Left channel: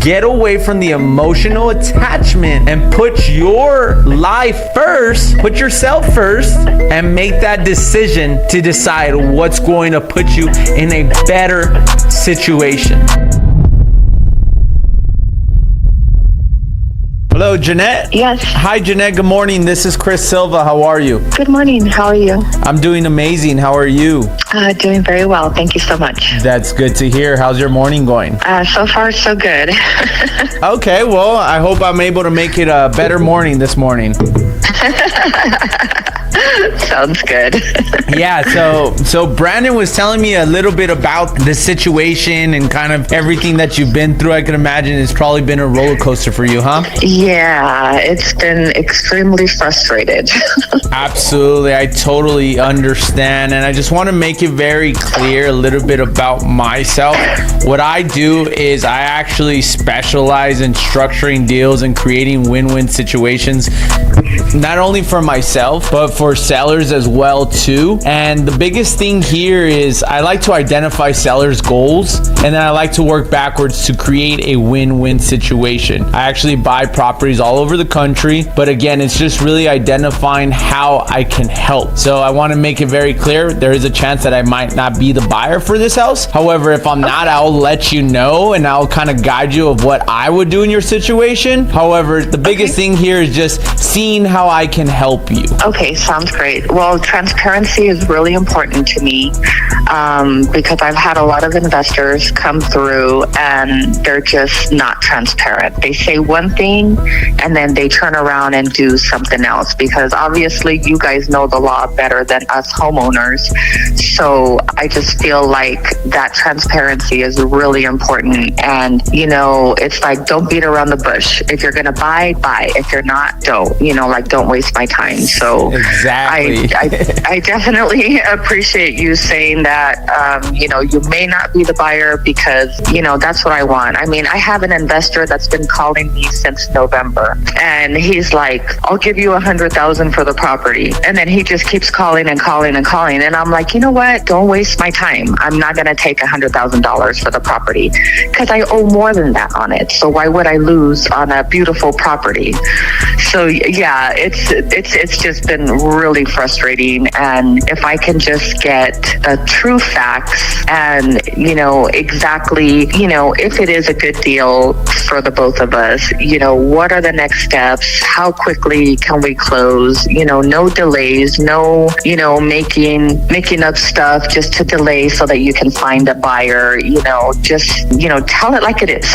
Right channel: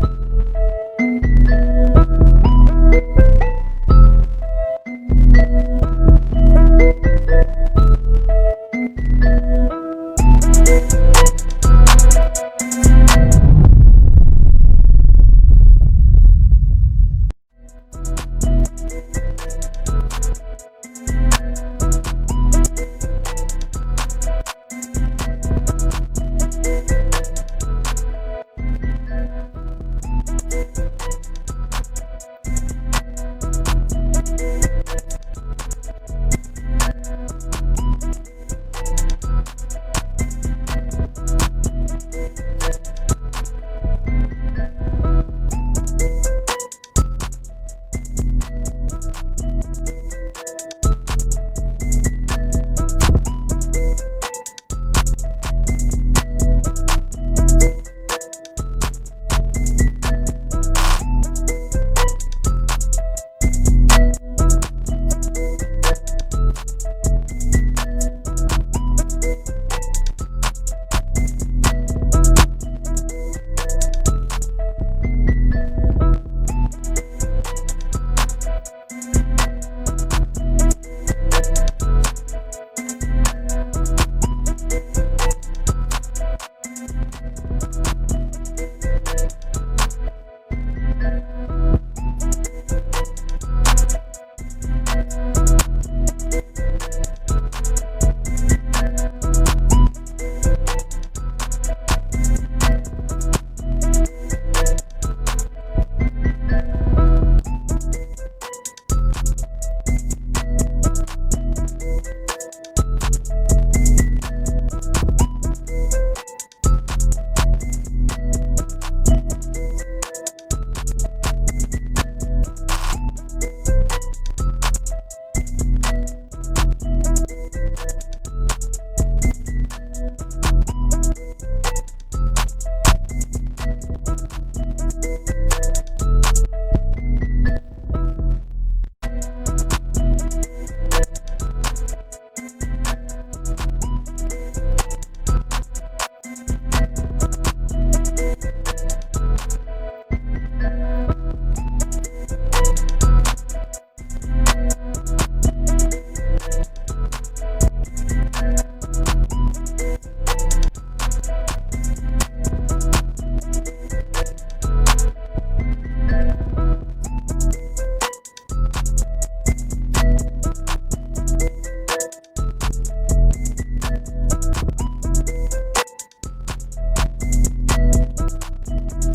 get away from the emotional attachment and put your life first, put yourself first, and make that decision to decide what's going to put you in a better situation. Hello, Jeanette? Yes. Hi, Jeanette. Good morning. This is Chris Silva. How are you? Good morning. How are you? I'm doing amazing. How are you? Doing very well. Thank you so much. That's good to hear. How's your morning going? So far, so good. Okay, well, I hope I'm able to make it a better morning this morning. Sounds good. Yeah, so Brandon was telling me a little bit about the situation and kind of everything that you've been through. I can imagine it's probably been a roller coaster for you, huh? Yeah, it's been extremely frustrated. Absolutely, I totally understand. And I just want to make it very clear a little bit about myself. What I do is I actually specialize in structuring deals and creating win-win situations, not only for myself, but for sellers as well too. And the biggest thing here is I like to identify sellers' goals, and then I like to work backwards to create a win-win situation. I actually buy properties all over the country, but again, it's just really identifying how I can help. So I want to make it very clear, there is a chance that I might not be the buyer for this house. However, if I'm not, I'll let you know and I'll kind of guide you of what I would do in your situation. However, the biggest thing here is just seeing how I can help you. Okay, sounds great. Well, transparency is really important to me because I've had a lot of investors come through and they're just not transparent. They say one thing and then they turn around and do something else, because obviously you guys know the law better than us homeowners. So I just feel like that transparency is really important. And, you know, it's like, don't beat around the bush. If you're going to buy, buy. If you're not, don't. You know, like, don't waste my time. So exactly. I definitely appreciate you saying that, you know, you may not be the buyer because, you know, that's what I want. I mean, I have an investor that's been calling me since November, and he's like, I'll give you $100,000 for the property. And then he just keeps calling and calling and calling. And I'm like, you know what? Don't waste my time. I'm not going to take $100,000 for the property because I owe more than that on it. So why would I lose on a beautiful property? So yeah, it's just been really frustrating. And if I can just get true facts and, you know, exactly, you know, if it is a good deal for the both of us, you know, what are the next steps? How quickly can we close? You know, no delays, no, you know, making up stuff just to delay so that you can find a buyer, you know, just, you know, tell it like it is.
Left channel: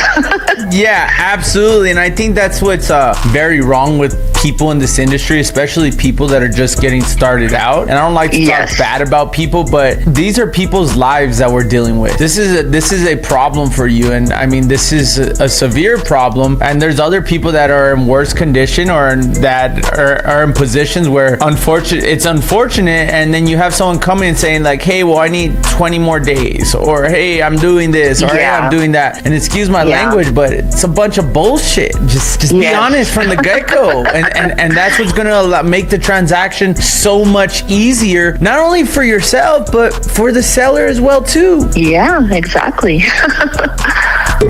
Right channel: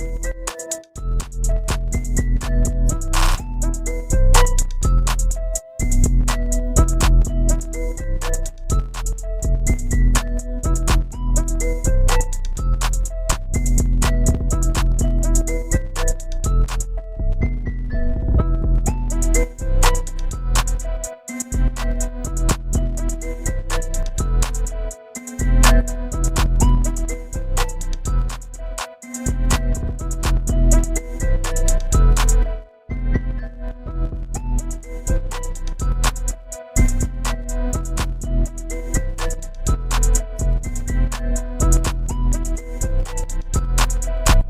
Yeah, absolutely. And I think that's what's very wrong with people in this industry, especially people that are just getting started out. And I don't like to talk bad about people, but these are people's lives that we're dealing with. This is a problem for you. And I mean, this is a severe problem. And there's other people that are in worse condition or that are in positions where it's unfortunate. And then you have someone coming and saying like, hey, well, I need 20 more days, or hey, I'm doing this, or hey, I'm doing that. And excuse my language, but it's a bunch of bullshit. Just be honest from the get-go. And that's what's going to make the transaction so much easier, not only for yourself, but for the seller as well, too. Yeah, exactly.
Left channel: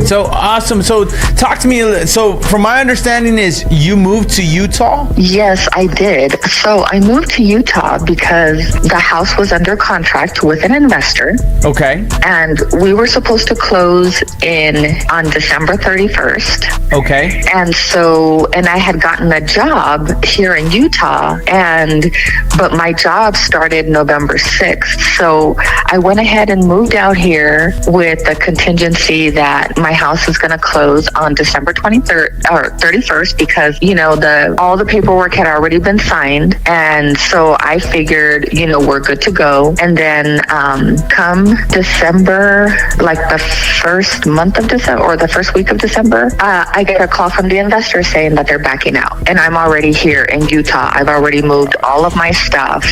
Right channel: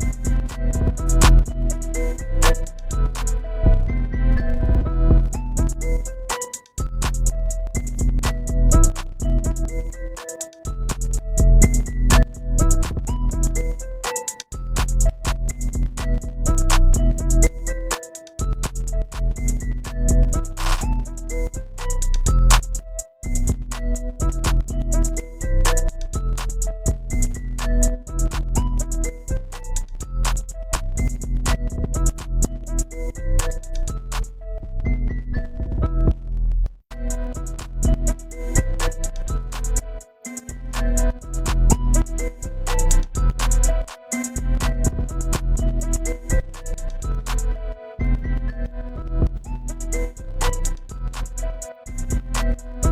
So awesome. So talk to me. So from my understanding is you moved to Utah? Yes, I did. So I moved to Utah because the house was under contract with an investor. Okay. And we were supposed to close on December 31st. Okay. And I had gotten a job here in Utah, but my job started November 6th. So I went ahead and moved out here with the contingency that my house is going to close on December 23rd or 31st because, you know, all the paperwork had already been signed. And so I figured, you know, we're good to go. And then come December, like the first month of December or the first week of December, I get a call from the investor saying that they're backing out. And I'm already here in Utah. I've already moved all of my stuff.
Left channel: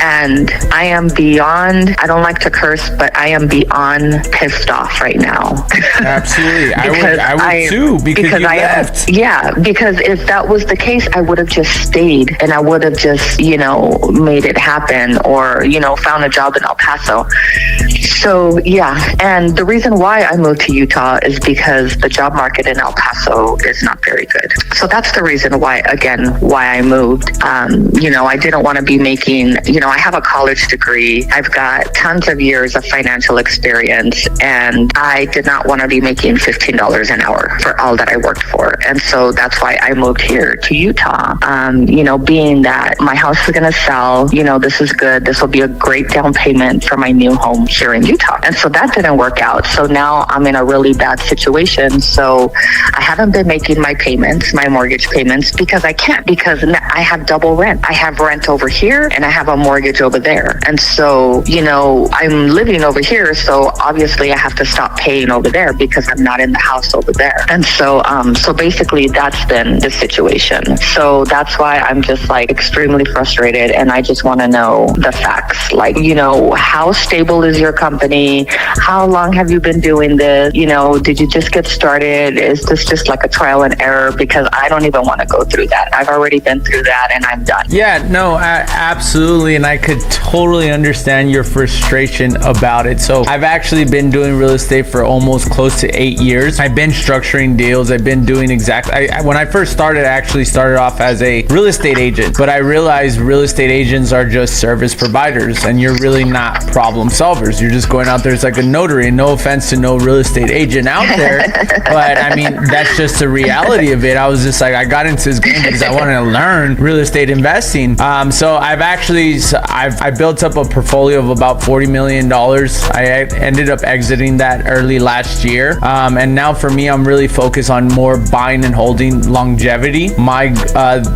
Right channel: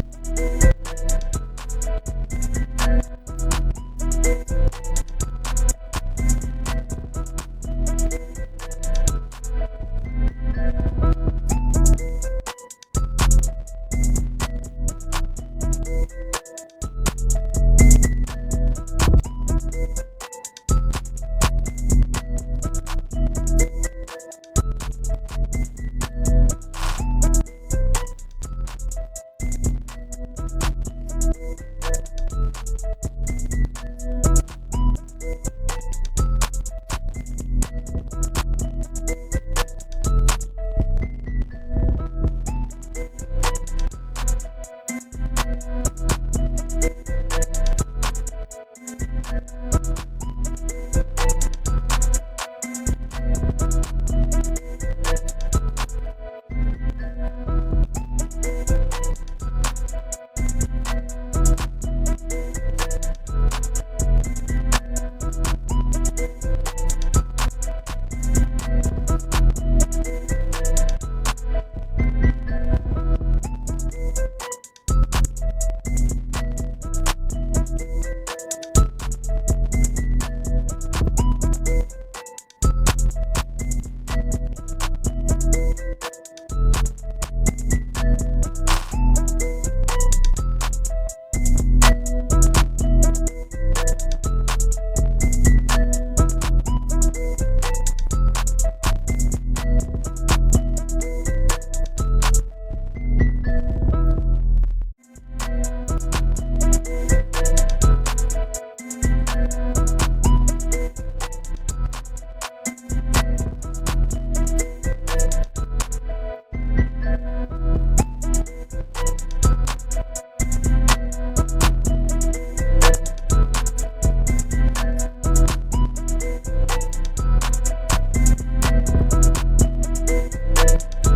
And I am beyond, I don't like to curse, but I am beyond pissed off right now. Absolutely. I would too, because you left. Because if that was the case, I would have just stayed and I would have just, made it happen or, found a job in El Paso. So, and the reason why I moved to Utah is because the job market in El Paso is not very good. So that's the reason why I moved. I didn't want to be making, I have a college degree. I've got tons of years of financial experience, and I did not want to be making $15 an hour for all that I worked for. And so that's why I moved here to Utah. Being that my house is going to sell, this is good. This will be a great down payment for my new home here in Utah. And so that didn't work out. So now I'm in a really bad situation. So I haven't been making my payments, my mortgage payments, because I can't, because I have double rent. I have rent over here and I have a mortgage over there. And so, I'm living over here. So obviously I have to stop paying over there because I'm not in the house over there. And so, basically that's been the situation. So that's why I'm just extremely frustrated. And I just want to know the facts. How stable is your company? How long have you been doing this? Did you just get started? Is this just like a trial and error? Because I don't even want to go through that. I've already been through that and I'm done. Yeah, no, absolutely. And I could totally understand your frustration about it. So I've actually been doing real estate for almost close to 8 years. I've been structuring deals. I've been doing when I first started, I actually started off as a real estate agent, but I realized real estate agents are just service providers and you're really not problem solvers. You're just going out there. It's like a notary. No offense to no real estate agent out there, but I mean, that's just the reality of it. I was just I got into this game because I wanted to learn real estate investing. So I built up a portfolio of about $40 million. I ended up exiting that early last year. And now for me, I'm really focused on more buying and holding longevity.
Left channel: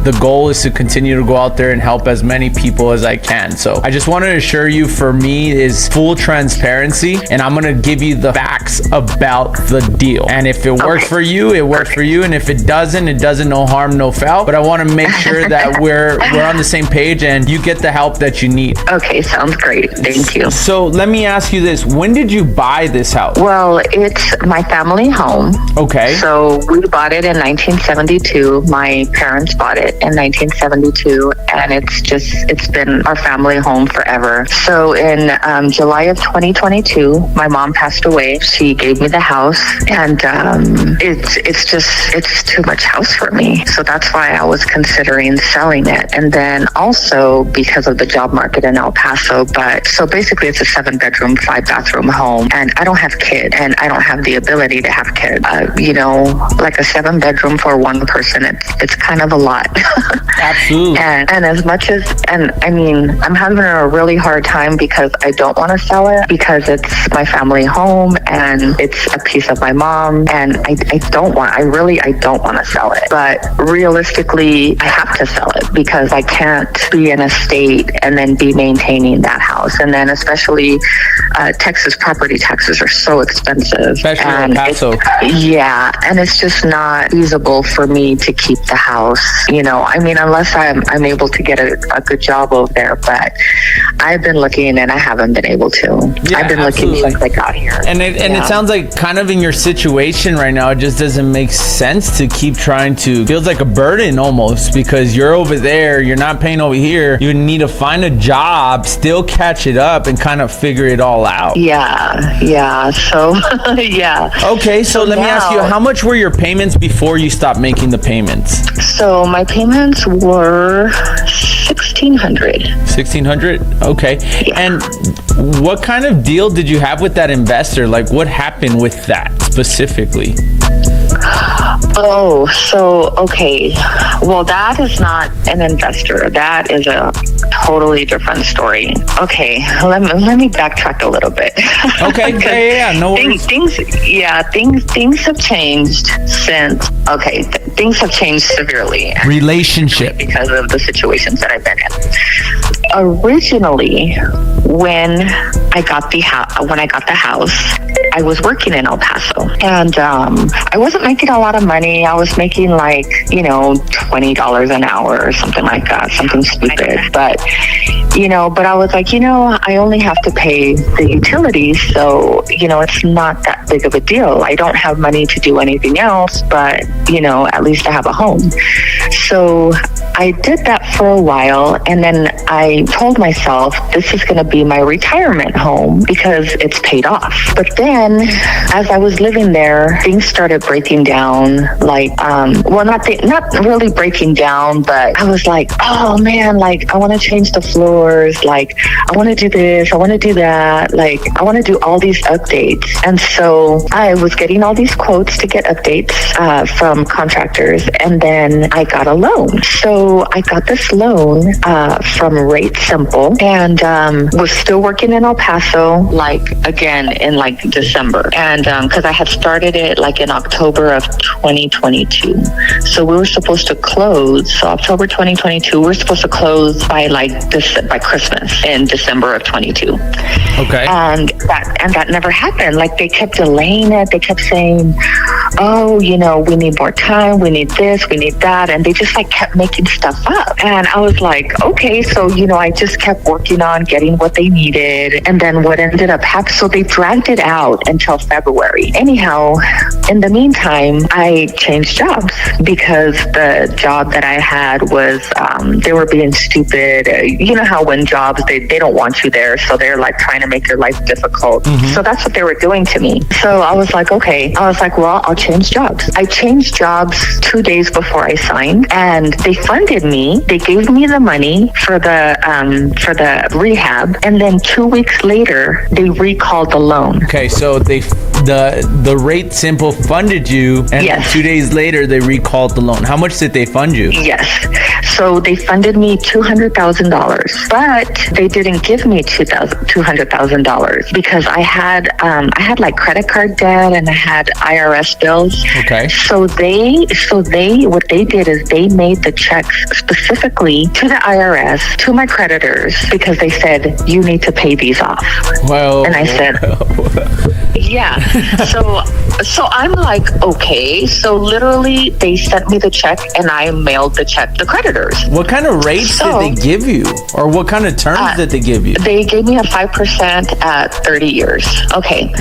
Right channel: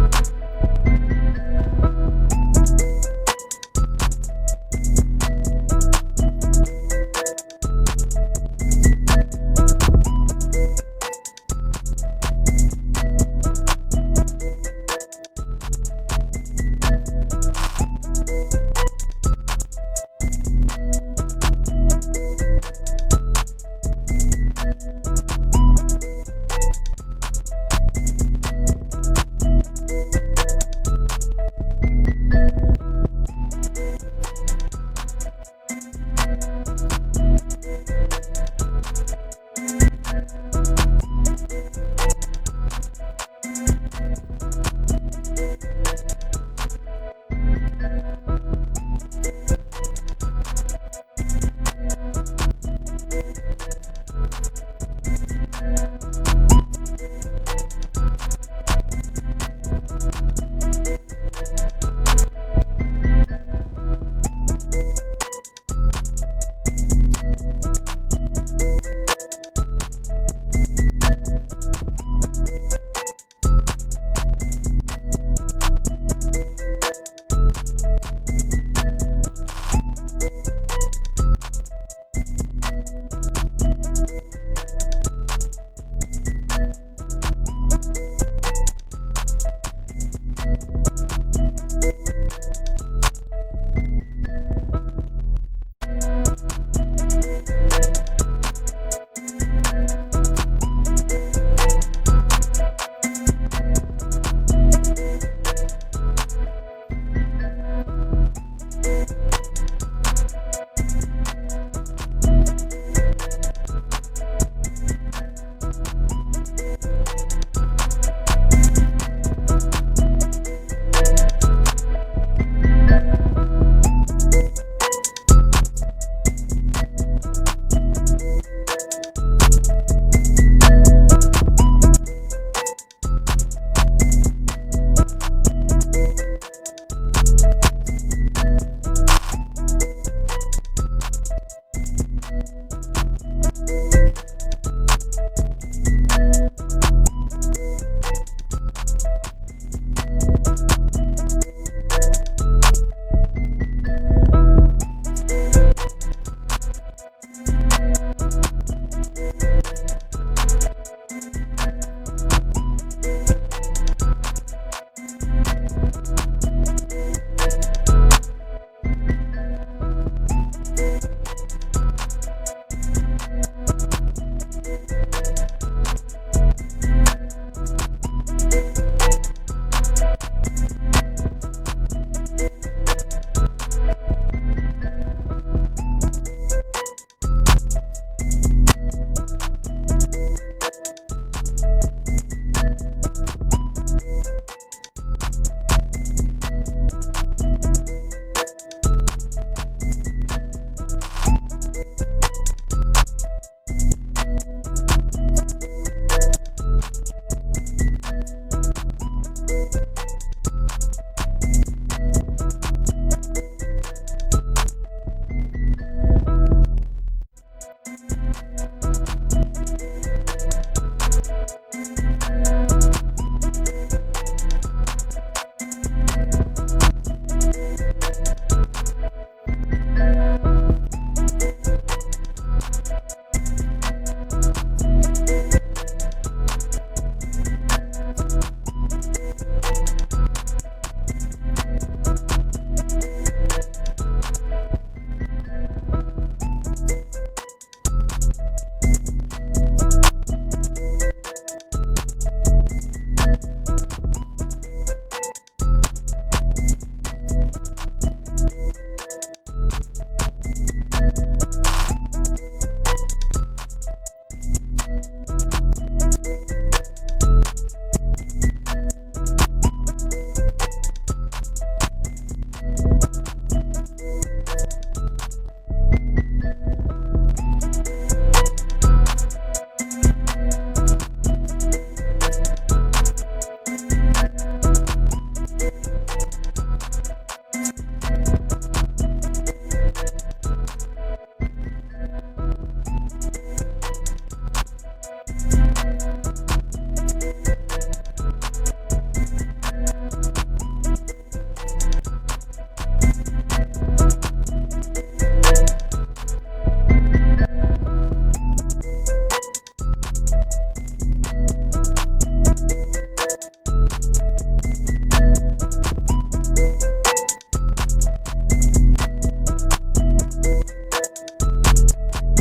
The goal is to continue to go out there and help as many people as I can. So I just want to assure you, for me is full transparency, and I'm going to give you the facts about the deal. And if it works for you, it works for you. And if it doesn't, no harm, no foul. But I want to make sure that we're on the same page and you get the help that you need. Okay, sounds great. Thank you. So let me ask you this. When did you buy this house? Well, it's my family home. Okay. So we bought it in 1972. My parents bought it in 1972, and it's been our family home forever. So in July of 2022, my mom passed away. She gave me the house, and it's too much house for me. So that's why I was considering selling it. And then also because of the job market in El Paso. So basically it's a 7-bedroom, 5-bathroom home, and I don't have kids, and I don't have the ability to have kids. Like a 7-bedroom for one person, it's kind of a lot. Absolutely. And as much as, I'm having a really hard time because I don't want to sell it because it's my family home and it's a piece of my mom, and I don't want to sell it. But realistically, I have to sell it because I can't be in a state and then be maintaining that house. And then especially Texas property taxes are so expensive. Especially in El Paso. And it's just not feasible for me to keep the house. Unless I'm able to get a good job over there. But I've been looking and I haven't been able to. Yeah, I've been looking since I got here. And it sounds like kind of in your situation right now, it just doesn't make sense to keep trying to, feels like a burden almost, because you're over there, you're not paying over here. You need to find a job, still catch it up and kind of figure it all out. Yeah. So, yeah. Okay, so let me ask you, how much were your payments before you stopped making the payments? So my payments were $1,600. $1,600? Okay. Yeah. And what kind of deal did you have with that investor? Like, what happened with that specifically? Oh, so, okay. Well, that is not an investor. That is a totally different story. Okay, let me backtrack a little bit. Okay, yeah, no worries. Things have changed since, things have changed severely. Relationship. Because of the situations that I've been in. originally, when I got the house, I was working in El Paso, and I wasn't making a lot of money. I was making like, $20 an hour or something like that, something stupid. But I was like, I only have to pay the utilities, so it's not that big of a deal. I don't have money to do anything else, but at least I have a home. So I did that for a while, and then I told myself this is going to be my retirement home because it's paid off. But then as I was living there, things started breaking down, like, not really breaking down, but I was like, oh man, like I want to change the floors, like I want to do this, I want to do that, like I want to do all these updates. And so I was getting all these quotes to get updates from contractors, and then I got a loan. So I got this loan from Rate Simple, and was still working in El Paso, like again in like December, and because I had started it like in October of 2022. So we were supposed to close. So October 2022, we were supposed to close by by Christmas in December of 22. Okay. And that never happened. Like they kept delaying it. They kept saying, oh, we need more time. We need this. We need that. And they just like kept making stuff up. And I was like, okay. So, I just kept working on getting what they needed. And then what ended up happening, so they dragged it out until February. Anyhow, in the meantime, I changed jobs because the job that I had was, they were being stupid. You know how when jobs, they don't want you there. So they're like trying to make your life difficult. Mm-hmm. So that's what they were doing to me. So I was like, okay. I was like, well, I'll change jobs. I changed jobs 2 days before I signed, and they funded me. They gave me the money for the rehab. And then 2 weeks later, they recalled the loan. Okay. So the Rate Simple funded you, and yes. then 2 days later, they recalled the loan. How much did they fund you? Yes. So they funded me $200,000, but they didn't give me $200,000 because I had like credit card debt and I had IRS bills. Okay. So what they did is they made the checks specifically to the IRS, to my creditors, because they said, you need to pay these off. Well, and I said, yeah. So I'm like, okay. So literally they sent me the check and I mailed the check to creditors. What kind of rates did they give you? Or what kind of terms did they give you? They gave me a 5% at 30 years. Okay.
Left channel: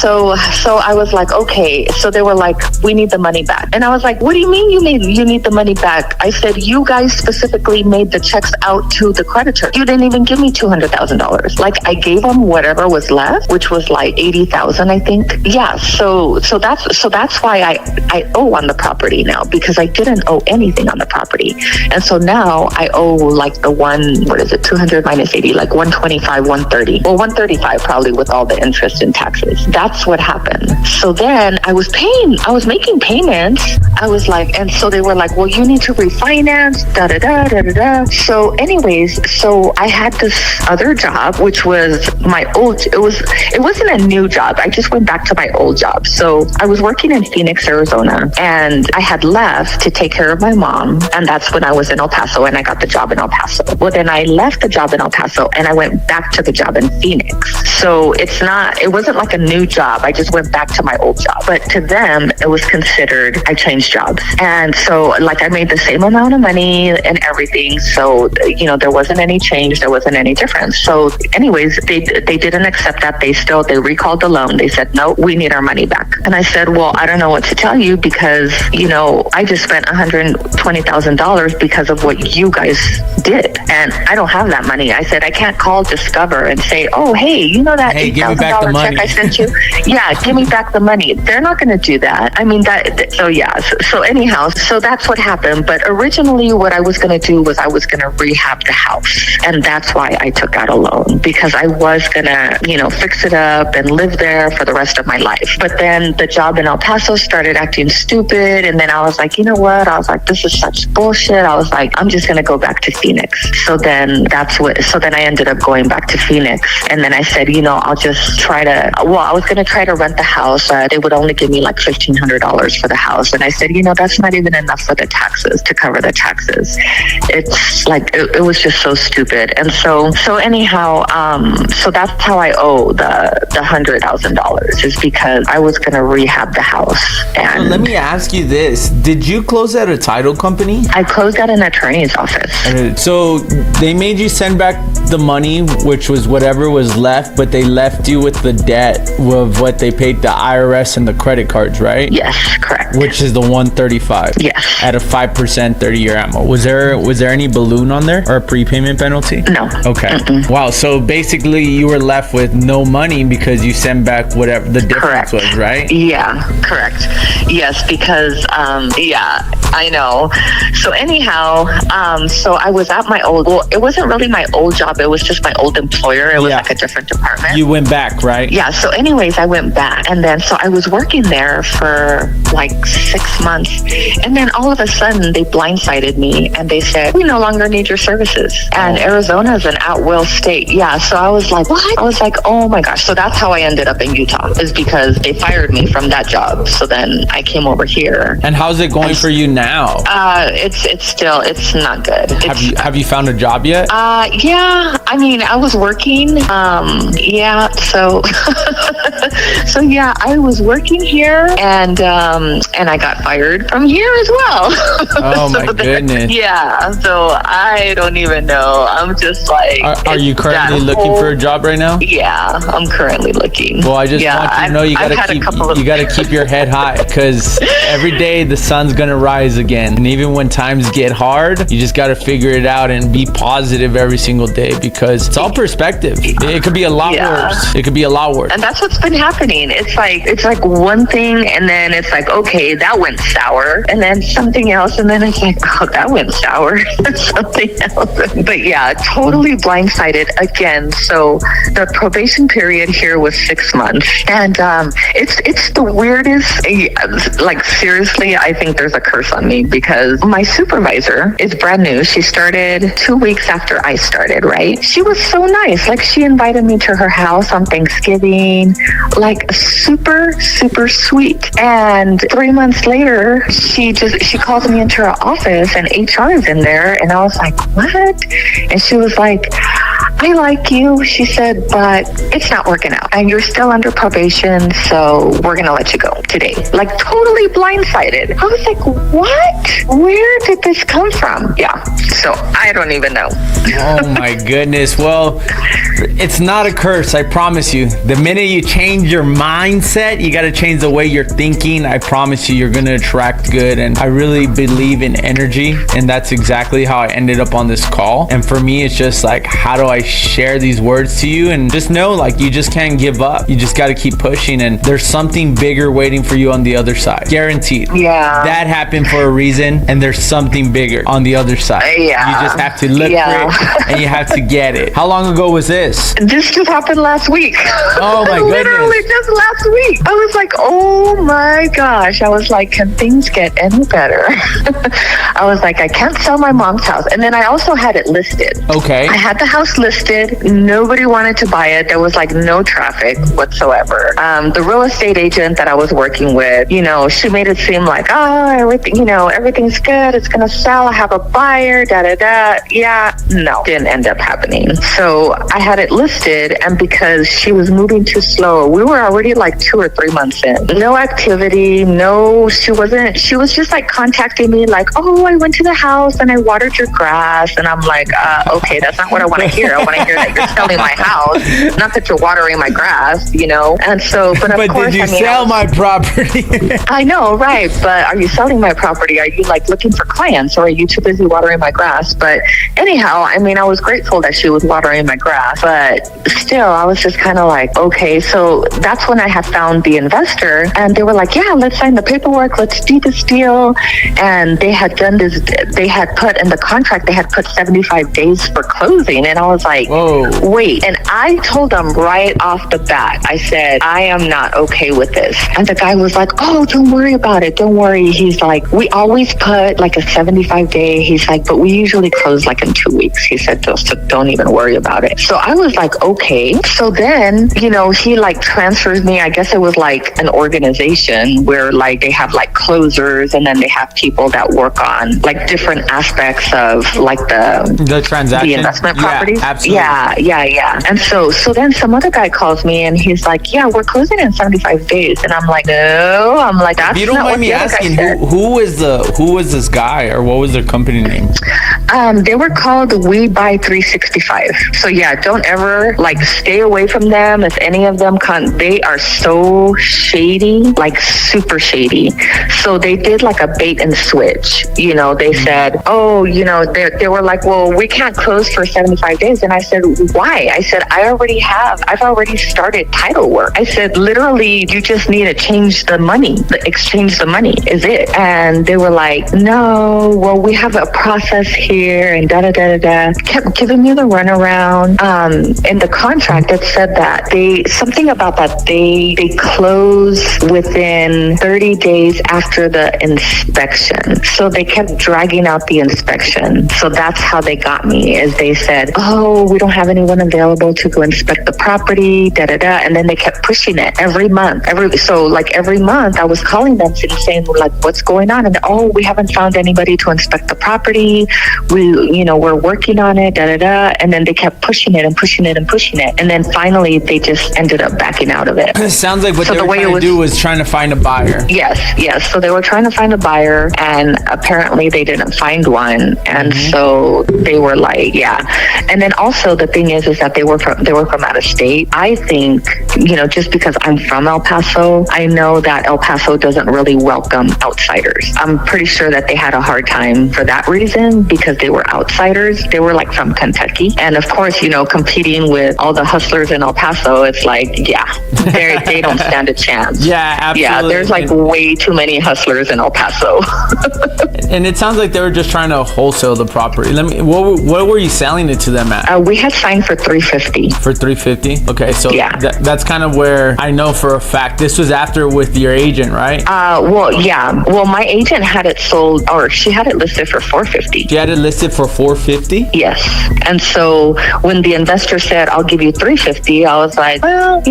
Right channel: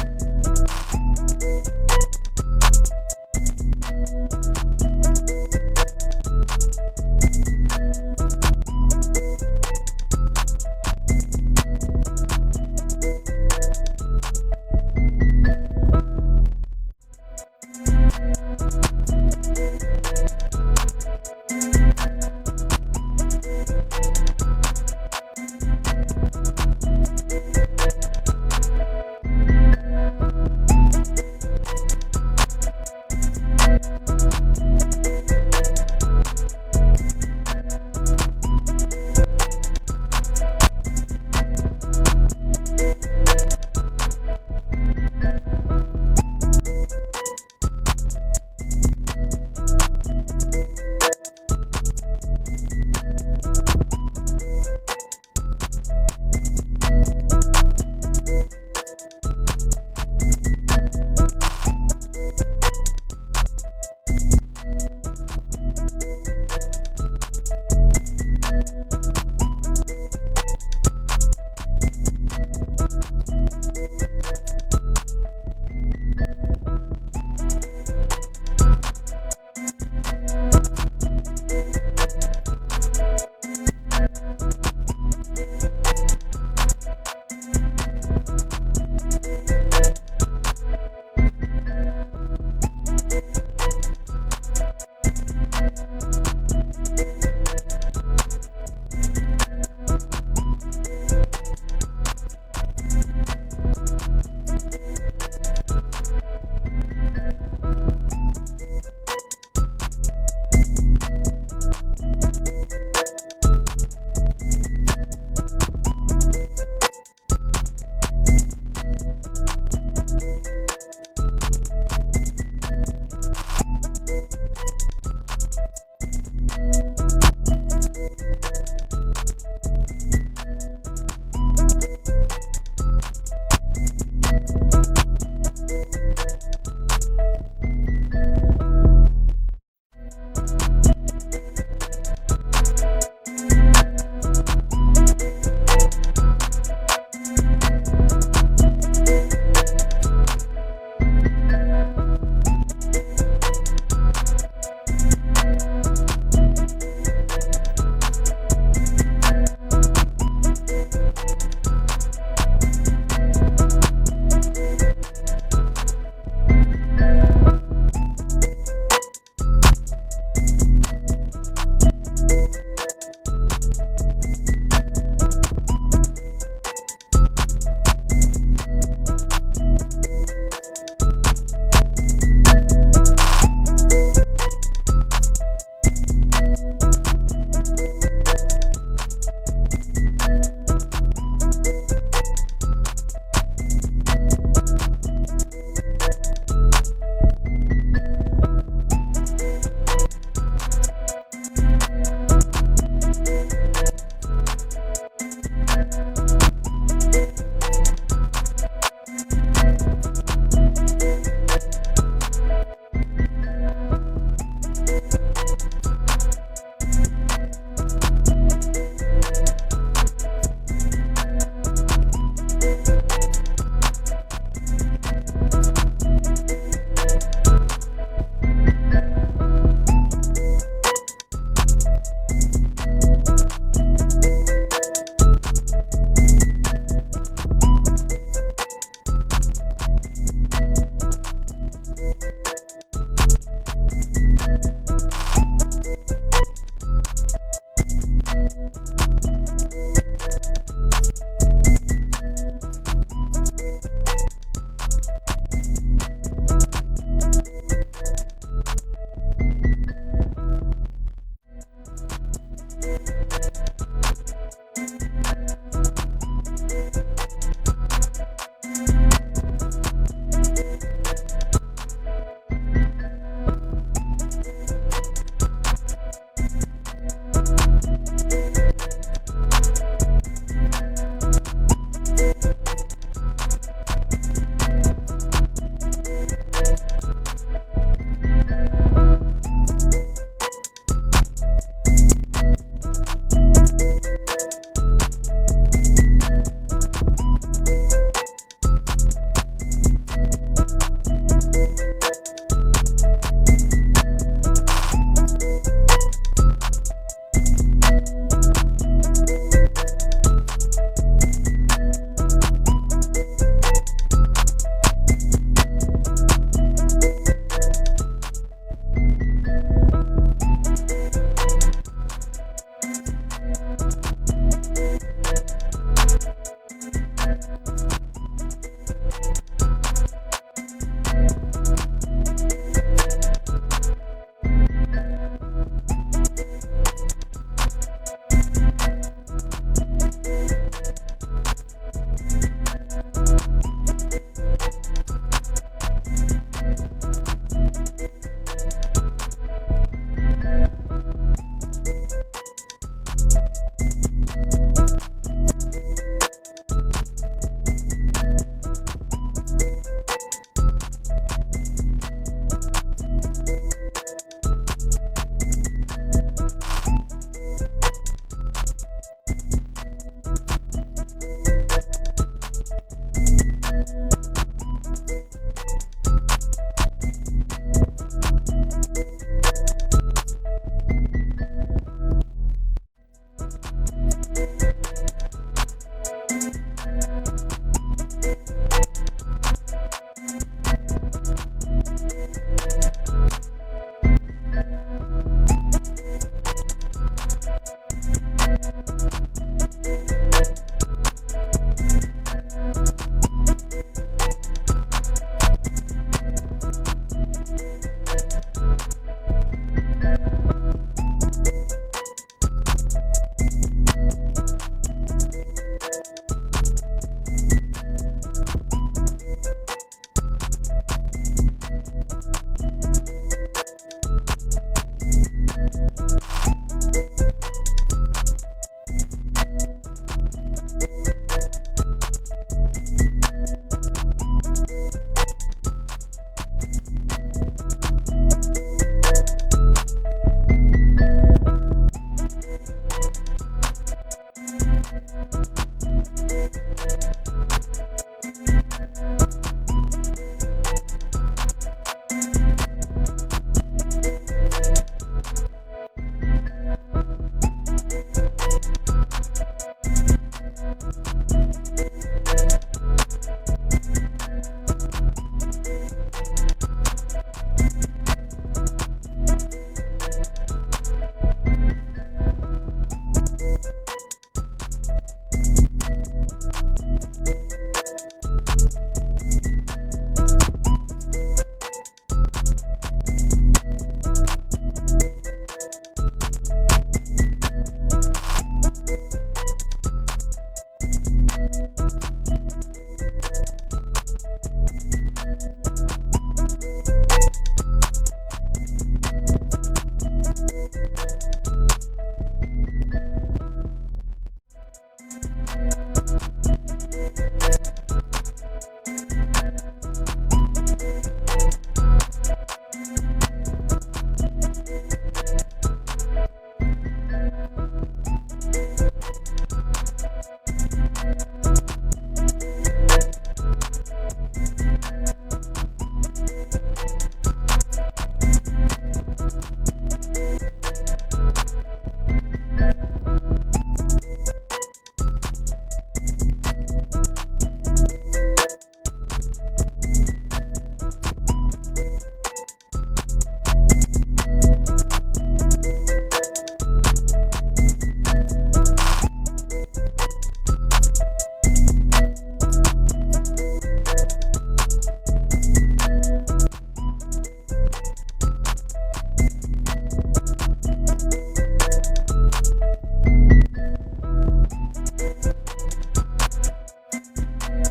So I was like, okay. So they were like, we need the money back. And I was like, what do you mean you need the money back? I said, you guys specifically made the checks out to the creditor. You didn't even give me $200,000. Like I gave them whatever was left, which was like $80,000, I think. Yeah. So that's why I owe on the property now, because I didn't owe anything on the property. And so now I owe like 200 minus 80, like 125, 130. Well, 135 probably with all the interest and taxes. That's what happened. So then I was making payments. I was like, and so they were like, well, you need to refinance, So anyways, so I had this other job, which was my old, it wasn't a new job. I just went back to my old job. So I was working in Phoenix, Arizona, and I had left to take care of my mom. And that's when I was in El Paso and I got the job in El Paso. Well, then I left the job in El Paso and I went back to the job in Phoenix. So it wasn't like a new job. I just went back to my old job. But to them, it was considered I changed jobs. And so like I made the same amount of money and everything. So, there wasn't any change. There wasn't any difference. So anyways, they didn't accept that. They recalled the loan. They said, no, we need our money back. And I said, well, I don't know what to tell you because, I just spent $120,000 because of what you guys did. And I don't have that money. I said, I can't call Discover and say, oh, hey, that $8,000 check I sent you? Yeah, give me back the money. They're not going to do that. I mean, so yeah. So anyhow, so that's what happened. But originally what I was going to do was I was going to rehab the house. And that's why I took out a loan, because I was going to, fix it up and live there for the rest of my life. But then the job in El Paso started acting stupid. And then I was like, you know what? I was like, this is such bullshit. I was like, I'm just going to go back to Phoenix. So then I ended up going back to Phoenix. And then I said, I'll just I was going to try to rent the house. They would only give me like $1,500 for the house. And I said, that's not even enough for the taxes, to cover the taxes. It's like, it was just so stupid. And so anyhow, so that's how I owe the $100,000, is because I was going to rehab the house. And so let me ask you this. Did you close at a title company? I closed at an attorney's office. So they made you send back the money, which was whatever was left, but they left you with the debt of what they paid the IRS and the credit cards, right? Yes, correct. Which is the 135. Yes. At a 5% 30-year ammo. Was there any balloon on there or a prepayment penalty? No. Okay. Mm-mm. Wow. So basically you were left with no money because you sent back whatever the difference was, right? Yeah, correct. Yes, because I know. So anyhow, so I was at my it wasn't really my old job. It was just my old employer. It was like a different department. You went back, right? Yeah. So anyways, I went back, and then so I was working there for like 6 months, and then all of a sudden they blindsided me and they said, we no longer need your services. And Arizona is an at-will state. Yeah. So I was like, what? I was like, oh my gosh. So that's how I ended up in Utah, is because they fired me from that job. So then I came over here. And how's it going for you now? It's not good. Have you found a job yet? Yeah. I mean, I was working. Yeah. So, so yeah, I was working here, and I got fired from here as well. Oh my goodness. Yeah. So I don't even know. I'm just like. Are you currently looking for a job right now? Yeah, I'm currently looking. Well, I just want you to know you gotta keep your head high, because every day the sun's gonna rise again. And even when times get hard, you just gotta figure it out and be positive every single day, because it's all perspective. It could be a lot worse. It could be a lot worse. And that's what's been happening. It's like one thing, and then it's like, okay, that went sour, and then something else, and then it's like, oh, that went sour, something else. But yeah, totally blindsided again. So the probation period here was 6 months, and it's the weirdest. Like seriously, I think there's a curse on me, because my supervisor is brand new. She started 2 weeks after I started, right? She was so nice. Like, she invited me to her house on Thanksgiving, like super, super sweet. And 3 months later, she calls me into her office, and HR is in there. And I was like, what? And she was like, I like you, she said, but it's not working out. And you're still under probation, so we're going to let you go today. Like, totally blindsided. I was like, what? Where did this come from? Yeah. So I don't even know. Oh my goodness. Well, it's not a curse, I promise you. The minute you change your mindset, you got to change the way you're thinking. I promise you're going to attract good. And I really believe in energy, and that's exactly how I ended up on this call. And for me, it's just like, how do I share these words to you? And just know, like, you just can't give up. You just got to keep pushing, and there's something bigger waiting for you on the other side. Guaranteed. Yeah. That happened for a reason, and there's something bigger on the other side. Yeah. You just have to look for it, and you have to get it. How long ago was this? This just happened last week. Oh my goodness. Literally just last week. I was like, oh my gosh. I was like, can things get any better? I was like, I can't sell my mom's house. And then I also had it listed. Okay. I had the house listed. Nobody wanted to buy it. There was like no traffic whatsoever. The real estate agent that I was working with, she made it seem like, everything's good. It's going to sell. I have a buyer, Yeah, no, didn't end up happening. So I had it listed, and because she was moving too slow, we were already like 2 or 3 months in. No activity, she was just like contacting me like, oh, I went to the house and I watered your grass. And I'm like, okay, that's not what I want to hear. I want to hear that you're selling my house, not that you're watering my grass, And so, but of course, did you sell my property? I know, right. But are you selling my property? Are you like looking for clients, or are you too busy watering my grass? But anyhow, I was grateful that she was watering my grass, but still, I was just kind of like, okay. So that's when I had found the investor, and they were like, yeah, let's sign the paperwork. Let's do this deal. And they had done this. They had put in the contract, they had put 75 days for closing. And I was like, like, Whoa. wait. And I told him right off the bat, I said, I am not okay with this. And the guy was like, oh, don't worry about it. Don't worry. He's like, we always put like a 75 day. He's like, but we usually close like in 2 weeks. He said, so don't even worry about it. So I was like, okay. So then, he like transfers me. I guess it was like an organization where like they have like closers, and then they have people that work on like different aspects of like the transaction, the investment property. Yeah, absolutely. Yeah. And so then some other guy calls me and he's like, yeah, we're closing in 75 days. And I'm like, no. I'm like, that's If you don't not mind what me the other guy asking, said. who was this guy, or what was their company name? They were called We Buy 365. So yeah, don't ever like stay away from them. If any of them they are so shady, like super shady. So they did like a bait and switch. They said, oh, they were like, well, we can't close for 75 days. And I said, why? I said, I've already started title work. I said, literally, you just need to exchange the money is it. And they were like, no, well, we have a process here and da-da-da-da-da. Kept giving me the runaround. In the contract, it said that something about that they close within 30 days after the inspection. So they kept dragging out the inspection. So that's how they got me, is they said, oh, we don't have anyone available to go inspect the property, da-da-da. And then they kept pushing it every month. Every month I was calling them saying, like, what's going on? And oh, we haven't found anybody to inspect the property. We're working on it, da-da-da. And then they kept pushing it and pushing it and pushing it. And then finally they just ended up backing out of it. It sounds like what they were trying to do was trying to find a buyer. Yes. So they were trying to find a buyer, and apparently they didn't find one. And so they were like, yeah. And then also the thing is that they were from out of state. I think, just because I'm from El Paso, I know that El Paso doesn't really welcome outsiders. I'm pretty sure that they had a hard time for that reason, because they were outsiders. They were like from Kentucky. And of course, competing with all the hustlers in El Paso, it's like, yeah, they don't stand a chance. Yeah, absolutely. Yeah, there's like way too many hustlers in El Paso. And it sounds like they were just trying to wholesale the property. What were you selling it to them at? We had signed for $350. For $350? Okay, so yeah. That's kind of where I know for a fact this was after with your agent, right? Well, yeah. Well, my agent had it sold, or she had it listed for $450. She had it listed for $450? Yes. And so when the investor said, I'll give you $350, I was like, well,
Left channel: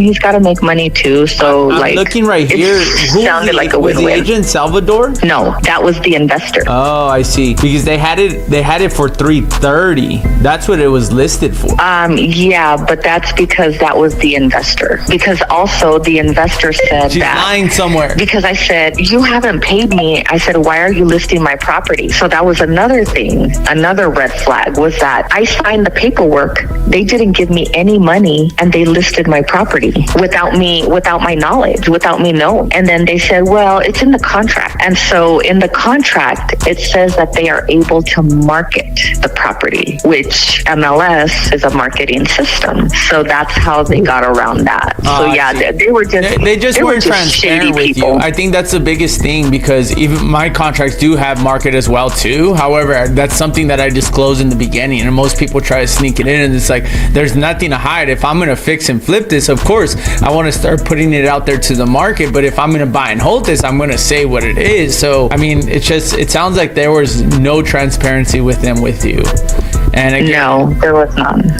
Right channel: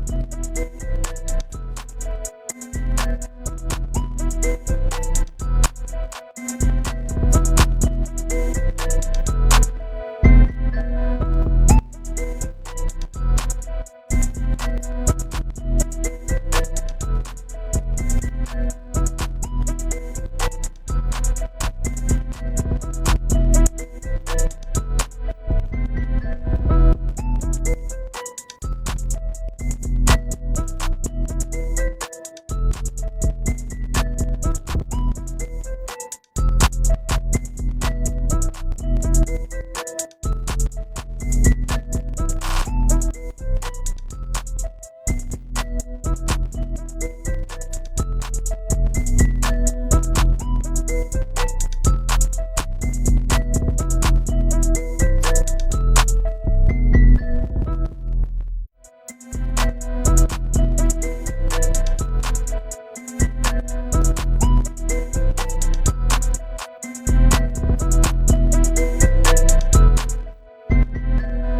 he's got to make money too. So I'm looking right here. Who sounded like a win-win. Was the agent Salvador? No, that was the investor. Oh, I see. Because they had it for $330. That's what it was listed for. Yeah, but that's because that was the investor. Because also the investor said She's lying somewhere. Because I said, you haven't paid me. I said, why are you listing my property? So that was another thing. Another red flag was that I signed the paperwork. They didn't give me any money, and they listed my property without my knowledge, without me knowing. And then they said, well, it's in the contract. And so in the contract, it says that they are able to market the property, which MLS is a marketing system. So that's how they got around that. So yeah, they were just they just weren't transparent with people. you. I think that's the biggest thing, because even my contracts do have market as well too. However, that's something that I disclose in the beginning, and most people try to sneak it in, and it's like, there's nothing to hide. If I'm gonna fix and flip this, of course I want to start putting it out there to the market, but if I'm gonna buy and hold this, I'm gonna say what it is. So I mean, it sounds like there was no transparency with them with you. And again, no, there was none.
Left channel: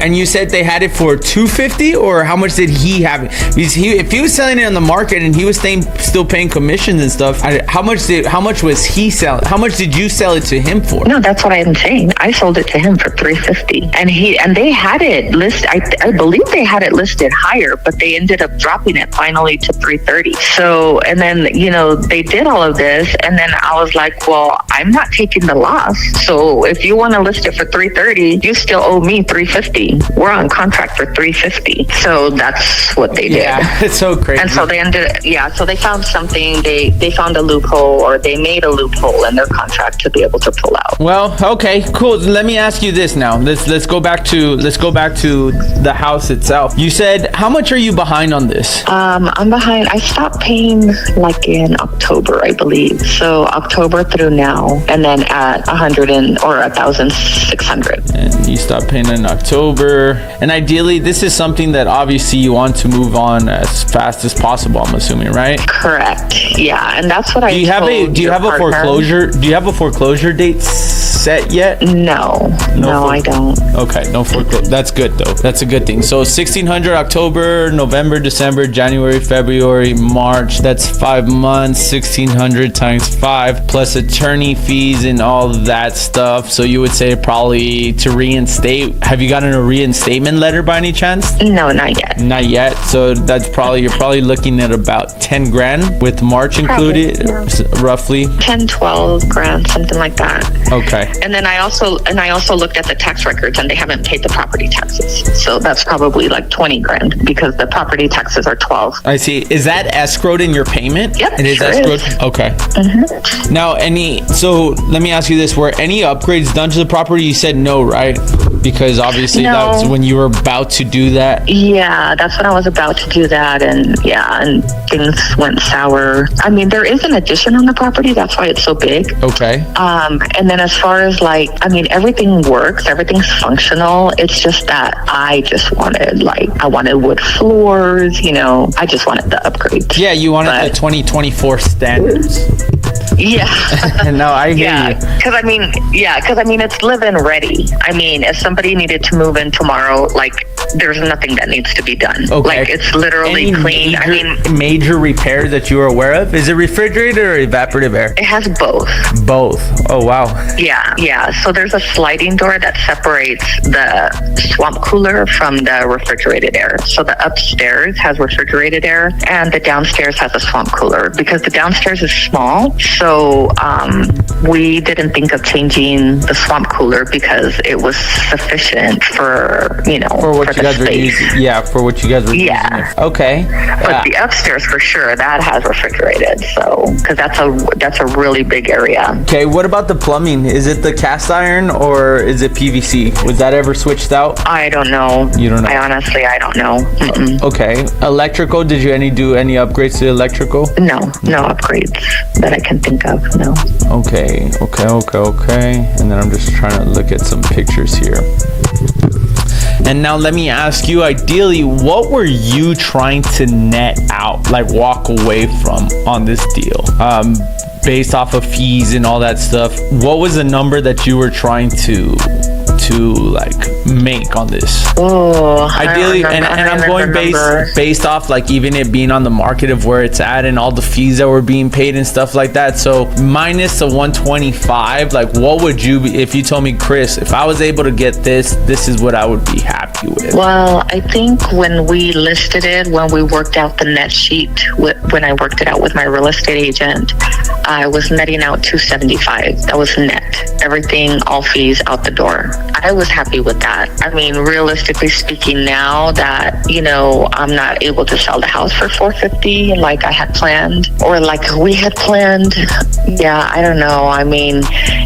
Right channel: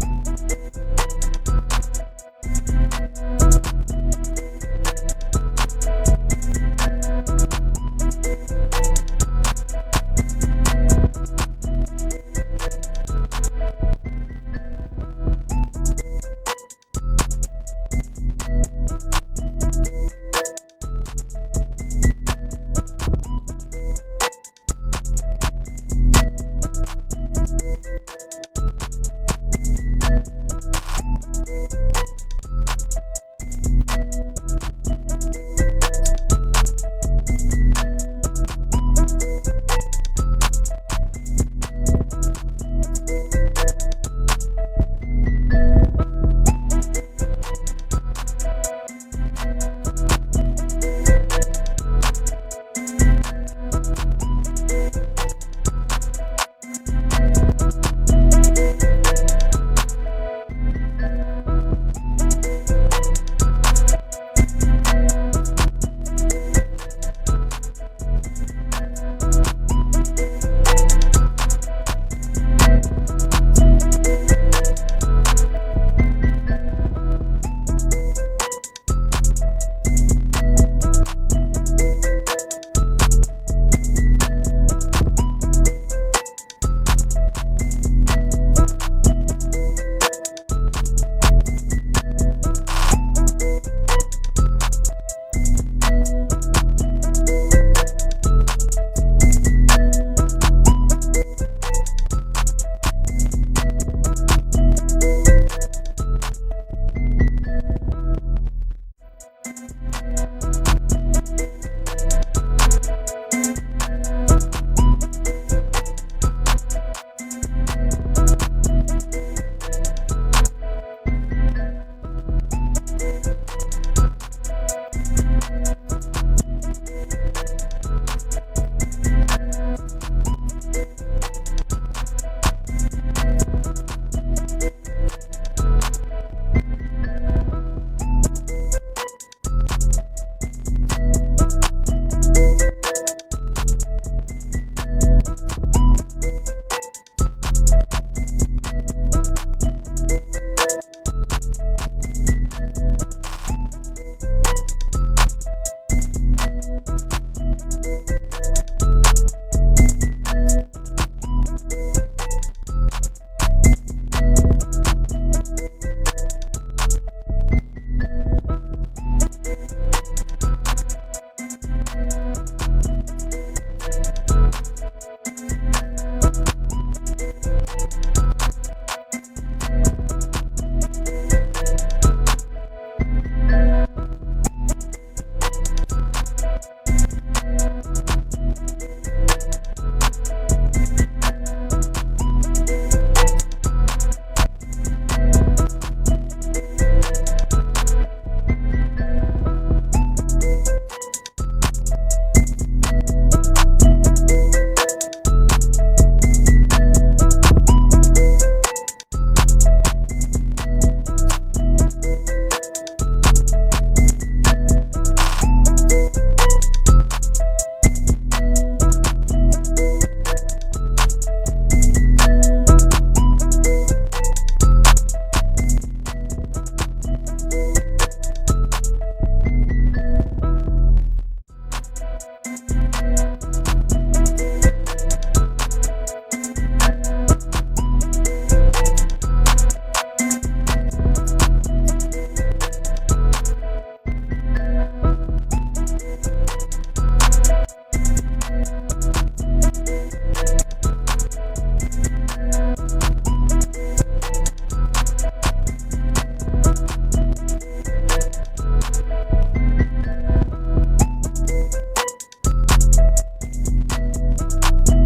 And you said they had it for $250, or how much did he have it? Because if he was selling it on the market and he was still paying commissions and stuff, how much was he selling? How much did you sell it to him for? No, that's what I'm saying. I sold it to him for $350, and they had it listed. I believe they had it listed higher, but they ended up dropping it finally to $330. So, and then they did all of this, and then I was like, well, I'm not taking the loss. So if you want to list it for $330, you still owe me $350. We're on contract for $350. So that's what they did. Yeah, it's so crazy. And so they so they found something. They found a loophole, or they made a loophole in their contract to be able to pull out. Well, okay, cool. Let me ask you this now. Let's go back to the house itself. You said, how much are you behind on this? I'm behind. I stopped paying like in October, I believe. So October through now, and then at 100 or 1,600. and you stop paying in October. And ideally, this is something that obviously you want to move on as fast as possible, I'm assuming, right? Correct. Yeah, and that's what I Do you have a foreclosure date set yet? No, I don't. Okay, no foreclosure. That's good though. That's a good thing. So 1,600 October, November, December, January, February, March. That's 5 months. 1,600 times 5 plus attorney fees and all that stuff. So you would say probably to reinstate. Have you gotten a reinstatement letter by any chance? No, not yet. Not yet. So that's you're probably looking at about 10 grand with March included, roughly 10, 12 grand, something like that. Okay. And then I also looked at the tax records, and they haven't paid the property taxes. So that's probably like 20 grand because the property taxes are 12. I see. Is that escrowed in your payment? Yep. It is escrowed? Okay. Mm-hmm. Now, so let me ask you this. Were any upgrades done to the property? You said no, right? Because obviously that's when you were about to do that. Yeah, that's when I was about to do that. And things went sour. I mean, there is an addition on the property. That's why it's so big. Okay. And then as far as everything works, everything's functional. It's just that I just wanted I wanted wood floors, I just wanted the upgrades. Yeah, you wanted the 2024 standards. Yeah. No, I hear you. Because I mean, it's live-in ready. I mean, if somebody needed to move in tomorrow, there's nothing that needs to be done. Okay. It's literally clean. Major repairs that you are aware of? Is it refrigerated or evaporative air? It has both. Both. Oh, wow. Yeah. So there's a sliding door that separates the swamp cooler from the refrigerated air. So the upstairs has refrigerated air, and the downstairs has a swamp cooler because the downstairs is small. So we didn't think of changing the swamp cooler because it was sufficient for what you guys were using. Yeah, for what you guys were using. Okay. But the upstairs for sure that has refrigerated. So because that's a really big area. Okay. What about the plumbing? Is it the cast iron or is it PVC? Was that ever switched out? I don't know. You don't know? I don't know. Mm-mm. Okay. Electrical? Did you do any upgrades to the electrical? No upgrades that I can think of. No. Okay. And then I'm just trying to look at some pictures here. And now let me ask you, ideally, what were you trying to net out, walk away from on this deal? Based off of fees and all that stuff, what was the number that you were trying to make on this? Oh, ideally, and I'm going based off even it being on the market of where it's at and all the fees that were being paid and stuff like that. So minus the 125, what would you be if you told me, Chris, if I was able to get this is what I would be happy with? Well, I think when we listed it, when we worked out the net sheet, when I worked it out with my real estate agent, I was netting out $275. That was net. Everything, all fees out the door. I was happy with that. I mean, realistically speaking, now that, I'm not able to sell the house for $450 like I had planned or like we had planned. Yeah, I don't know. I mean,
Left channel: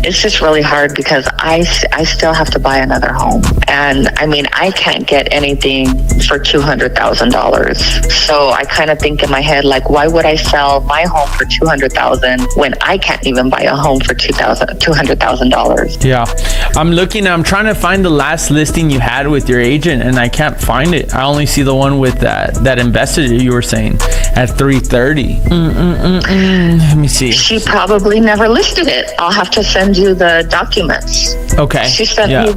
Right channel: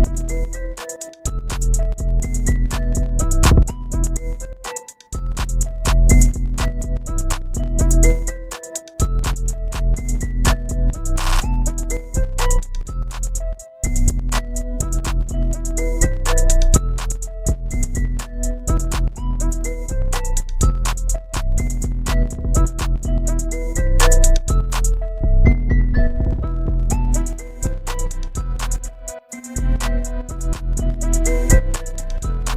it's just really hard because I still have to buy another home. And I mean, I can't get anything for $200,000. So I kind of think in my head, why would I sell my home for $200,000 when I can't even buy a home for $200,000? Yeah, I'm trying to find the last listing you had with your agent, and I can't find it. I only see the one with that investor you were saying at 330. Let me see. She probably never listed it. I'll have to send you the documents. Okay. She sent me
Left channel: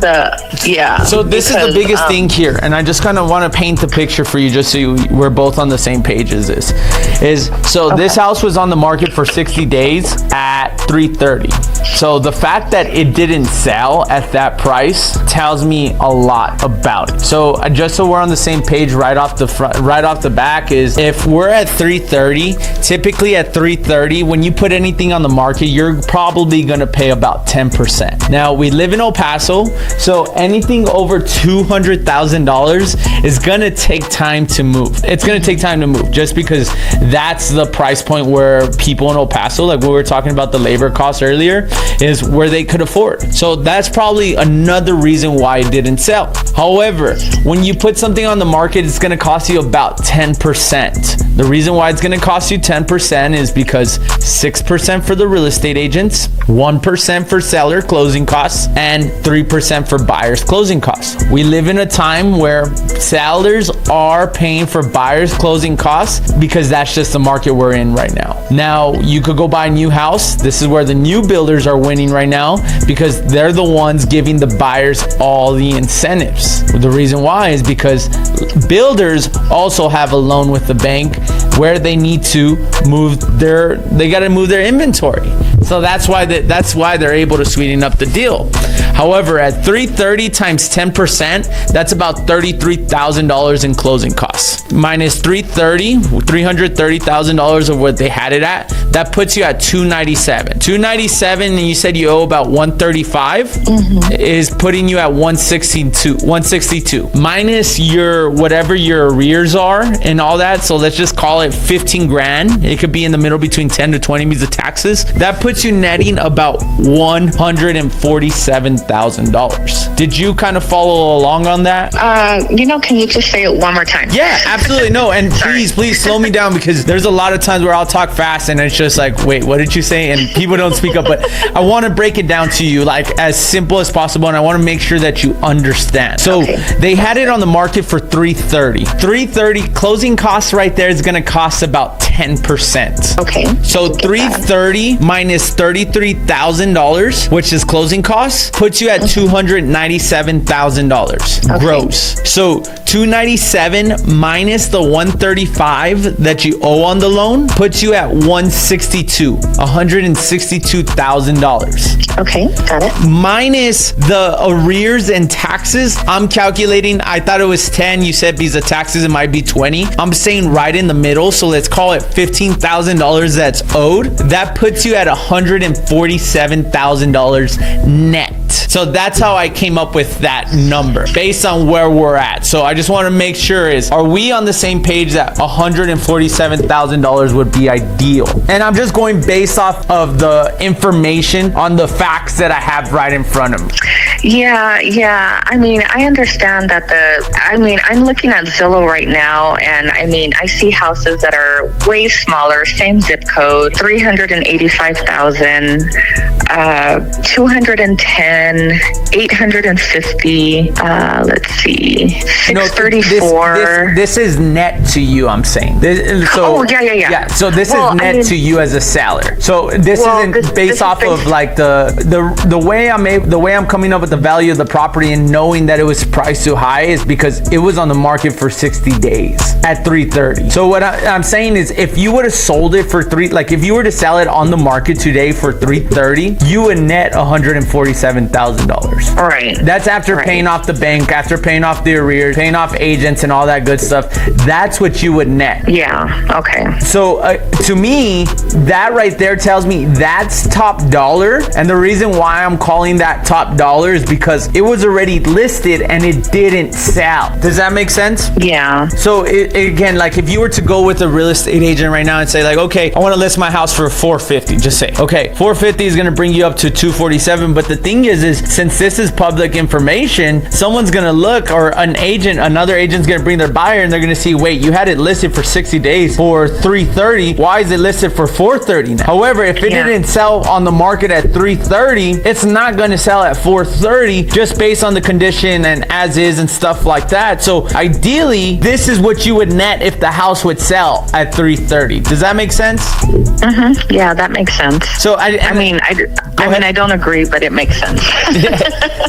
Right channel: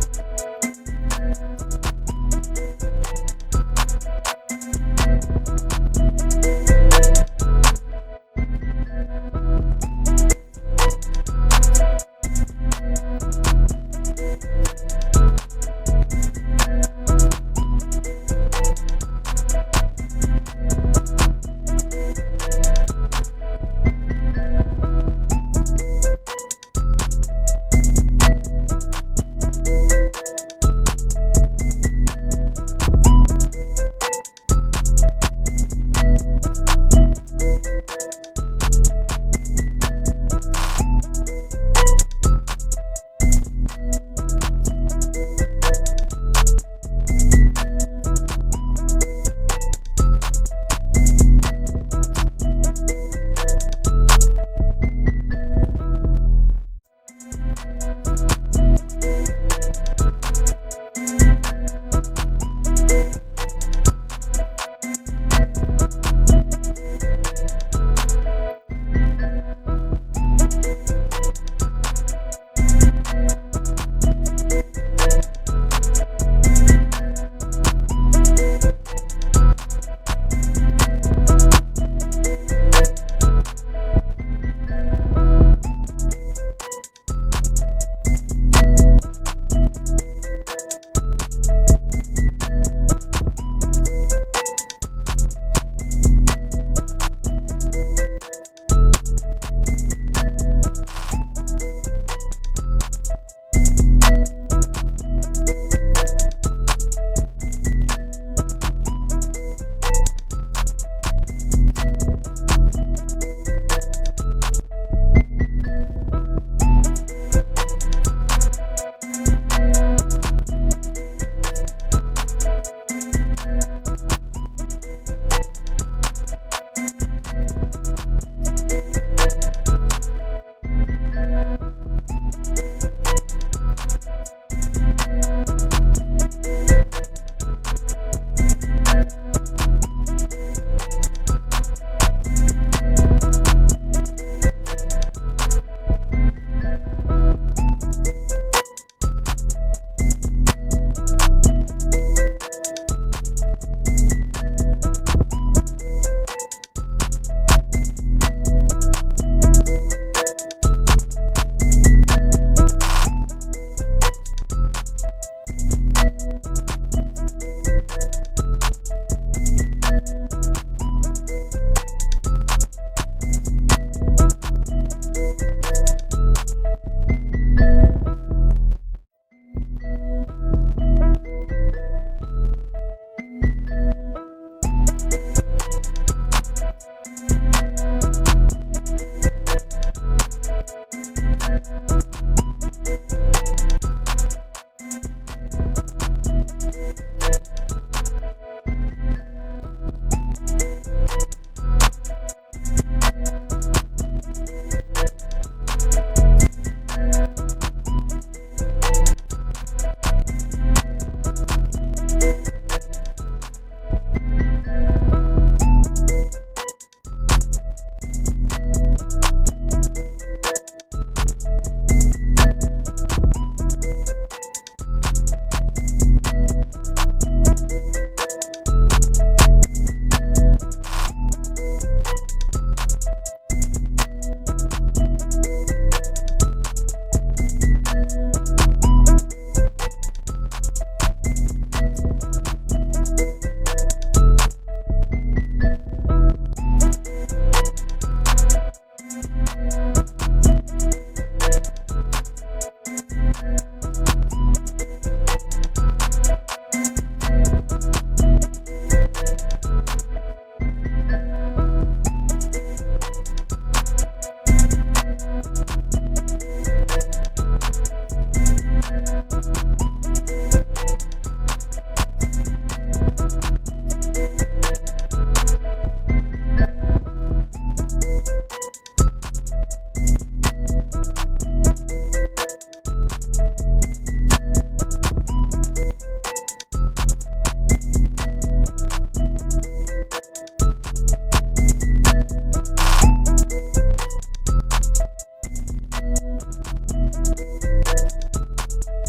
So this is the biggest thing here, and I just kind of want to paint the picture for you just so we're both on the same page as this. This house was on the market for 60 days at 330. So the fact that it didn't sell at that price tells me a lot about it. So just so we're on the same page right off the back is if we're at 330, typically at 330, when you put anything on the market, you're probably going to pay about 10%. Now we live in El Paso, so anything over $200,000 $300,000 is gonna take time to move. It's gonna take time to move just because that's the price point where people in El Paso, like we were talking about the labor costs earlier, is where they could afford. So that's probably another reason why it didn't sell. However, when you put something on the market, it's gonna cost you about 10%. The reason why it's gonna cost you 10% is because 6% for the real estate agents, 1% for seller closing costs, and 3% for buyers closing costs. We live in a time where sellers are paying for buyers closing costs because that's just the market we're in right now. Now, you could go buy a new house. This is where the new builders are winning right now because they're the ones giving the buyers all the incentives. The reason why is because builders also have a loan with the bank where they need to they got to move their inventory. So that's why they're able to sweeten up the deal. However, at 330 times 10%, that's about $33,000 in closing costs. Minus $330,000 of what they had it at, that puts you at 297. 297, and you said you owe about 135, is putting you at 162. Minus whatever your arrears are and all that. So let's just call it 15 grand. It could be in the middle between 10 to 20 because of taxes. That puts you netting about $147,000. Did you kind of follow along on that? Can you just say it one more time? Yeah, absolutely. No, and please slow me down because there's a lot of times where I'll talk fast and it's just like, wait, what did you say? And people don't speak up, but I want to break it down to you like as simple as possible, and I want to make sure that you understand. So they had it on the market for 330. 330 closing costs right there is going to cost about 10%. Okay. So 330 minus $33,000, which is closing costs, puts you at $297,000 gross. So 297 minus the 135 that you owe on the loan puts you at $162,000. Okay, got it. Minus the arrears and taxes, I'm calculating, I thought it was 10. You said because of taxes, it might be 20. I'm saying right in the middle. So let's call it $15,000 that's owed. That puts you at $147,000 net. So that's how I came up with that number based on where we're at. So I just want to make sure are we on the same page that $147,000 would be ideal? And I'm just going based off of the information on the facts that I have right in front of me. Yeah. I mean, I understand that I'm looking at Zillow right now, and I see houses that are way smaller, same zip code, 385,000, 210, 850, let's see, 634. This is net to you, I'm saying. Yeah. So this is net to you as a seller. So this isn't based off of like the way I'm coming up with the value of the property and knowing that it was priced too high is because it was on the market for 60 days at 330. So what I'm saying is if you would have sold it for if you were to sell it on the market today for 330, you would net $147,000. Right. That's after paying off the bank, after paying off the arrears, paying off agents and all that good stuff. That's what you would net. Yeah. Okay. So to me, that right there tells me that's top dollar. And the reason why I'm calling that top dollar is because it was already listed and it didn't sell. Does that make sense? Yeah. So again, like if you were to go with a real estate agent right now and say like, okay, I want to list my house for $450, just say, okay, $450 is going to bring you up to $247. But the thing is since this is public information, someone's going to look, or another agent's going to bring their buyer and they're going to see, wait, you had it listed for 60 days for $330. Why is it listed for $430 now? However, if it didn't sell on the market at $330, it's not going to sell at $430 just based on the condition and as is and stuff like that. So ideally, this is what you would net if the house would sell at $330. Does that make sense? Mm-hmm. Yeah, that makes sense. So I don't agree, but it makes sense.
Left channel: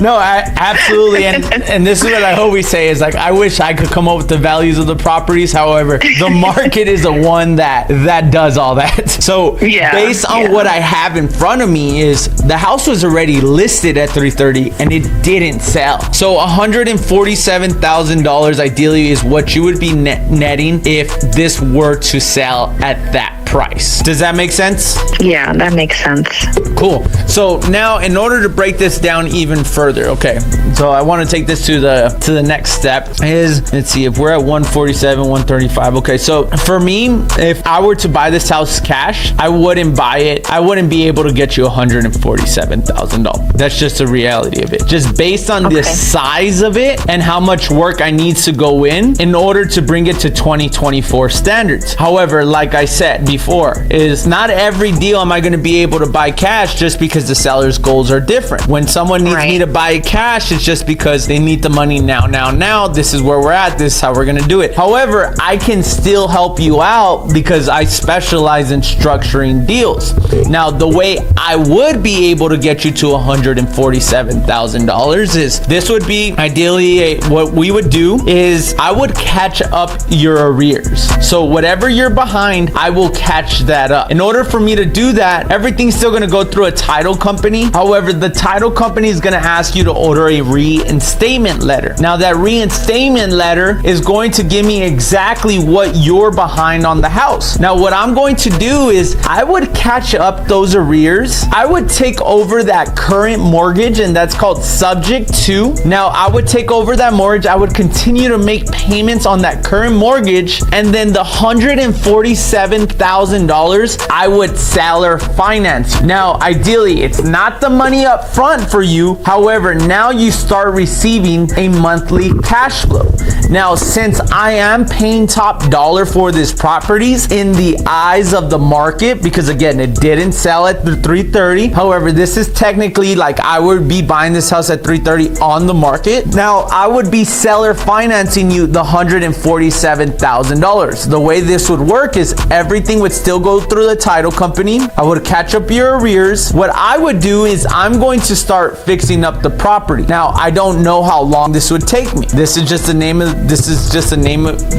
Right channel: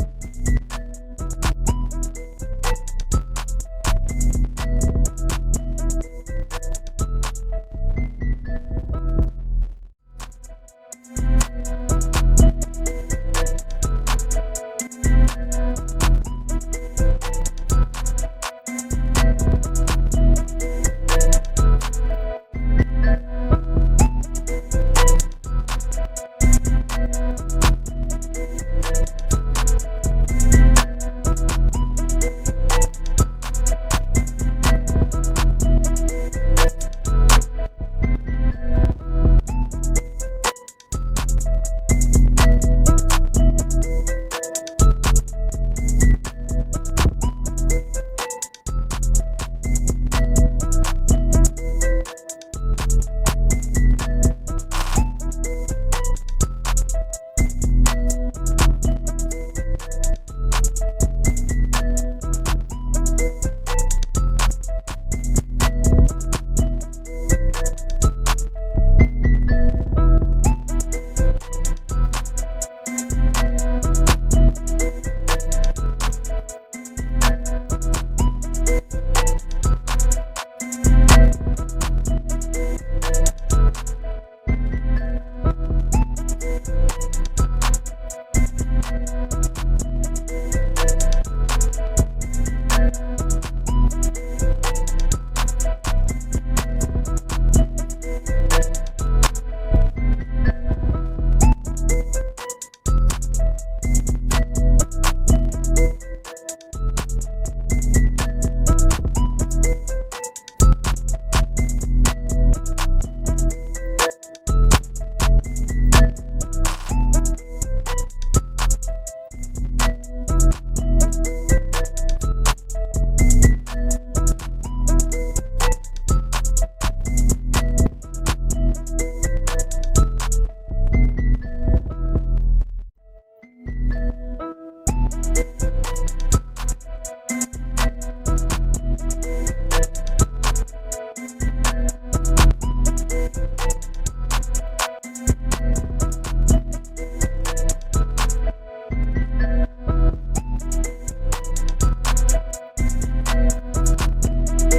No, absolutely. And this is what I always say is like, I wish I could come up with the values of the properties. However, the market is the one that does all that. So based on what I have in front of me is the house was already listed at $330 and it didn't sell. So $147,000 ideally is what you would be netting if this were to sell at that price. Does that make sense? Yeah, that makes sense. Cool. cool. So now in order to break this down even further, okay, so I want to take this to the next step is, let's see, if we're at 147, 135. Okay, so for me, if I were to buy this house cash, I wouldn't buy it. I wouldn't be able to get you $147,000. That's just the reality of it. Just based on the size of it and how much work I need to go in order to bring it to 2024 standards. However, like I said before, is not every deal am I going to be able to buy cash just because the seller's goals are different. When someone needs me to buy cash, it's just because they need the money now. This is where we're at. This is how we're going to do it. However, I can still help you out because I specialize in structuring deals. Now, the way I would be able to get you to $147,000 is this would be ideally what we would do is I would catch up your arrears. So whatever you're behind, I will catch that up. In order for me to do that, everything's still going to go through a title company. However, the title company is going to ask you to order a reinstatement letter. Now, that reinstatement letter is going to give me exactly what you're behind on the house. Now, what I'm going to do is I would catch up those arrears. I would take over that current mortgage, and that's called subject to. Now, I would take over that mortgage. I would continue to make payments on that current mortgage, and then the $147,000 I would seller finance. Now, ideally, it's not the money up front for you. However, now you start receiving a monthly cash flow. Now, since I am paying top dollar for this properties in the eyes of the market, because again, it didn't sell at the 330. However, this is technically like I would be buying this house at 330 on the market. Now, I would be seller financing you the $147,000. The way this would work is everything would still go through the title company. I would catch up your arrears. What I would do is I'm going to start fixing up the property. Now, I don't know how long this would take me. This is just the name of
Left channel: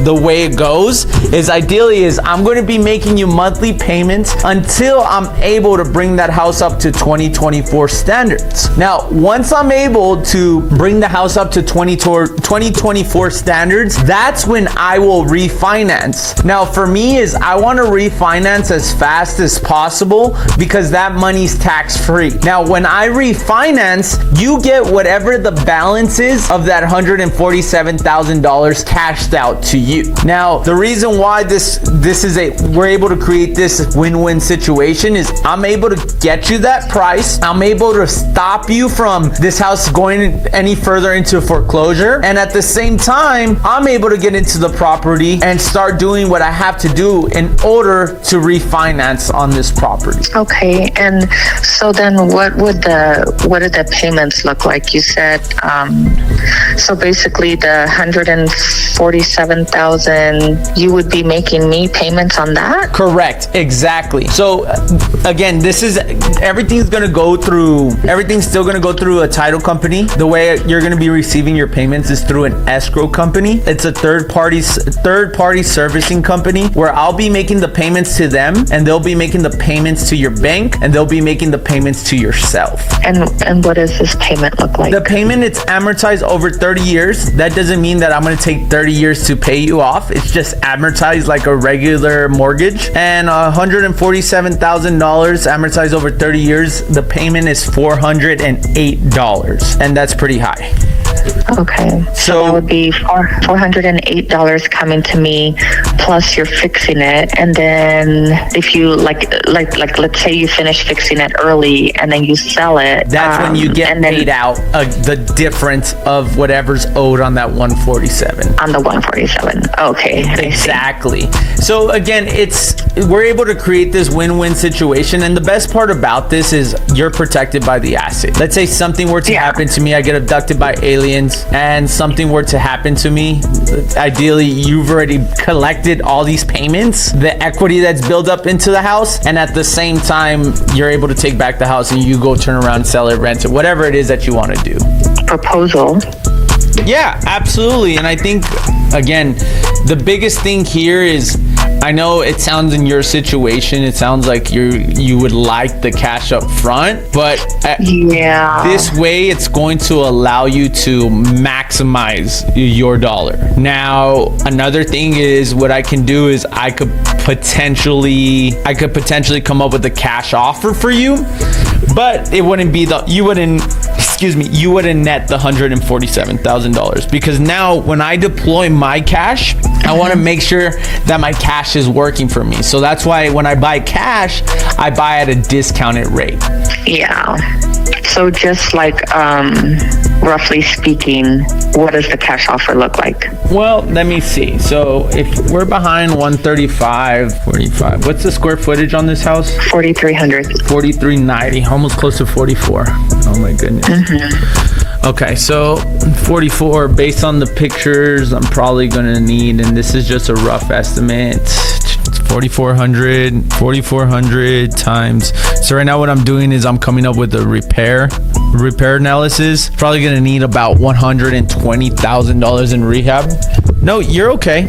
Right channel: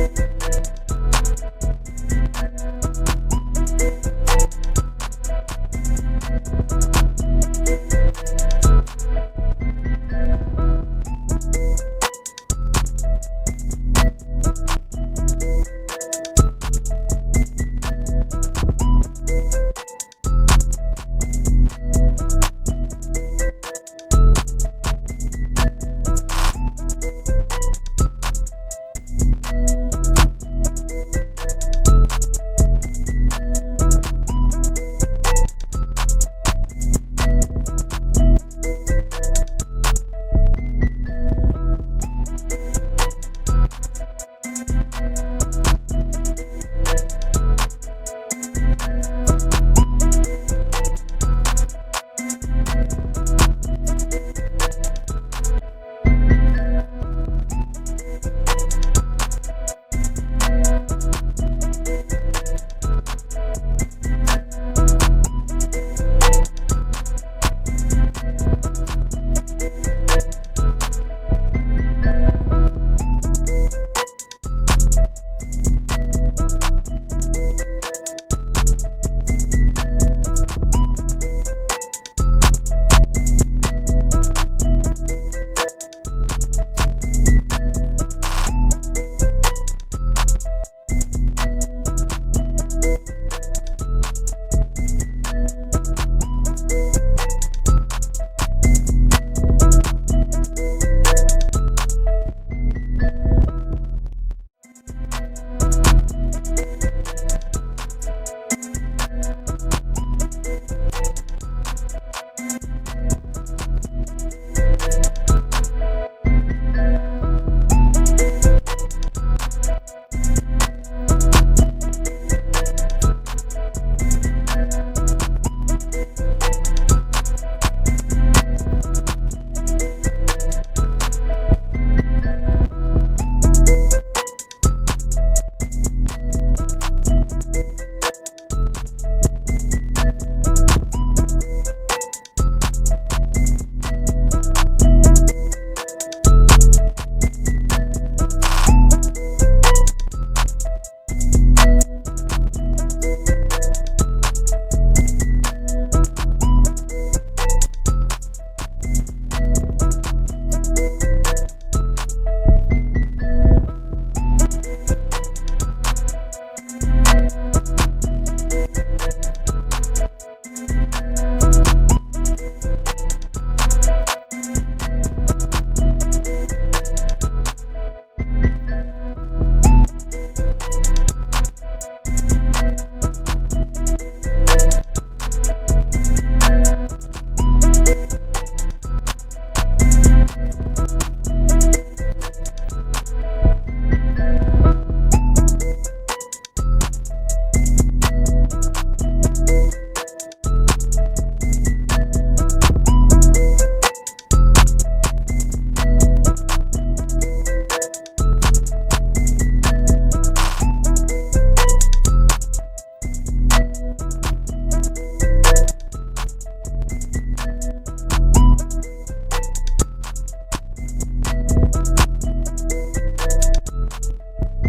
the way it goes is ideally is I'm going to be making you monthly payments until I'm able to bring that house up to 2024 standards. Now, once I'm able to bring the house up to 2024 standards, that's when I will refinance. Now, for me is I want to refinance as fast as possible because that money's tax-free. Now, when I refinance, you get whatever the balance is of that $147,000 cashed out to you. Now, the reason why we're able to create this win-win situation is I'm able to get you that price. I'm able to stop you from this house going any further into foreclosure. And at the same time, I'm able to get into the property and start doing what I have to do in order to refinance on this property. Okay, and so then what do the payments look like? You said so basically the $147,000 you would be making me payments on that? Correct, exactly. So again, everything's still going to go through a title company. The way you're going to be receiving your payments is through an escrow company. It's a third party servicing company where I'll be making the payments to them, and they'll be making the payments to your bank, and they'll be making the payments to yourself. And what does this payment look like? The payment, it's amortized over 30 years. That doesn't mean that I'm going to take 30 years to pay you off. It's just amortized like a regular mortgage. And $147,000 amortized over 30 years, the payment is $408, and that's pretty high. Okay, so that would be $408 coming to me, plus you're fixing it, and then if you like let's say you finish fixing it early and then you sell it, that's when you get paid out the difference of whatever's owed on that 147. On the 147, okay. Exactly. So again, we're able to create this win-win situation, and the best part about this is you're protected by the asset. Let's say something were to happen to me, I get abducted by aliens, and something were to happen to me, ideally you've already collected all these payments, the equity that's built up into the house, and at the same time you're able to take back the house and you go turn around, sell it, rent it, whatever it is that you want to do. Proposal. Yeah, absolutely. And I think, again, the biggest thing here is, I know it sounds in your situation, it sounds like you would like the cash up front, but this way it's going to allow you to maximize your dollar. Now, another thing is what I can do is I could potentially come up with a cash offer for you, But it wouldn't be you wouldn't net the $147,000, because now when I deploy my cash, I want to make sure that my cash is working for me. So that's why when I buy cash, I buy at a discounted rate. Yeah. So just like, roughly speaking, what does the cash offer look like? Well, let me see. So if we're behind 135, what's the square footage on this house? 4,300. 4,390, almost close to 44. Oh my goodness. Okay, so 44, based on the pictures, I'm probably gonna need, and this is just a rough estimate, 4,400 times. So right now what I'm doing is I'm coming up with a repair analysis. Probably gonna need about $120,000 in rehab. No, you're okay.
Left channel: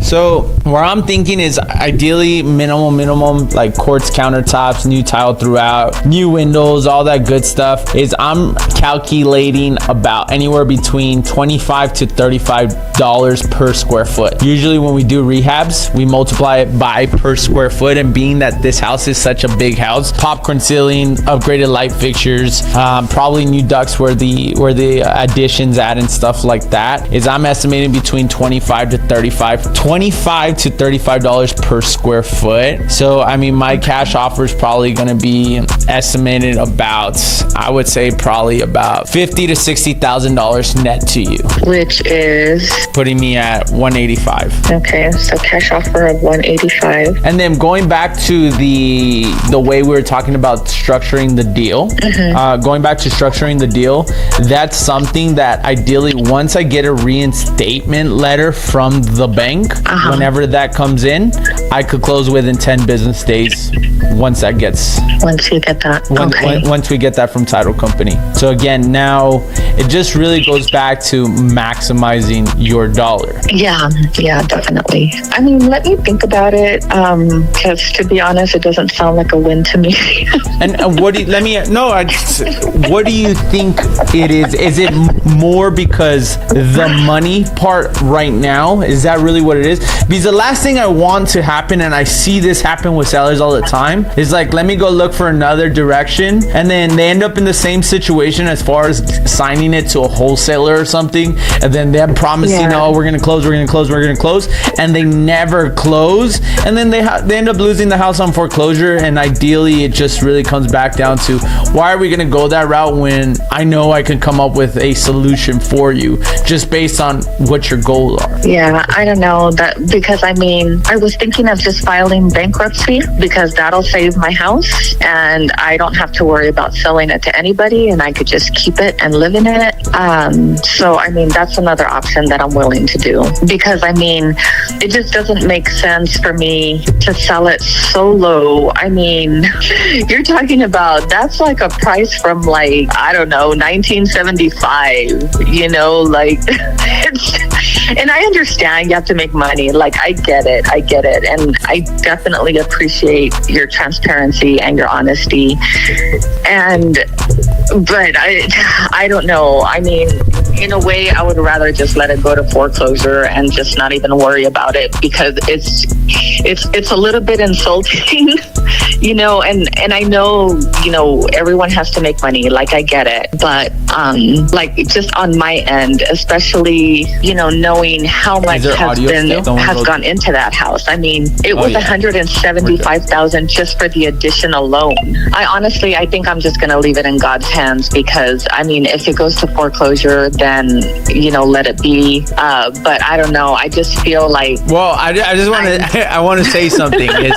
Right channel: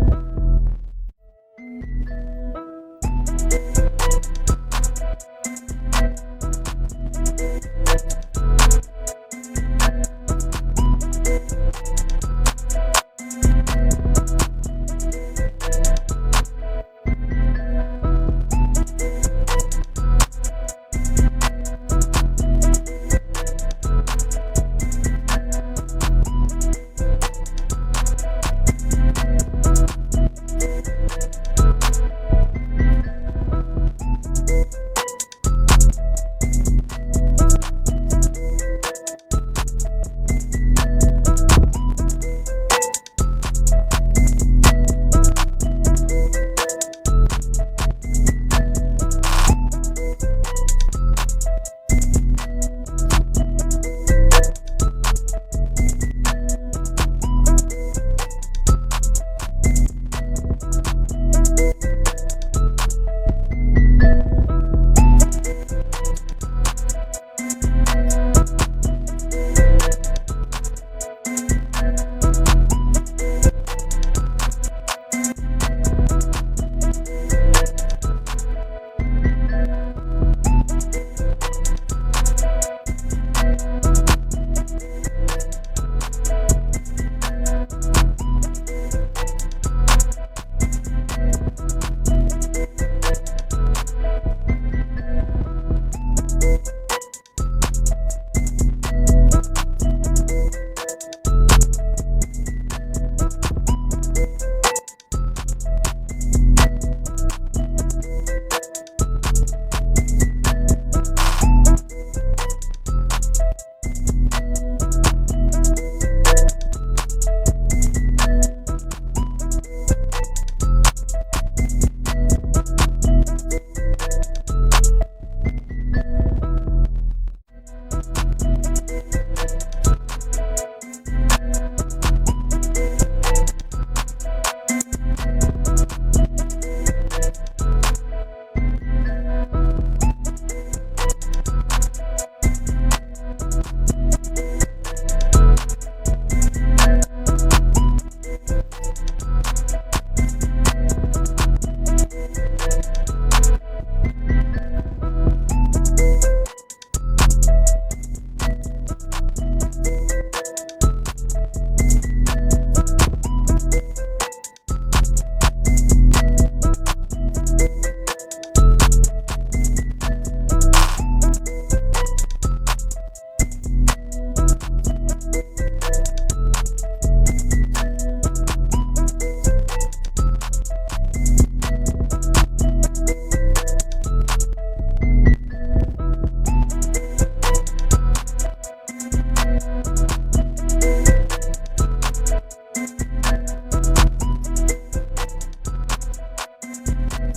So where I'm thinking is ideally minimum, like quartz countertops, new tile throughout, new windows, all that good stuff, is I'm calculating about anywhere between $25 to $35 per square foot. Usually when we do rehabs, we multiply it by per square foot, and being that this house is such a big house, popcorn ceiling, upgraded light fixtures, probably new ducts where the additions add and stuff like that, is I'm estimating between $25 to $35 per square foot. So I mean, my cash offer is probably going to be estimated about, I would say probably about $50,000 to $60,000 net to you, which is putting me at 185. Okay, so cash offer of 185. And then going back to the way we were talking about structuring the deal, that's something that ideally, once I get a reinstatement letter from the bank, whenever that comes in, I could close within 10 business days once you get that. Once we get that from title company. So again, now it just really goes back to maximizing your dollar. Yeah, definitely. I mean, let me think about it, because to be honest, it doesn't sound like a win to me. And what do you think it is? Is it more because the money part right now, is that really what it is? Because the last thing I want to happen, and I see this happen with sellers all the time, is like, let me go look for another direction, and then they end up in the same situation as far as signing it to a wholesaler or something, and then them promising, oh, we're gonna close, and they never close, and then they end up losing the house on foreclosure. And ideally, it just really comes back down to, why are we gonna go that route when I know I can come up with a solution for you just based on what your goals are? Yeah, I don't know that, because I mean, I was thinking of just filing bankruptcy, because that'll save my house and I don't have to worry about selling it to anybody, and I could just keep it and live in it. So I mean, that's another option that I'm willing to do, because I mean, it just doesn't make sense for me to sell it so low. I mean, you're talking about, that's like a price from like, I don't know, 1975, you know, like and I understand you have to make money. Like, I get it. And I definitely appreciate your transparency and your honesty. But I don't know. I mean, in a way, I would rather just let it go to foreclosure and just not even worry about it, because it's a little bit insulting, you know, and I know, you know, everyone has to make money. Like, I get it. But like, just on my end, especially, you know, knowing how much has gone into that house. I mean, it was $175,000 just for the addition alone. I think I'm just gonna leave it in God's hands, because I mean, if it goes to foreclosure, then, you know, let it be. But I don't know. I just feel like, well, I want to say something. Is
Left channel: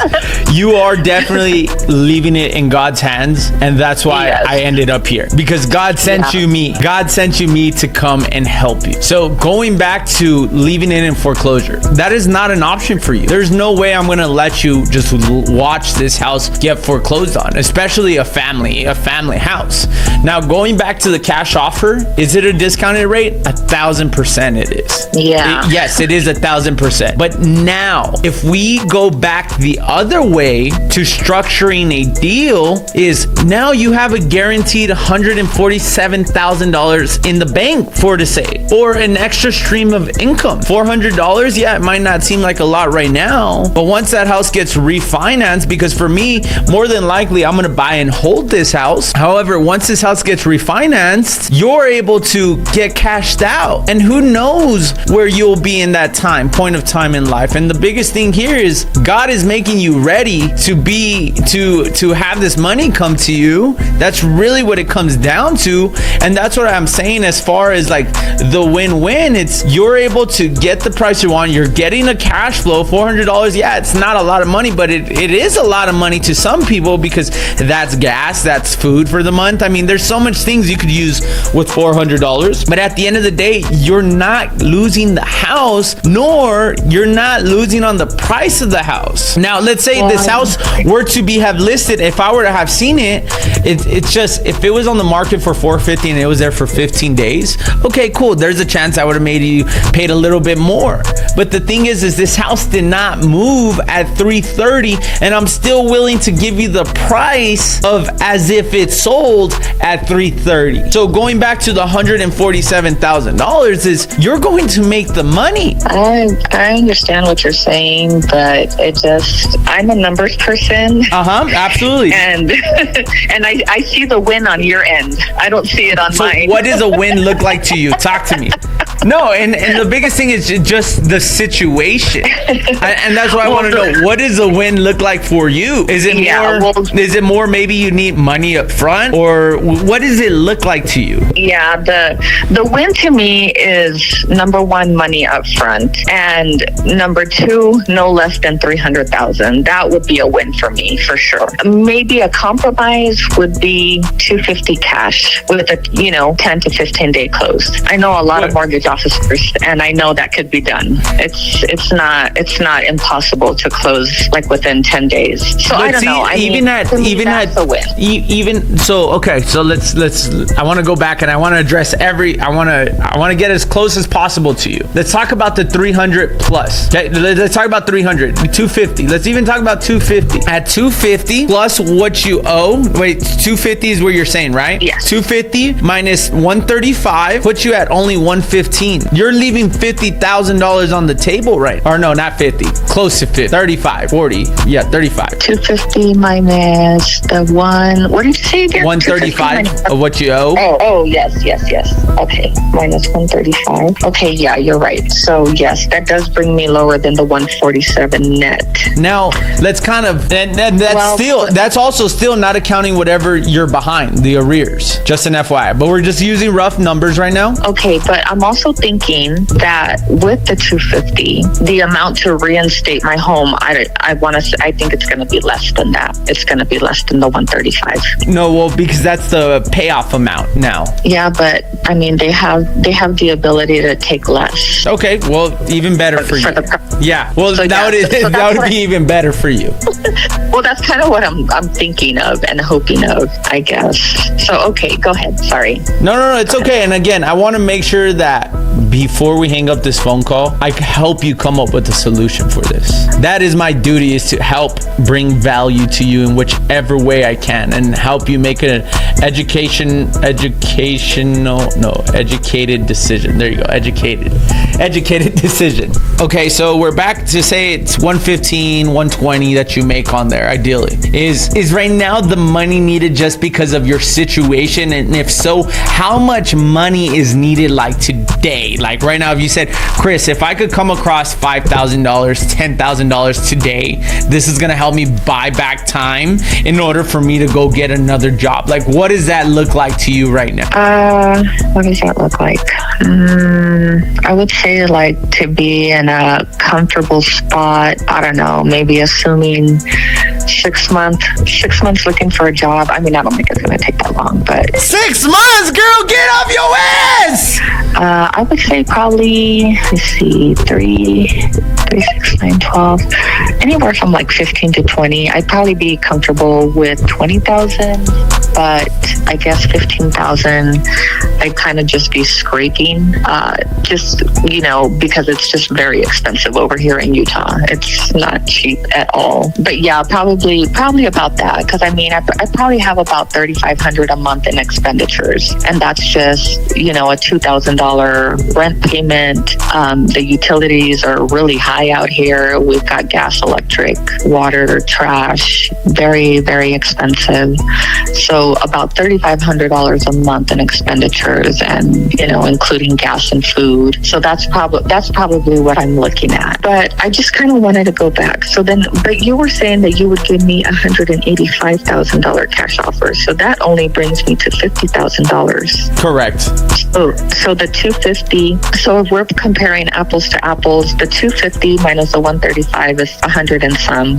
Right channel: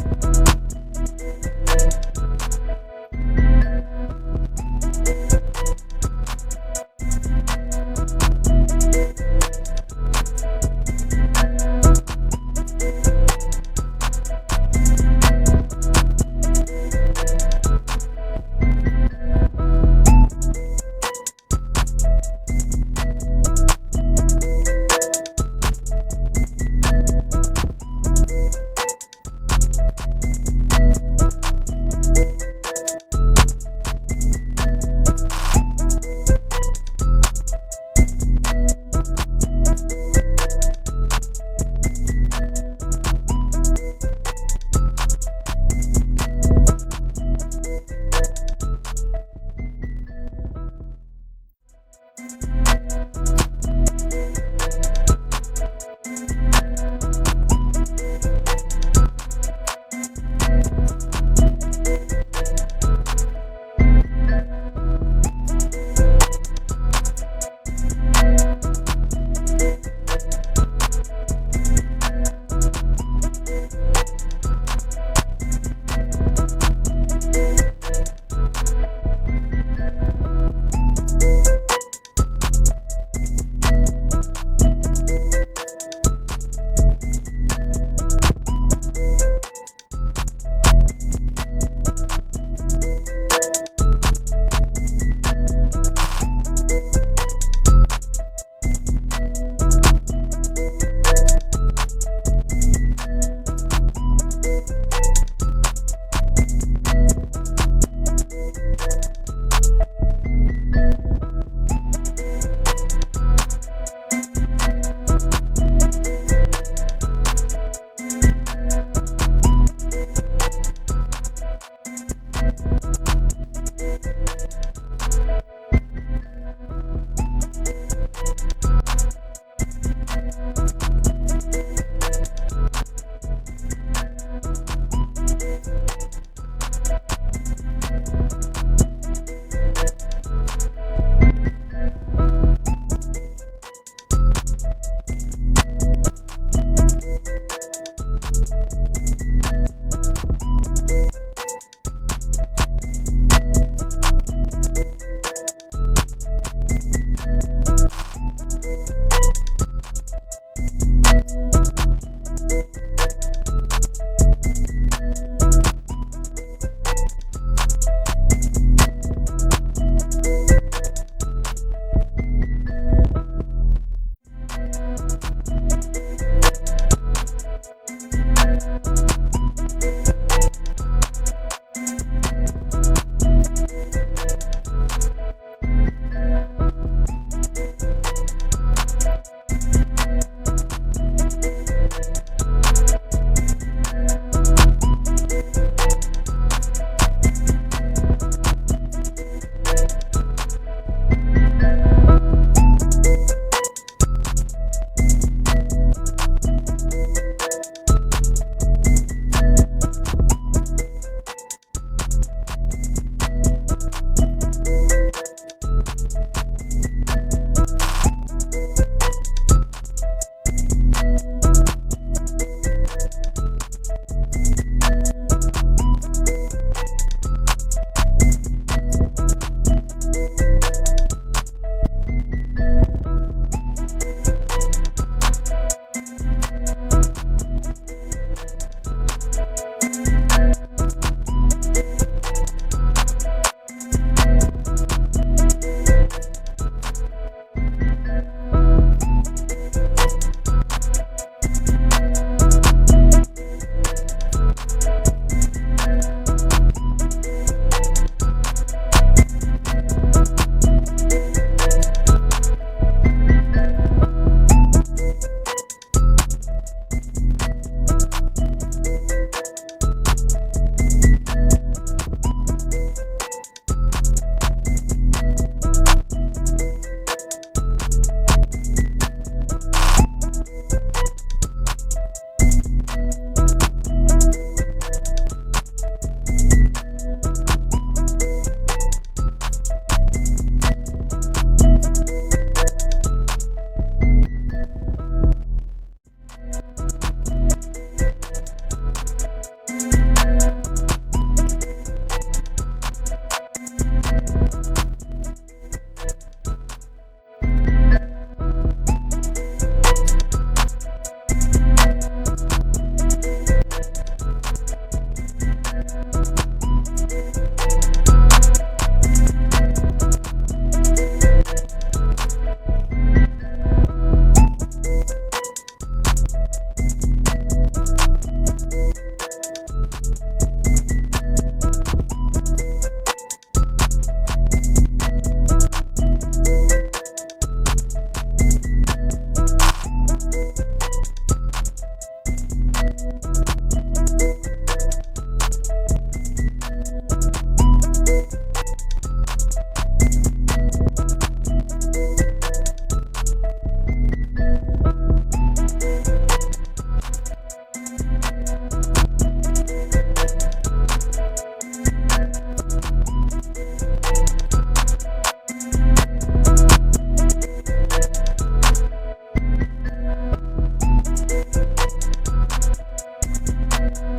you are definitely leaving it in God's hands, and that's why I ended up here, because God sent you me. God sent you me to come and help you. So going back to leaving it in foreclosure, that is not an option for you. There's no way I'm gonna let you just watch this house get foreclosed on, especially a family house. Now, going back to the cash offer, is it a discounted rate? 1,000% it is. Yeah. Yes, it is 1,000%. But now, if we go back the other way to structure structuring a deal is now you have a guaranteed $147,000 in the bank for to say, or an extra stream of income. $400, yeah, it might not seem like a lot right now, but once that house gets refinanced, because for me, more than likely, I'm gonna buy and hold this house. However, once this house gets refinanced, you're able to get cashed out, and who knows where you'll be in that point of time in life. And the biggest thing here is God is making you ready to have this money come to you. That's really what it comes down to. And that's what I'm saying as far as like the win-win. It's you're able to get the price you want. You're getting a cash flow. $400, yeah, it's not a lot of money, but it is a lot of money to some people because that's gas, that's food for the month. I mean, there's so much things you could use with $400. But at the end of the day, you're not losing the house, nor you're not losing on the price of the house. Now, let's say this house were to have listed. If I were to have seen it's just, if it was on the market for $450 and it was there for 15 days, okay, cool. There's a chance I would have made you paid a little bit more. But the thing is this house did not move at $330, and I'm still willing to give you the price of as if it sold at $330. So going back to the $147,000 is you're going to make the money. I understand what you're saying, but I'm a numbers person. Absolutely. And I see the win on your end. I don't see it on mine. What does a win look like to you? Talk to me. No, and the biggest thing is just the situation, and that's why I want to know, what does a win look like for you? Is it more maybe you need money up front, or what does it look like to you? Yeah, the win to me is number one, money up front, and number two, no less than $300,000. That would be a win for me for sure. Maybe a compromise would be $250 cash with a 10 to 15 day close. I know a lot of mortgage officers, and I know that could be done. It's not impossible to close like within 10 days. So I don't know. I want to go back and I want to address I want to get as close as possible to you. Let's talk about the 300 plus. Okay, let's talk about 300, 250. Let's even talk about 250. At 250 plus what you owe. Wait, 250 is what you're saying, right? Yes. 250 minus 135 puts you at only 115. You're leaving $50,000 on the table, right? Or no, not 50. Close to 50. 35, 40. Yeah, 35. 250 minus the what did you say again? 135 of what you owe. Oh, yes. Okay, minus 135. Okay, yeah, you're right. So yes, that does bring me lower than the 147 net. Now, let's kind of, and that's also still not accounting whatever you're behind, the arrears. Just an FYI. But we're just using rough numbers right now. Okay, but I'm also thinking that with the 250, the amount to reinstate my home, I think it's going to be less than that. It's going to be less than the 135. No, well, because that's the payoff amount now. Yeah, but I mean, they have the ability to take less. Okay, well, even better for you. Yeah, well, so that would be even better for you. Well, that's kind of what I'm thinking of and hoping of, I guess. So, okay, go ahead. Sorry. No, it's okay. And again, I want to make sure that before we hang up this phone call, I can help you come up with a solution for this. That is my duty, is to help bring value to you in whichever way I can and help you make an educated decision. There you go. Educated decision. Okay, so we're back to say it's 115, 120 that you make on there, ideally. Is right now the money needed just because of your situation? And if so, how much money is needed like today? Like right now, if you said, Chris, if I could come across $5,000, $10,000 today, this is gonna help me buy back time in order for me to go get another job. Like, what does that look like to you right now? What does that look like? I would say like to be in a comfortable spot. I don't know, maybe assuming 6 months looking for a job. I mean, I don't think it's going to take that long, but 6 months, girl, get off your ass. I would say probably, let's see, 3, 6, 9, 12, anywhere from like 15 to 20. I'd probably be comfortable with 20,000, but I guess 15,000, I'd kind of just be scraping, because it's just very expensive over here in Utah. It's not cheap at all. But yeah, probably probably about that, because I mean, I probably have about $3,500 a month in expenditures, and that's just, you know, a $2,000 rent payment. The utilities are really high out here. We've got gas, electric, water, trash, very, very expensive. So about $3,500 a month in expenditures, and, you know, including gas and food. So that's probably what I'm looking at. But I just kind of wanted to go back. So then, but you were saying that you would give me $185,000 cash offer. So that only brings me to $50,000. Correct. So the 250. So if we're comparing apples to apples, the 250 minus the 135 is 100 and some.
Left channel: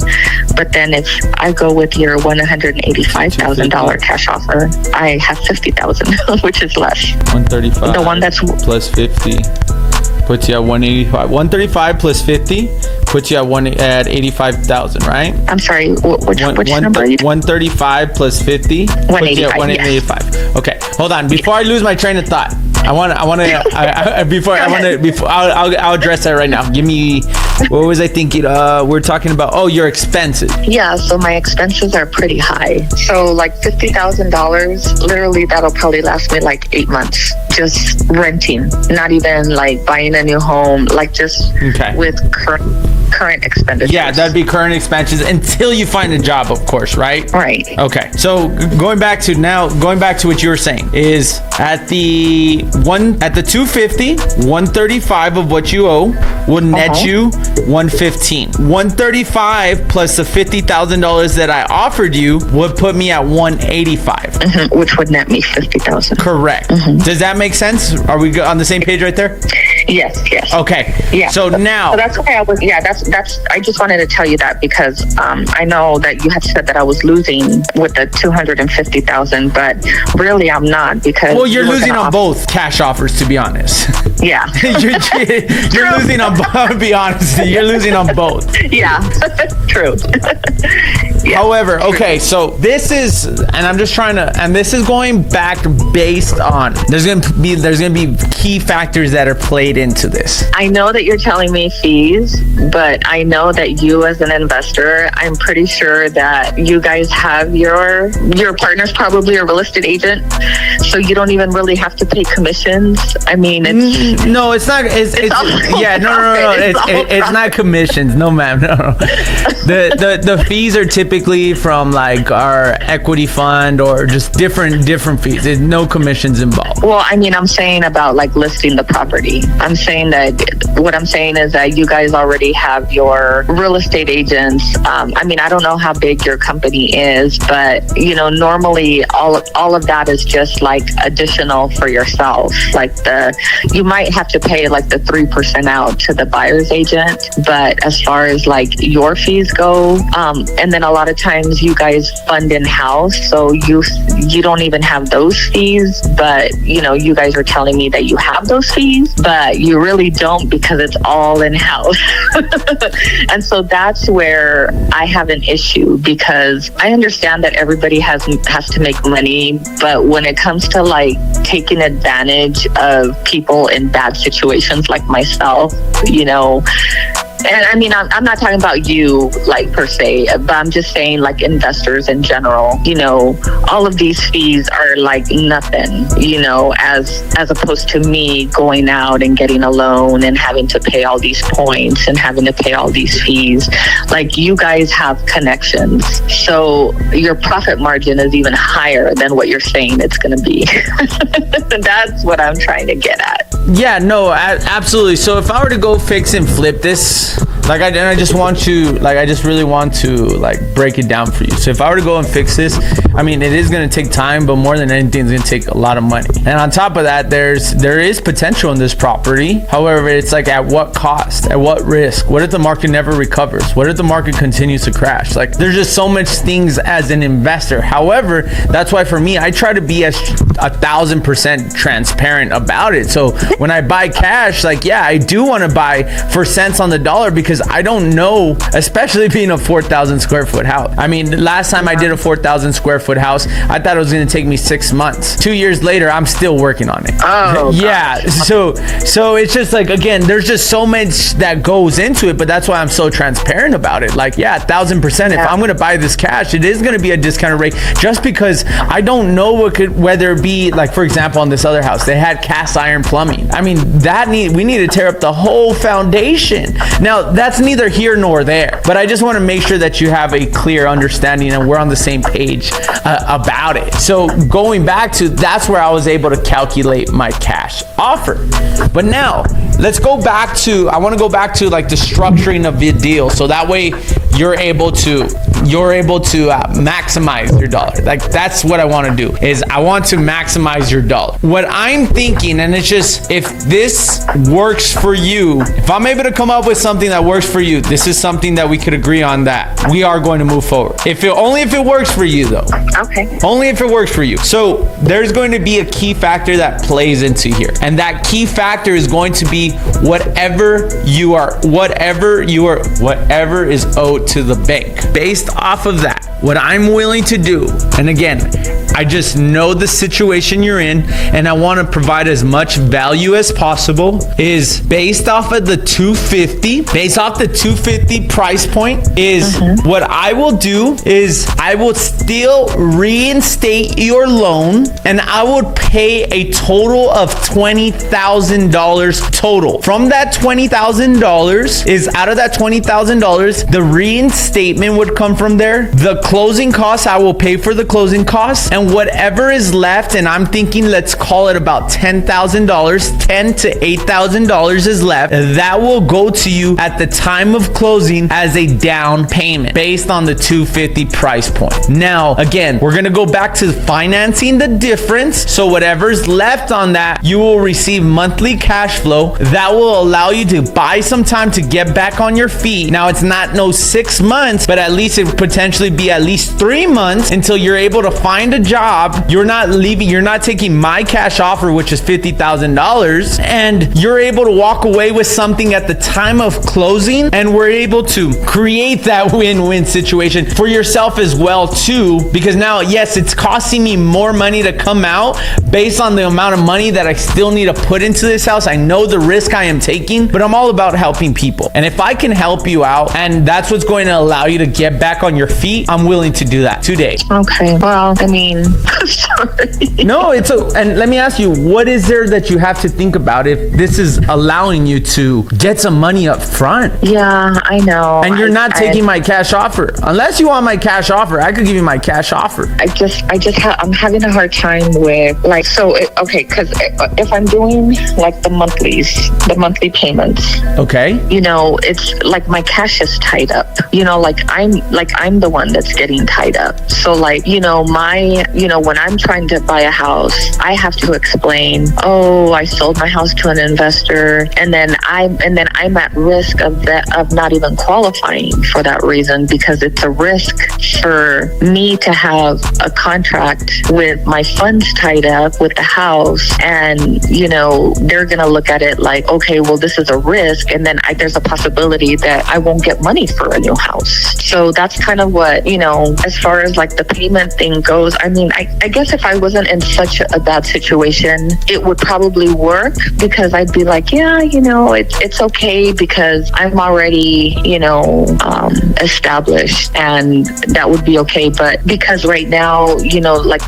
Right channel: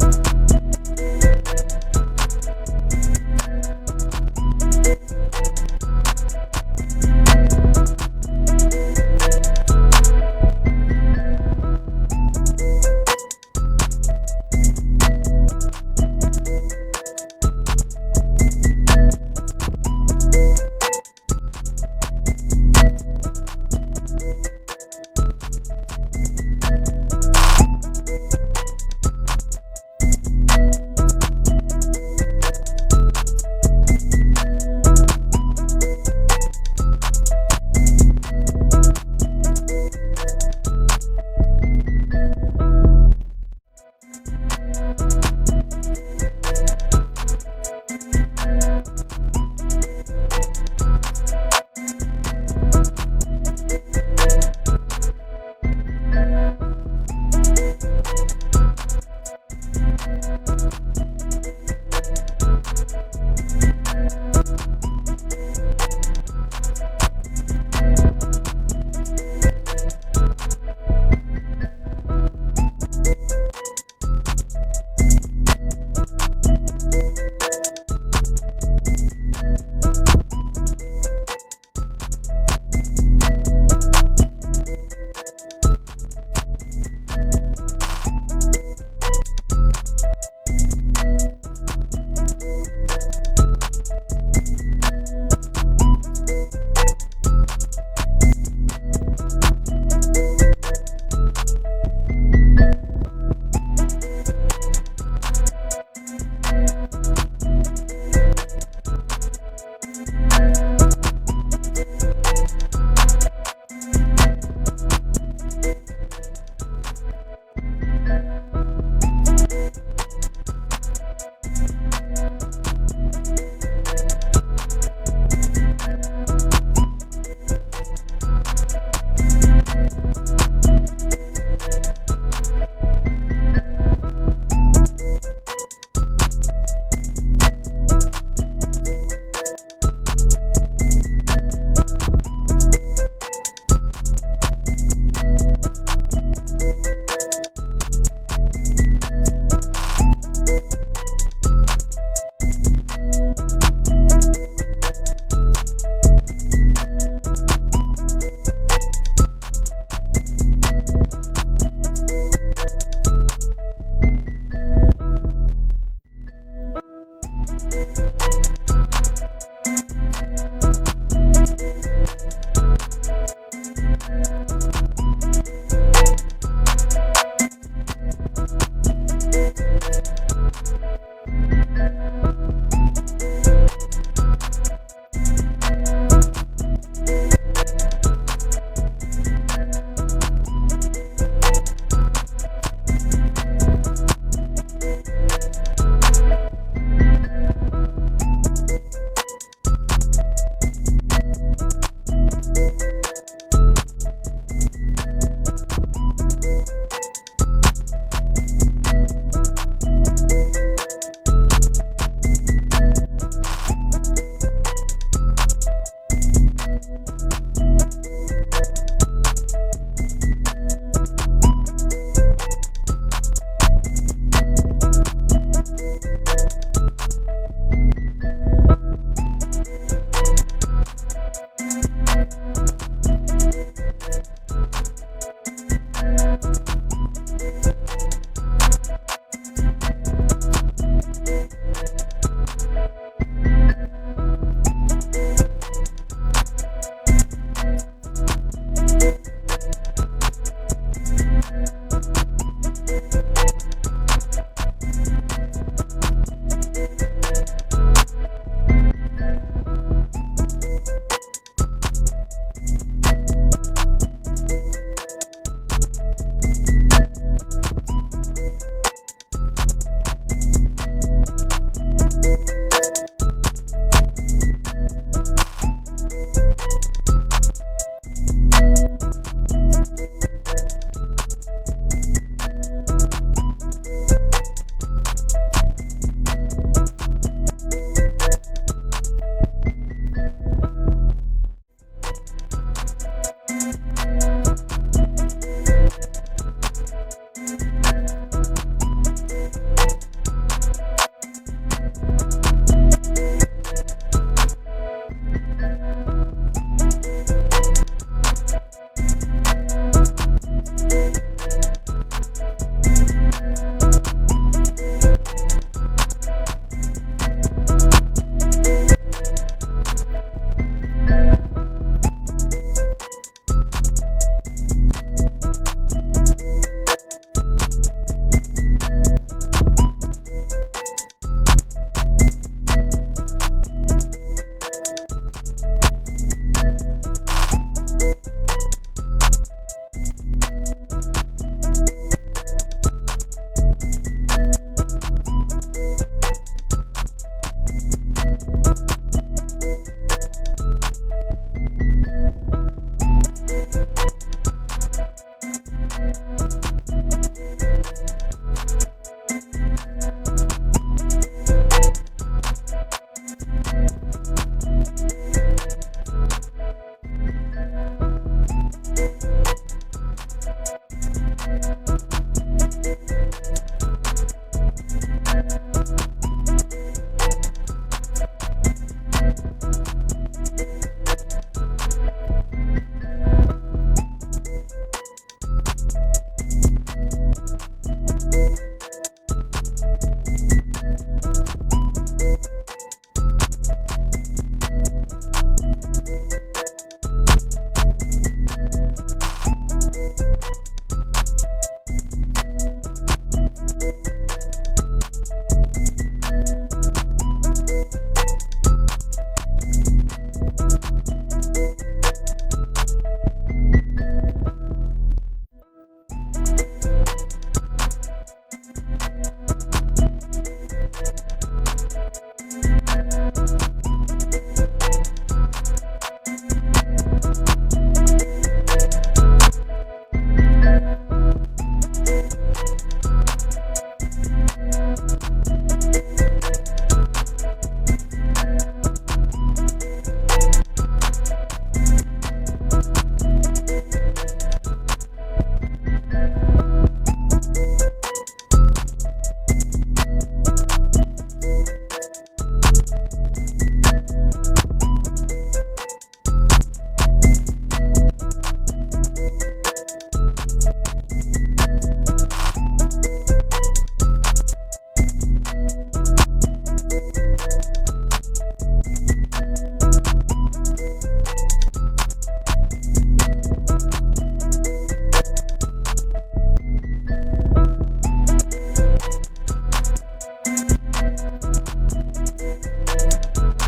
But then if I go with your $185,000 cash offer, I have $50,000, which is less. 135. The one that's plus 50 puts you at 185. 135 plus 50 puts you at 85,000, right? I'm sorry, which number are you? 135 plus 50 puts you at 185. Yes. Okay, hold on. Before I lose my train of thought, I'll address that right now. Give me, what was I thinking? We're talking about, your expenses. Yeah, so my expenses are pretty high. So like $50,000, literally that'll probably last me like 8 months. Just renting, not even like buying a new home, like just with current expenditures. Yeah, that'd be current expenses until you find a job, of course, right? Right. Okay. So going back to what you were saying is at the 250, 135 of what you owe would net you 115. 135 plus the $50,000 that I offered you would put me at 185. Which would net me 50,000. Correct. Does that make sense? Are we on the same page right there? Yes. Okay. Yeah. So now. So that's why I was. Yeah. That's. I just wanted to tell you that because I know that you had said that I was losing with the 250,000, but really I'm not because. Well, you're losing on both cash offers, to be honest. Yeah. you're losing on both. Be honest. You're losing on both. Yeah. True. Yeah. However, okay. So this is, and I'm just trying to, and this is going back based on. There's gonna be key factors that are played into this. I know that you're telling me fees, but I know that you as an investor, I'm pretty sure that you guys have your partner's probably a real estate agent, so you don't even really have to pay commissions. I mean, it's no, it's not. It's not commissions. No, ma'am. No. The fees are typically from like our equity fund or just different fees. There's no commissions involved. Well, I mean, I'm saying about like listing the property. What I'm saying is that you guys already have your real estate agents. I mean, I don't know how big your company is, but you know, normally all of that is just like additional for yourself. Like you might have to pay like the 3% out to the buyer's agent, but as far as like your fees go, and then a lot of times you guys fund in-house, so you don't even have those fees, but you know, you guys are telling me that you have those fees, but you really don't because it's all in-house. And so that's where I have an issue, because I understand that everybody has to make money, but when it comes to like taking advantage of people in bad situations like myself, you know, and I mean, I'm not talking about you like per se, but I'm just saying like investors in general, you know, all of these fees are like nothing, you know, as opposed to me going out and getting a loan and having to pay all these points and having to pay all these fees. Like you guys have connections, so your profit margin is even higher than what you're saying it's going to be. That's what I'm trying to get at. Yeah, no, absolutely. So if I were to go fix and flip this, like I just really want to like break it down for you. So if I were to go and fix this, I mean, it is going to take time, but more than anything, it's going to take a lot of money. And on top of that, there is potential in this property. However, it's like at what cost, at what risk? What if the market never recovers? What if the market continues to crash? Like there's just so much things as an investor. However, that's why for me, I try to be as 1,000% transparent about it. So when I buy cash, like, yeah, I do want to buy for cents on the dollar because because I don't know, especially being a 4,000 square foot house. I mean, last time I did a 4,000 square foot house, I thought it was going to take me 6 months. 2 years later, I'm still working on it. Oh, yeah. So it's just like, again, there's just so much that goes into it, but that's why I'm so transparent about it. Like, yeah, 1,000%. If I'm going to buy this cash, it is going to be a discounted rate, just because I don't know whether it be, like, for example, on this other house, they had cast iron plumbing. I mean, we need to tear up the whole foundation. Now, that's neither here nor there, but I just want to make sure that you have a clear understanding and we're on the same page about it. So going back to, that's where I was able to calculate my cash offer. But now let's go back to, I want to go back to like the structuring of the deal, so that way you're able to maximize your dollar. Like, that's what I want to do, is I want to maximize your dollar. What I'm thinking, and it's just, if this works for you, if I'm able to come up with something that works for you, this is something that we could agree on, that we are going to move forward. Only if it works for you, though. Okay. Only if it works for you. So there's going to be a key factor that plays into here, and that key factor is going to be whatever is owed to the bank. Based off of that, what I'm willing to do, and again, I just know the situation you're in, and I want to provide as much value as possible, is based off of the 250, based off the 250 price point, is what I will do is I will still reinstate your loan, and I would pay a total of $20,000 total. From that $20,000 is, out of that $20,000, the reinstatement would come from there. The closing costs, I will pay for the closing costs, and whatever is left, and I'm thinking, let's call it about $10,000, $10,000 to $8,000 is left, that will go to you at the time of closing as a down payment based on the 250 price point. Now, again, we're gonna go back to financing the difference. So whatever's left on that, you will receive monthly cash flow that will allow you to buy some time to get back on your feet. Now, it's not no 6 months, but at least it potentially be at least 3 months until you're able to find a job. You're not taking my cash offer, which is $50,000, and you're able to walk away with something at the time of closing, and we're able to create that win-win situation for yourself as well too, because now, yes, it's costing me more money to come out based on the amount of money that I still need to put into this house. I know the risk I am taking, but I'm all about helping people, and if I can help you out and that's what's going to allow you to get back on your feet, I'm willing to do that today. Okay. Well, I mean, sorry. No, and let me ask you, what is there that you have to think about if this is allowing you to get some money up front? Yeah, I know. And you're not taking my cash offer. Unless you want my cash offer, I could give you my cash offer. I'm having a hard time with, like, because if I'm doing like the monthly payments. Okay. It's like my cash is tied up. I'm the one that's getting tied up. So when I'm trying to buy a house, I have to explain, I sold my house to an investor, and then I'm at risk of not even qualifying for that reason, because it's a risk for me to have a contract with my funds tied up with the house, and they're gonna look at it like, okay, well, this is a risk, and then there's a possibility that I won't get money for a new house. So that's kind of what, as far as like the payment thing goes. I mean, I guess if I wasn't in such a bad situation, it would probably work, because I'd be like, yeah, it's okay, because I'm already, established, and that would be okay. But because right now,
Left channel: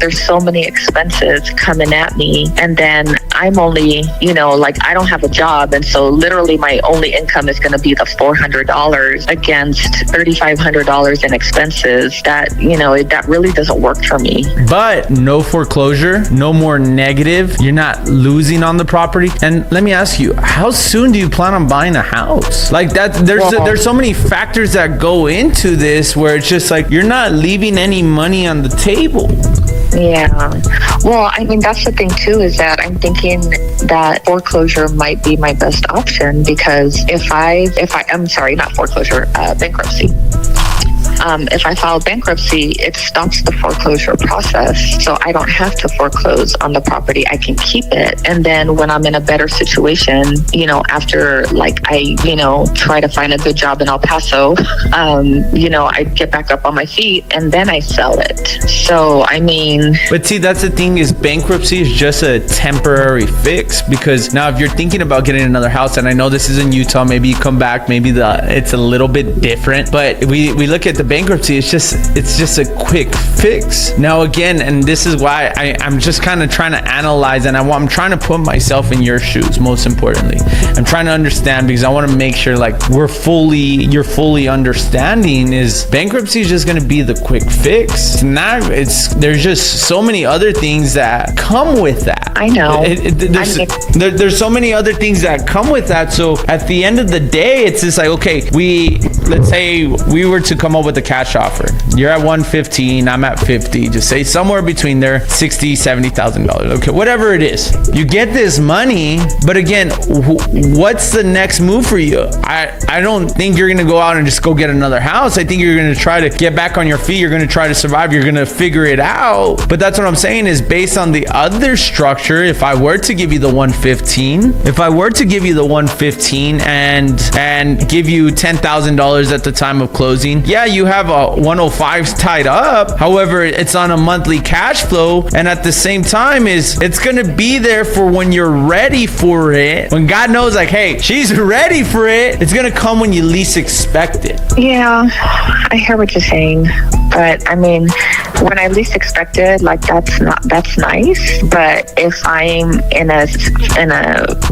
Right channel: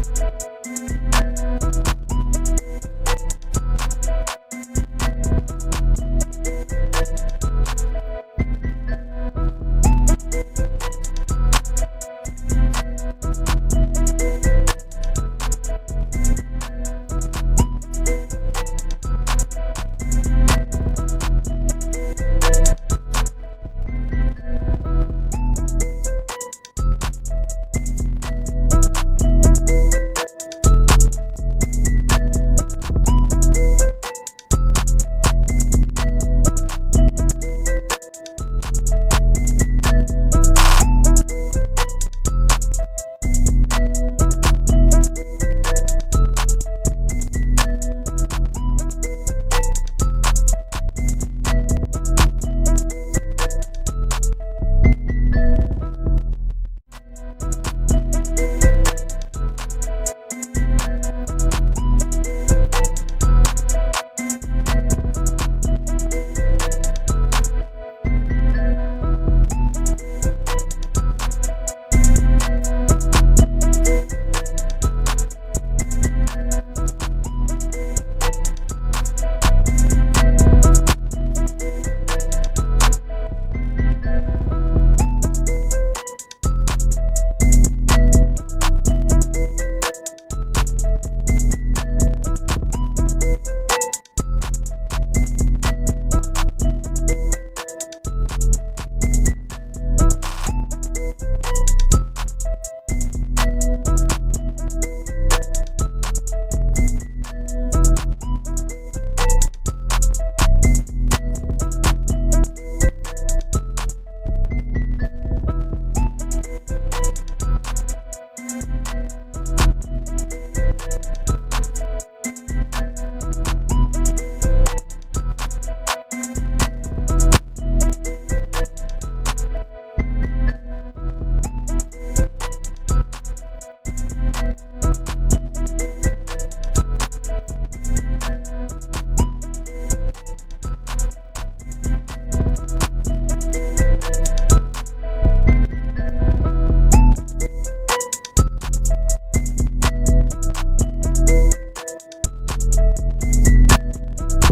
there's so many expenses coming at me, and then I'm only, I don't have a job, and so literally my only income is going to be the $400 against $3,500 in expenses. That that really doesn't work for me. But no foreclosure, no more negative. You're not losing on the property. And let me ask you, how soon do you plan on buying a house? Like that, there's so many factors that go into this, where it's just like you're not leaving any money on the table. Yeah. Well, I mean, that's the thing too, is that I'm thinking that foreclosure might be my best option, because if I'm sorry, not foreclosure, bankruptcy. if I file bankruptcy, it stops the foreclosure process. So I don't have to foreclose on the property. I can keep it. And then when I'm in a better situation, after like I, try to find a good job in El Paso, I get back up on my feet and then I sell it. So, But see, that's the thing is bankruptcy is just a temporary fix, because now if you're thinking about getting another house, and I know this is in Utah, maybe you come back, maybe it's a little bit different, but we look at the bankruptcy, it's just a quick fix. Now again, and this is why I'm just kind of trying to analyze, and I'm trying to put myself in your shoes, most importantly. I'm trying to understand, because I want to make sure like you're fully understanding is bankruptcy is just going to be the quick fix. There's just so many other things that come with that. I know. There's so many other things that come with that. So at the end of the day, it's just like, okay, let's say we were to come up with a cash offer. You're at 115, I'm at 50. Just say somewhere between there, $60,000, $70,000. Okay, whatever it is. You get this money, but again, what's the next move for you? I don't think you're gonna go out and just go get another house. I think you're gonna try to get back on your feet. You're gonna try to survive. You're gonna figure it out. But that's what I'm saying is based on the other structure. If I were to give you the 115, and give you $10,000 at the time of closing, yeah, you have a 105 tied up. However, it's on a monthly cash flow, and at the same time it's gonna be there for when you're ready for it. When God knows, like, hey, she's ready for it. It's gonna come when you least expect it. Yeah, I hear what you're saying, but when I least expected, like that's nice. But if I'm in a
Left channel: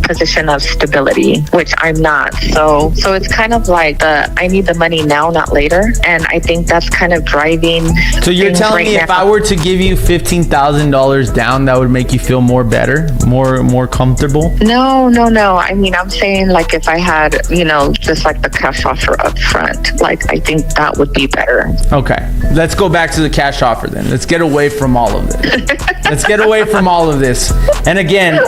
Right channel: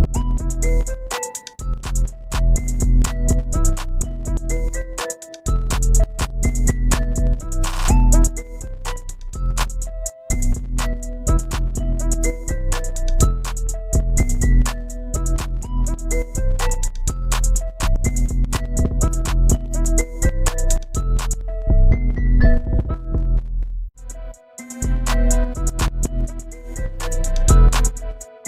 position of stability, which I'm not, so it's kind of like I need the money now, not later, and I think that's kind of driving. So you're telling me if I were to give you $15,000 down, that would make you feel more better, more comfortable? No. I'm saying like if I had, just like the cash offer up front, like I think that would be better. Okay, let's go back to the cash offer then. Let's get away from all of this. And again,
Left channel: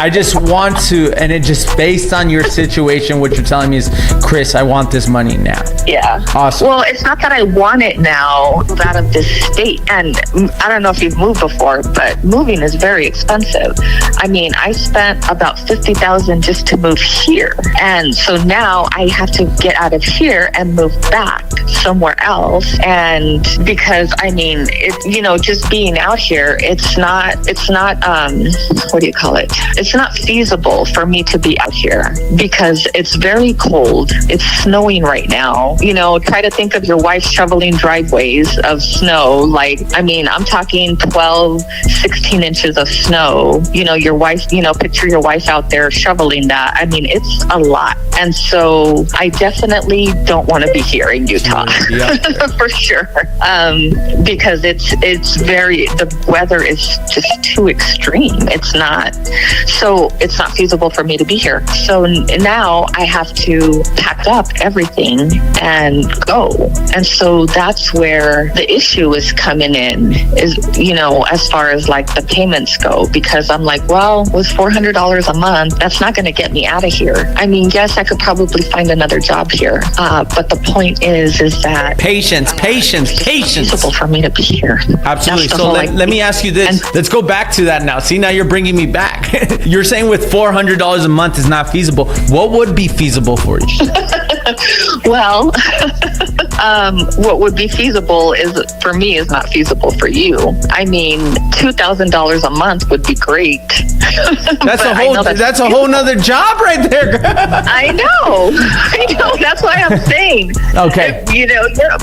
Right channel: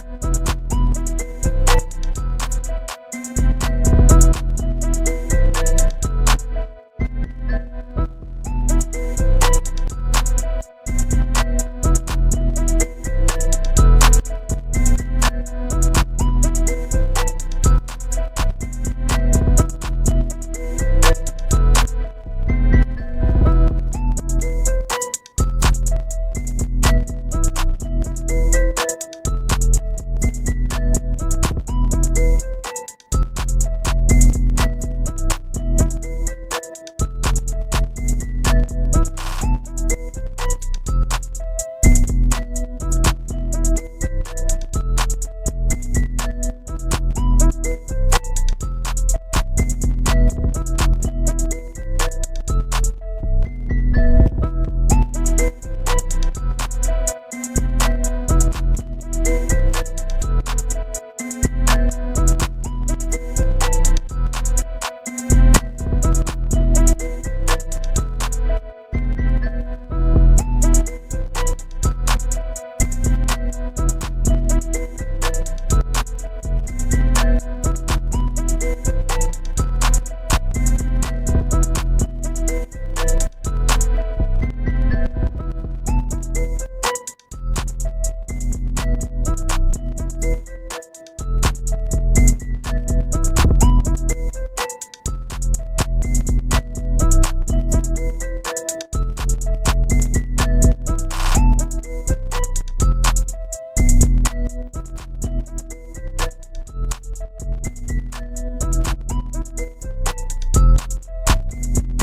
I just want to, and it just based on your situation, what you're telling me is, Chris, I want this money now. Yeah. Awesome. Well, it's not that I want it now, it's out of this state. And I don't know if you've moved before, but moving is very expensive. I spent about $50,000 just to move here. And so now I have to get out of here and move back somewhere else. And because just being out here, it's not what do you call it? It's not feasible for me to be out here because it's very cold. It's snowing right now. Try to think of your wife shoveling driveways of snow. I'm talking 12, 16 inches of snow. Your wife, picture your wife out there shoveling that. It's a lot. And so I definitely don't want to be here in Utah. Yeah. For sure. Because the weather is just too extreme. It's not feasible for me to be here. So now I have to pack up everything and go. And so that's where the issue is coming in, is, as far as like the payments go, because I'm like, well, with $400 a month, that's not going to get me out of here. Yes, I could probably find another job here. But the point is that patience. It's feasible for me to be here. Absolutely. So let me ask you this. Let's go back to that now. See, now you're bringing me back. You're saying with $400 a month is not feasible. What would be feasible for you? Well, what would be feasible for me is not feasible for you. $2,000 a month would be great. That's a whole nother job right there. I know. That's why I'm saying. Okay.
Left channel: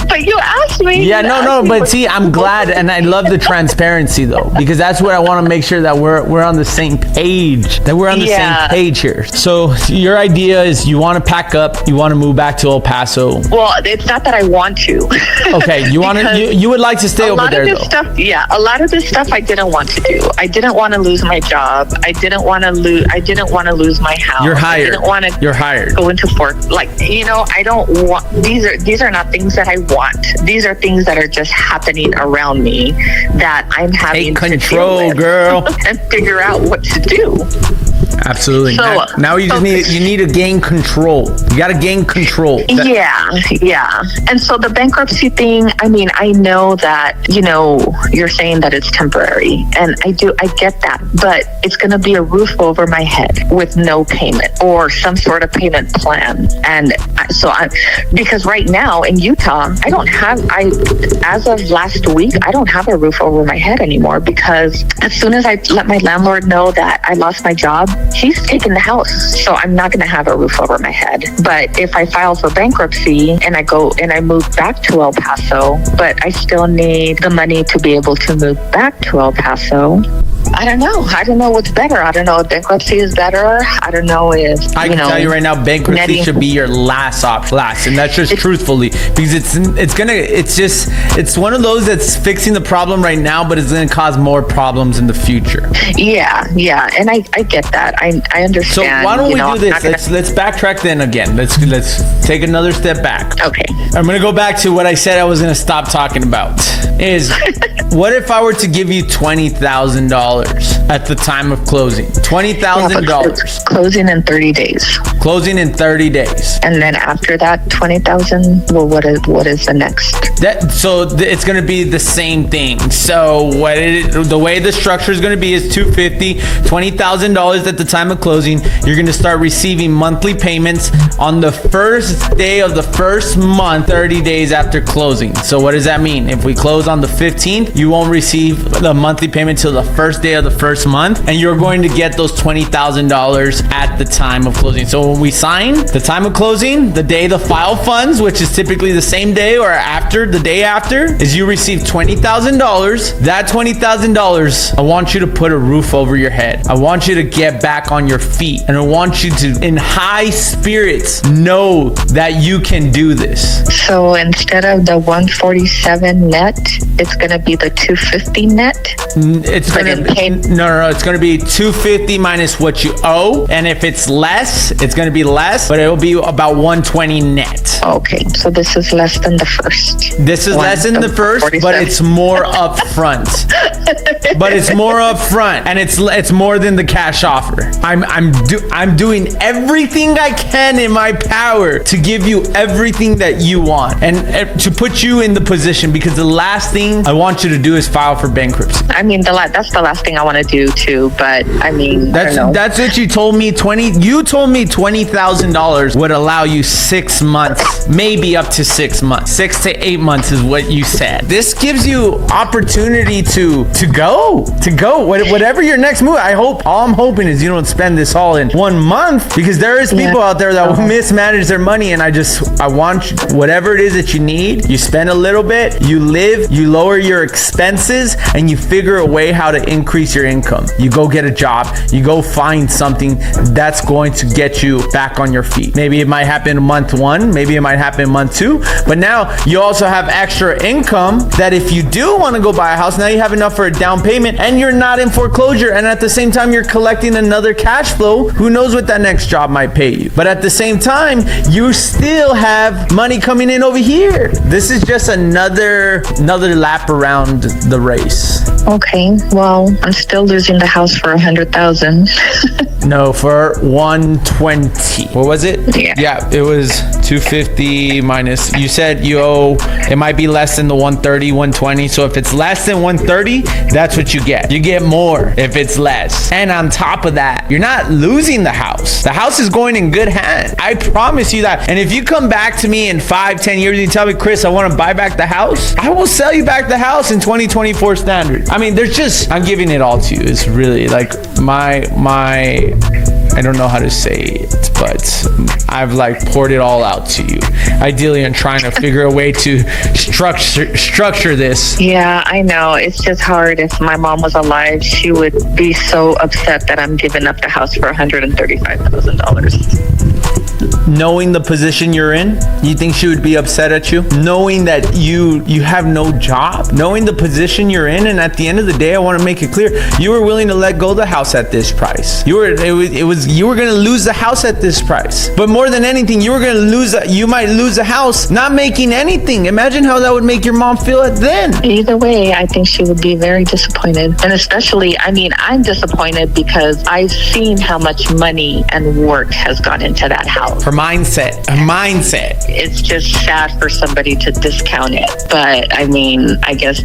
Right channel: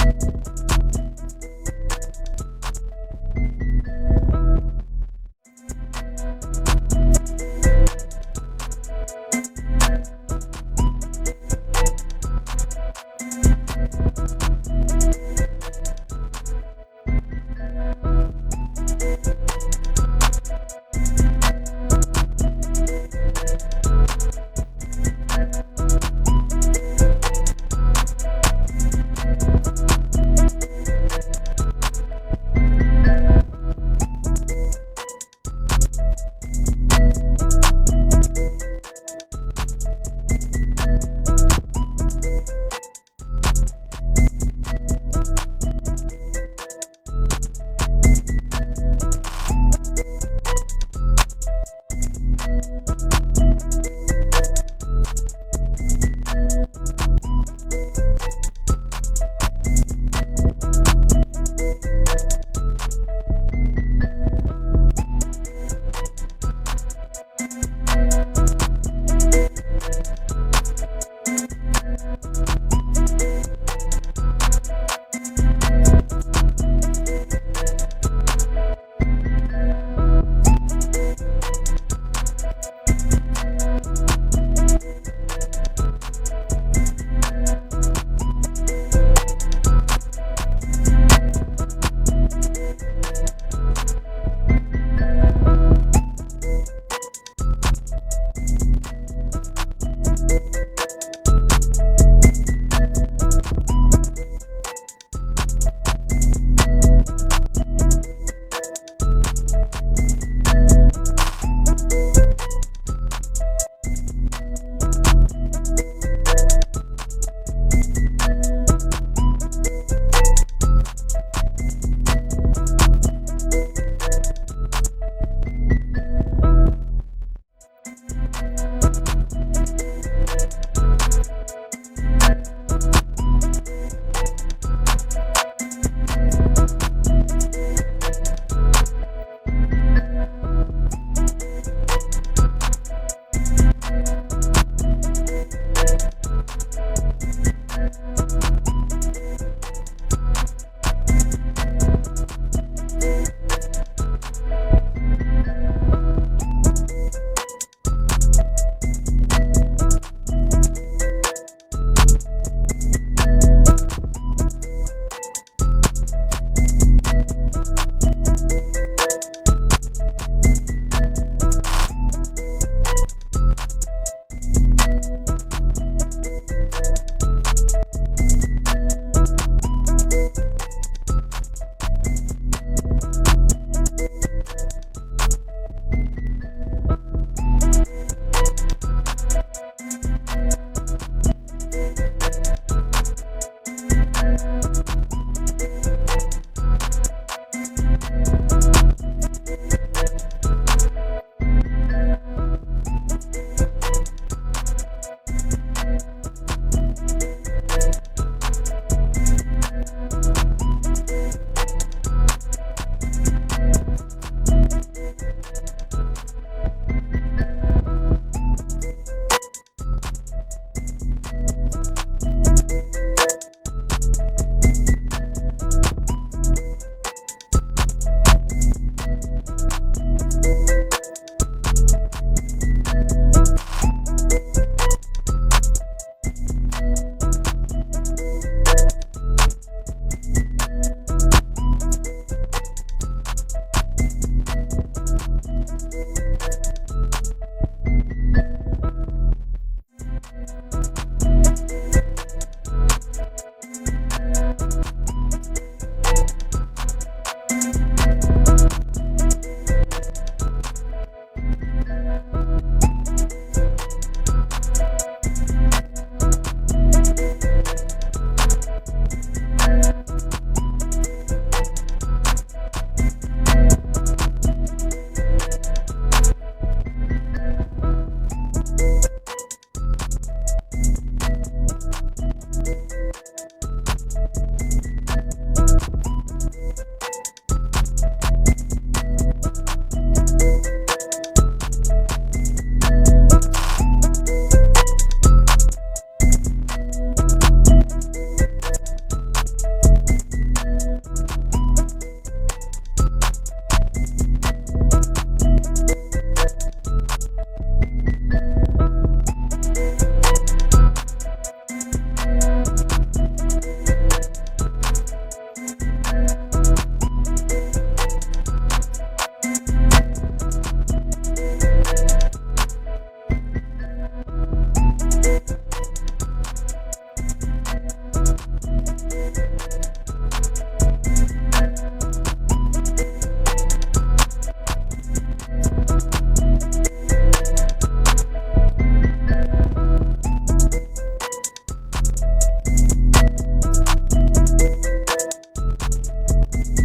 But you asked me. Yeah, no. But see, I'm glad, and I love the transparency though, because that's where I want to make sure that we're on the same page. Same page here. So your idea is you want to pack up, you want to move back to El Paso. Well, it's not that I want to. Okay, you would like to stay over there though. A lot of this stuff I didn't want to do. I didn't want to lose my job. I didn't want to lose my house. You're hired. I didn't want to You're hired. Go into I don't want, these are not things that I want. These are things that are just happening around me that I'm having Take control, to deal with girl. and figure out what to do. Absolutely. So, now you just need to gain control. You got to gain control. Yeah. And so the bankruptcy thing, I mean, I know that, you're saying that it's temporary, and I get that, but it's going to be a roof over my head with no payment or some sort of payment plan. And because right now in Utah, as of last week, I don't have a roof over my head anymore, because as soon as I let my landlord know that I lost my job, he's taking the house. So I'm not going to have a roof over my head. But if I file for bankruptcy and I go and I move back to El Paso, but I still need the money to be able to move back to El Paso, I don't know. I don't know what's better. I don't know if bankruptcy is better. I don't know if, I can tell you right now, bankruptcy should be your last option. And that's just truthfully, because it's one of those that's fixing the problem right now, but it's going to cause more problems in the future. Yeah. And I get that. I understand. So why don't we do this? Let's backtrack then again. Let's take another step back. Okay. I'm going to go back to what I said I was going to stop talking about. Is what if I were to give you $20,000 at the time of closing? $20,000. Closing in 30 days. Closing in 30 days. And then after that, 20,000. Well, what is the next? It's going to be the same thing. So the way the structure is going to be is $250,000, $20,000 at the time of closing. You're going to start receiving monthly payments on the first day of the first month, 30 days after closing. So what does that mean? If we close on the 15th, you won't receive the monthly payment till the first day of the first month, and you're going to get those $20,000 at the time of closing. So when we sign, the time of closing, the day the file funds, which is typically the same day or after, the day after, is you receive $20,000. That $20,000, I want you to put a roof over your head. I want you to get back on your feet, and I want you to, in high spirits, know that you can do this. So instead of the 147 net, it's going to be the 250 net? It's going to be 250 minus what you owe, and if it's less, it's going to be less, but it will be about 120 net. Okay, so this is less than the first. This is less than the first, 47. But it's more upfront. And it's more than the cash offer. I'm doing everything I can in my power to give you everything that you want, and to put you in the position, because the last thing I want you to do is file for bankruptcy. I mean, that's the last thing I want to do too, but I mean, that's what you told me. You told me $20,000 would allow you 6 months, maybe up to 6 months. 6 to 8 months is what you said. This gives you opportunity to go. Whatever your next move. All I'm hoping is you don't spend this all in 1 month, because there is people out there that will mismanage their money, and I want you, whatever it is that you need, you spend a little bit, you live, you lower your expenses, and you figure a way how to increase your income. You go get a job, you go find something that's going to get you back on your feet. Maybe it might happen month 1, maybe it might happen month 2, but now you also have extra income that if you do want to go buy a house, now you have enough for a down payment, and you're not in foreclosure, and at the same time you're collecting another cash flow. Who knows what that next job might pay you, but at the same time you still have money coming in over here. This is just another lap around the race. Okay, well, I'm still losing the house for $100,000. No, for 120. What was it? Yeah, it was 250 minus. You said you owe. It might be less than the 130, 120. So if it's less than 130, that's what you get. You get more if it's less. And on top of that, you're not losing the house. The house is going in good hands. I promise you that. And if you come back to me in 5-10 years and you tell me, Chris, I want to buy back the house, I will sell you back the house in 2024 standards. I mean, I'm giving it all to you. It's really like my I don't know how to say it, but I've poured it all out to you. Ideally, I'm trying to figure a way to structure this. Yeah, I know. It's just hard. If my mom was alive, she would be so upset that I'm giving up the house for $135,000. knowing the position you're in? You think she would be upset at you? Knowing that you have no job, knowing the position you're in, and at the end of the day, I want to make it clear, you were willing to let go of the house at this price. You were going to lose the house at this price. But more than anything, you might lose the house not making anything. Imagine how that would make your mom feel then. Either way, I think she would be very disappointed. And especially, I mean, I'm disappointed because I've seen how much money and work has gone into that house. Her mindset. It's just sad for somebody to discount it. But I mean, I guess,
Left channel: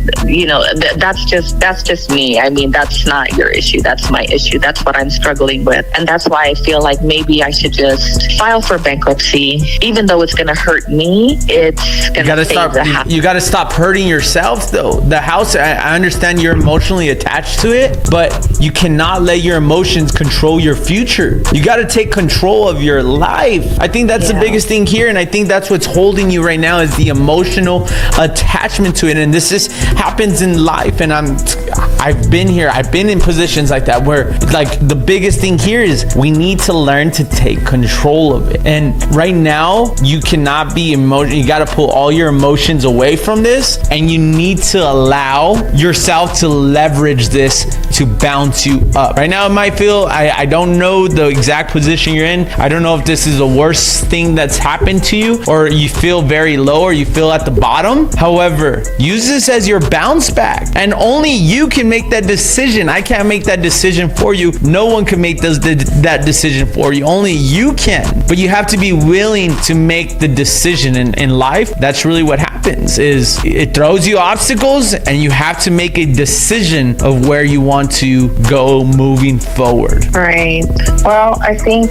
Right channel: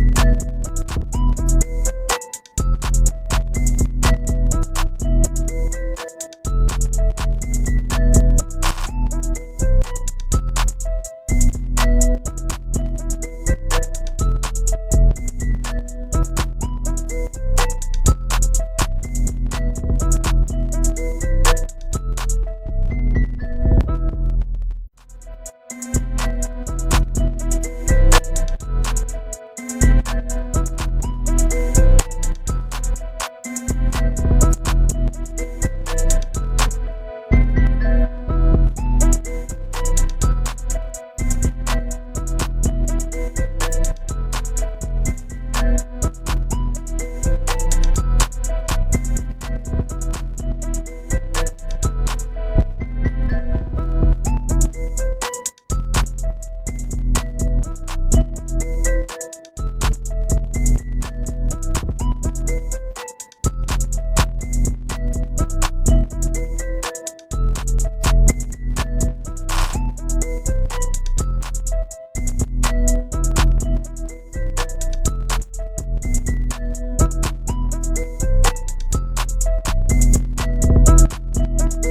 that's just me. I mean, that's not your issue. That's my issue. That's what I'm struggling with. And that's why I feel like maybe I should just file for bankruptcy. Even though it's going to hurt me, it's going to save the house. You got to stop hurting yourself, though. The house, I understand you're emotionally attached to it, but you cannot let your emotions control your future. You got to take control of your life. I think that's the biggest thing here, and I think that's what's holding you right now is the emotional attachment to it. And this happens in life, and I've been here. I've been in positions like that where, like, the biggest thing here is we need to learn to take control of it. And right now, you cannot be emotional. You got to pull all your emotions away from this, and you need to allow yourself to leverage this to bounce you up. Right now, it might feel, I don't know the exact position you're in. I don't know if this is the worst thing that's happened to you, or you feel very low, or you feel at the bottom. However, use this as your bounce back, and only you can make that decision. I can't make that decision for you. No one can make that decision for you. Only you can. But you have to be willing to make the decision in life. That's really what happens, is it throws you obstacles, and you have to make a decision of where you want to go moving forward. Right. Well, I think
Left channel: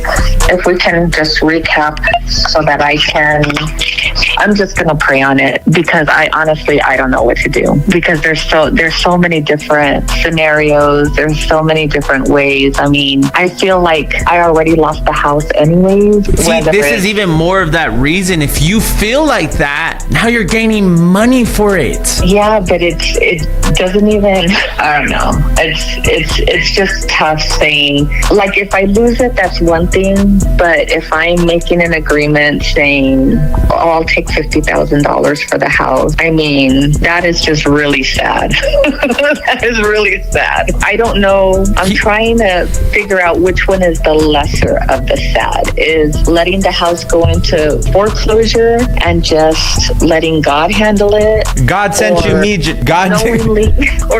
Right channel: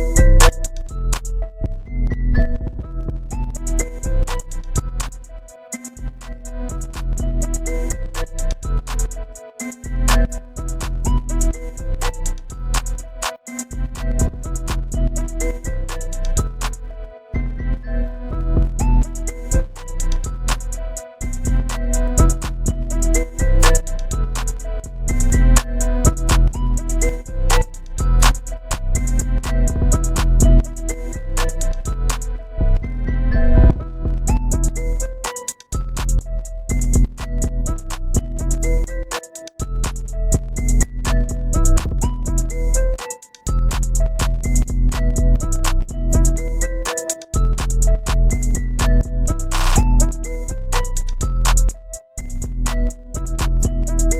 if we can just recap so that I'm just going to pray on it, because I don't know what to do, because there's so many different scenarios. There's so many different ways. I mean, I feel like I already lost the house anyways. See, this is even more of that reason. If you feel like that, now you're gaining money for it. Yeah, but it doesn't even, I don't know. It's just tough saying, like, if I lose it, that's one thing. But if I'm making an agreement saying, I'll take $50,000 for the house, I mean, that is just really sad. That is really sad. I don't know. I'm trying to figure out which one is the lesser of the sad. Is letting the house go into foreclosure and just letting God handle it? God sent you me. God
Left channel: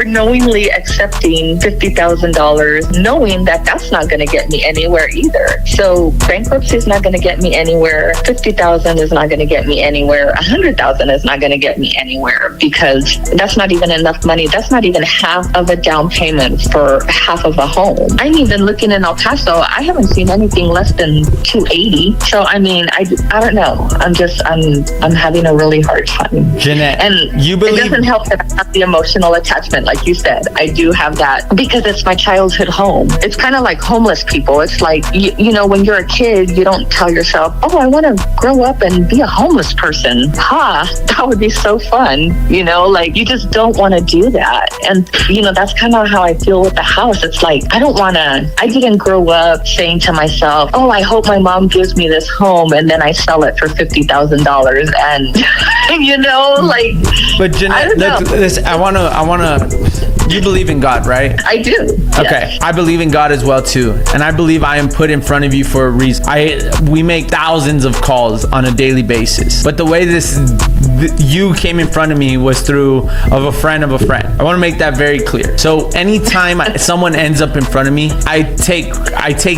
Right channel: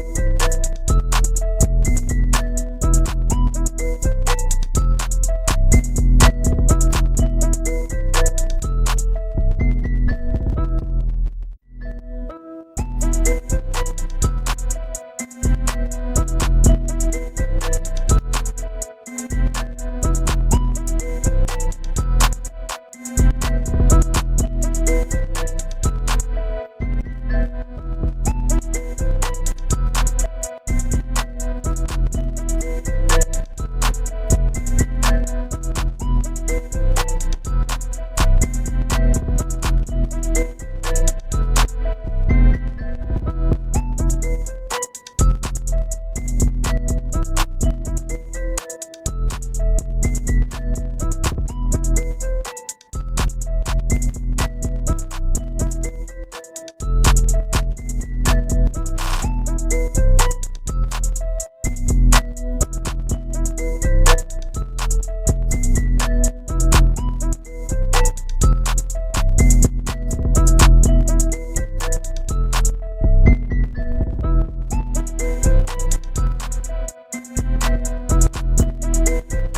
knowingly accepting $50,000, knowing that that's not going to get me anywhere either. So bankruptcy is not going to get me anywhere. $50,000 is not going to get me anywhere. $100,000 is not going to get me anywhere, because that's not even enough money. That's not even half of a down payment for half of a home. I'm even looking in El Paso. I haven't seen anything less than $280. So I mean, I don't know. I'm having a really hard time. Jeanette, and it doesn't help that I have the emotional attachment, like you said. I do have that because it's my childhood home. It's kind of like homeless people. It's like, you know, when you're a kid, you don't tell yourself, oh, I want to grow up and be a homeless person. That would be so fun. You know, like, you just don't want to do that. And, you know, that's kind of how I feel with the house. It's like, I didn't grow up saying to myself, oh, I hope my mom gives me this home and then I sell it for $50,000. And, you know, like. But Jeanette, I want to, you believe in God, right? I do. Okay. Yes. I believe in God as well, too. And I believe I am put in front of you for a reason. We make thousands of calls on a daily basis. But the way you came in front of me was through a friend of a friend. I want to make that very clear. So anytime someone ends up in front of me, I take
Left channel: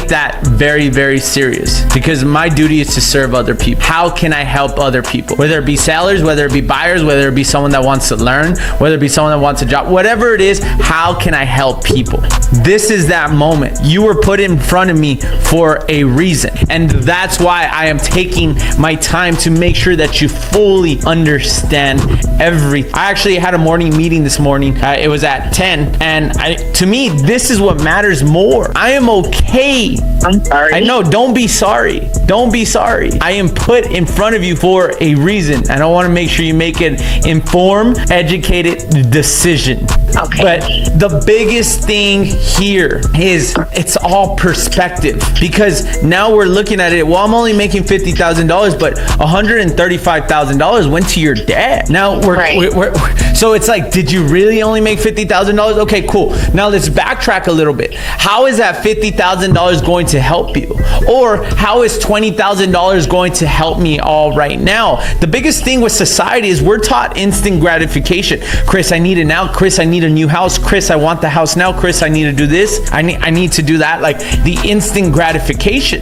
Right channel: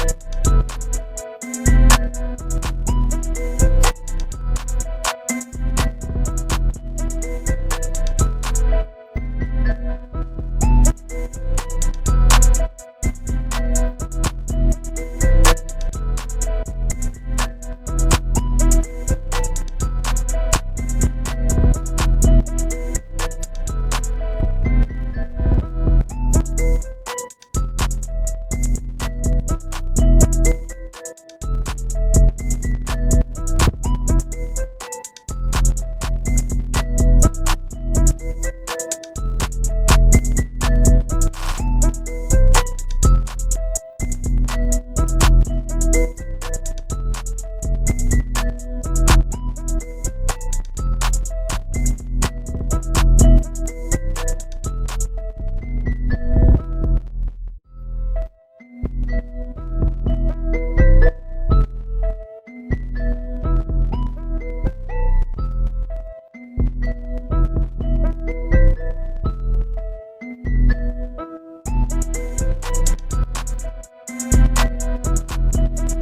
that very, very serious, because my duty is to serve other people. How can I help other people? Whether it be sellers, whether it be buyers, whether it be someone that wants to learn, whether it be someone that wants a job, whatever it is, how can I help people? This is that moment. You were put in front of me for a reason. And that's why I am taking my time to make sure that you fully understand everything. I actually had a morning meeting this morning. It was at 10. And to me, this is what matters more. I am okay. I'm sorry. I know. Don't be sorry. Don't be sorry. I am put in front of you for a reason. And I want to make sure you make an informed, educated decision. Okay. But the biggest thing here is it's all perspective, because now we're looking at it. Well, I'm only making $50,000, but $135,000 went to your dad. Now we're so it's like, did you really only make $50,000? Okay, cool. Now let's backtrack a little bit. How is that $50,000 going to help you? Or how is $20,000 going to help me all right now? The biggest thing with society is we're taught instant gratification. Chris, I need it now. Chris, I need a new house. Chris, I want the house now. Chris, I need to do this. I need to do that. Like the instant gratification.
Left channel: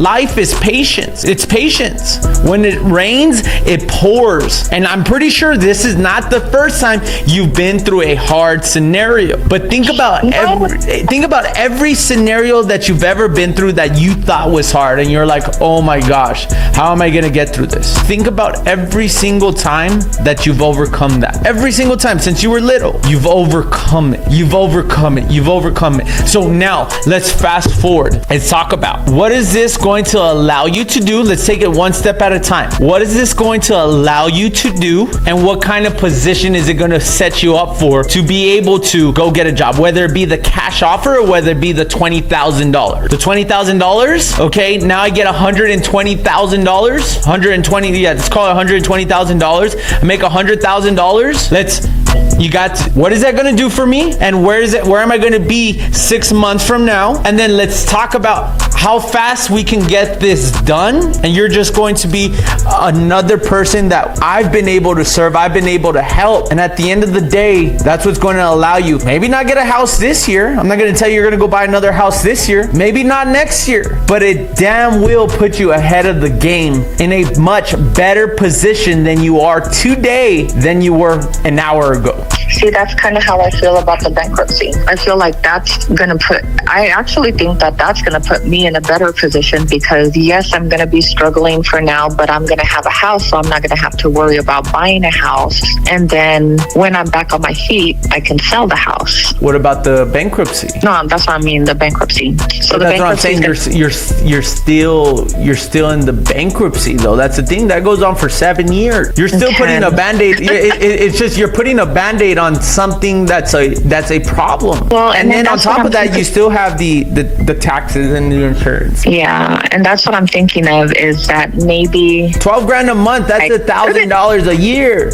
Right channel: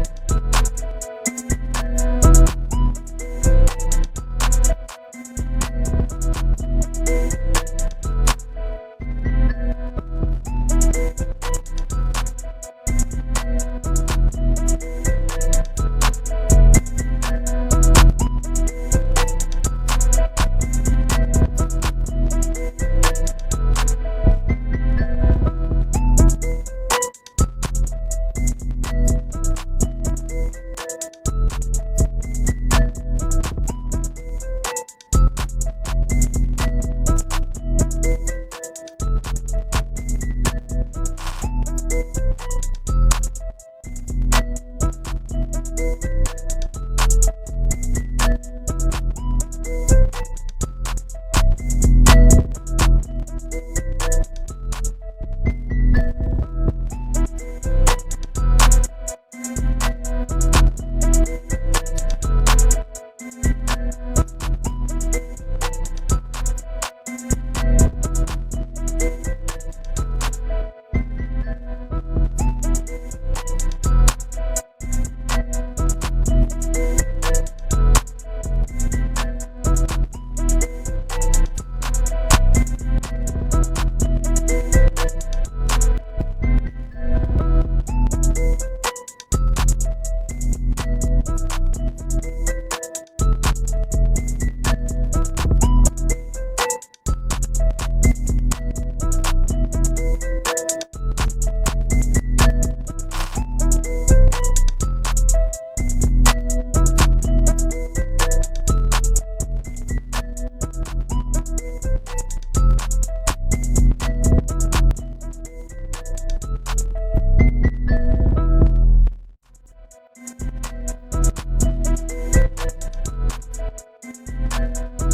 Life is patience. It's patience. When it rains, it pours. And I'm pretty sure this is not the first time you've been through a hard scenario. But think about every scenario that you've ever been through that you thought was hard, and you're like, oh my gosh, how am I gonna get through this? Think about every single time that you've overcome that. Every single time since you were little, you've overcome it. You've overcome it. You've overcome it. So now let's fast forward. Let's talk about, what is this going to allow you to do? Let's take it one step at a time. What is this going to allow you to do? And what kind of position is it going to set you up for to be able to go get a job? Whether it be the cash offer or whether it be the $20,000. The $20,000, okay, now I get $120,000. 120, yeah, let's call it $120,000. I make $100,000. What is that going to do for me? And where am I going to be 6 months from now? And then let's talk about how fast we can get this done. And you're just going to be another person that I've been able to serve. I've been able to help. And at the end of the day, that's what's going to allow you maybe not get a house this year. I'm not going to tell you you're going to go buy another house this year. Maybe not next year, but it damn will put you ahead of the game in a much better position than you are today than you were an hour ago. See, that's kind of how I feel about the bankruptcy. I feel like I actually think that that's going to put me in a better position, because yes, I'm going to be struggling for now, but I'm going to have a house, so I'm not going to have to worry about buying a house. And then when I'm back on my feet, I can sell the house. What about the bankruptcy? No, that's what I mean, the bankruptcy. So that's what I'm saying. You're still in the bankruptcy though. That's the thing that goes on for 7 years. You're still putting a Band-Aid. It's just you're putting a Band-Aid on something that's a problem. Well, and then on top of that, you still have the taxes and the insurance. Yeah, and that's what I'm thinking of, is that maybe $12,000 a month. That's $1,000 a year.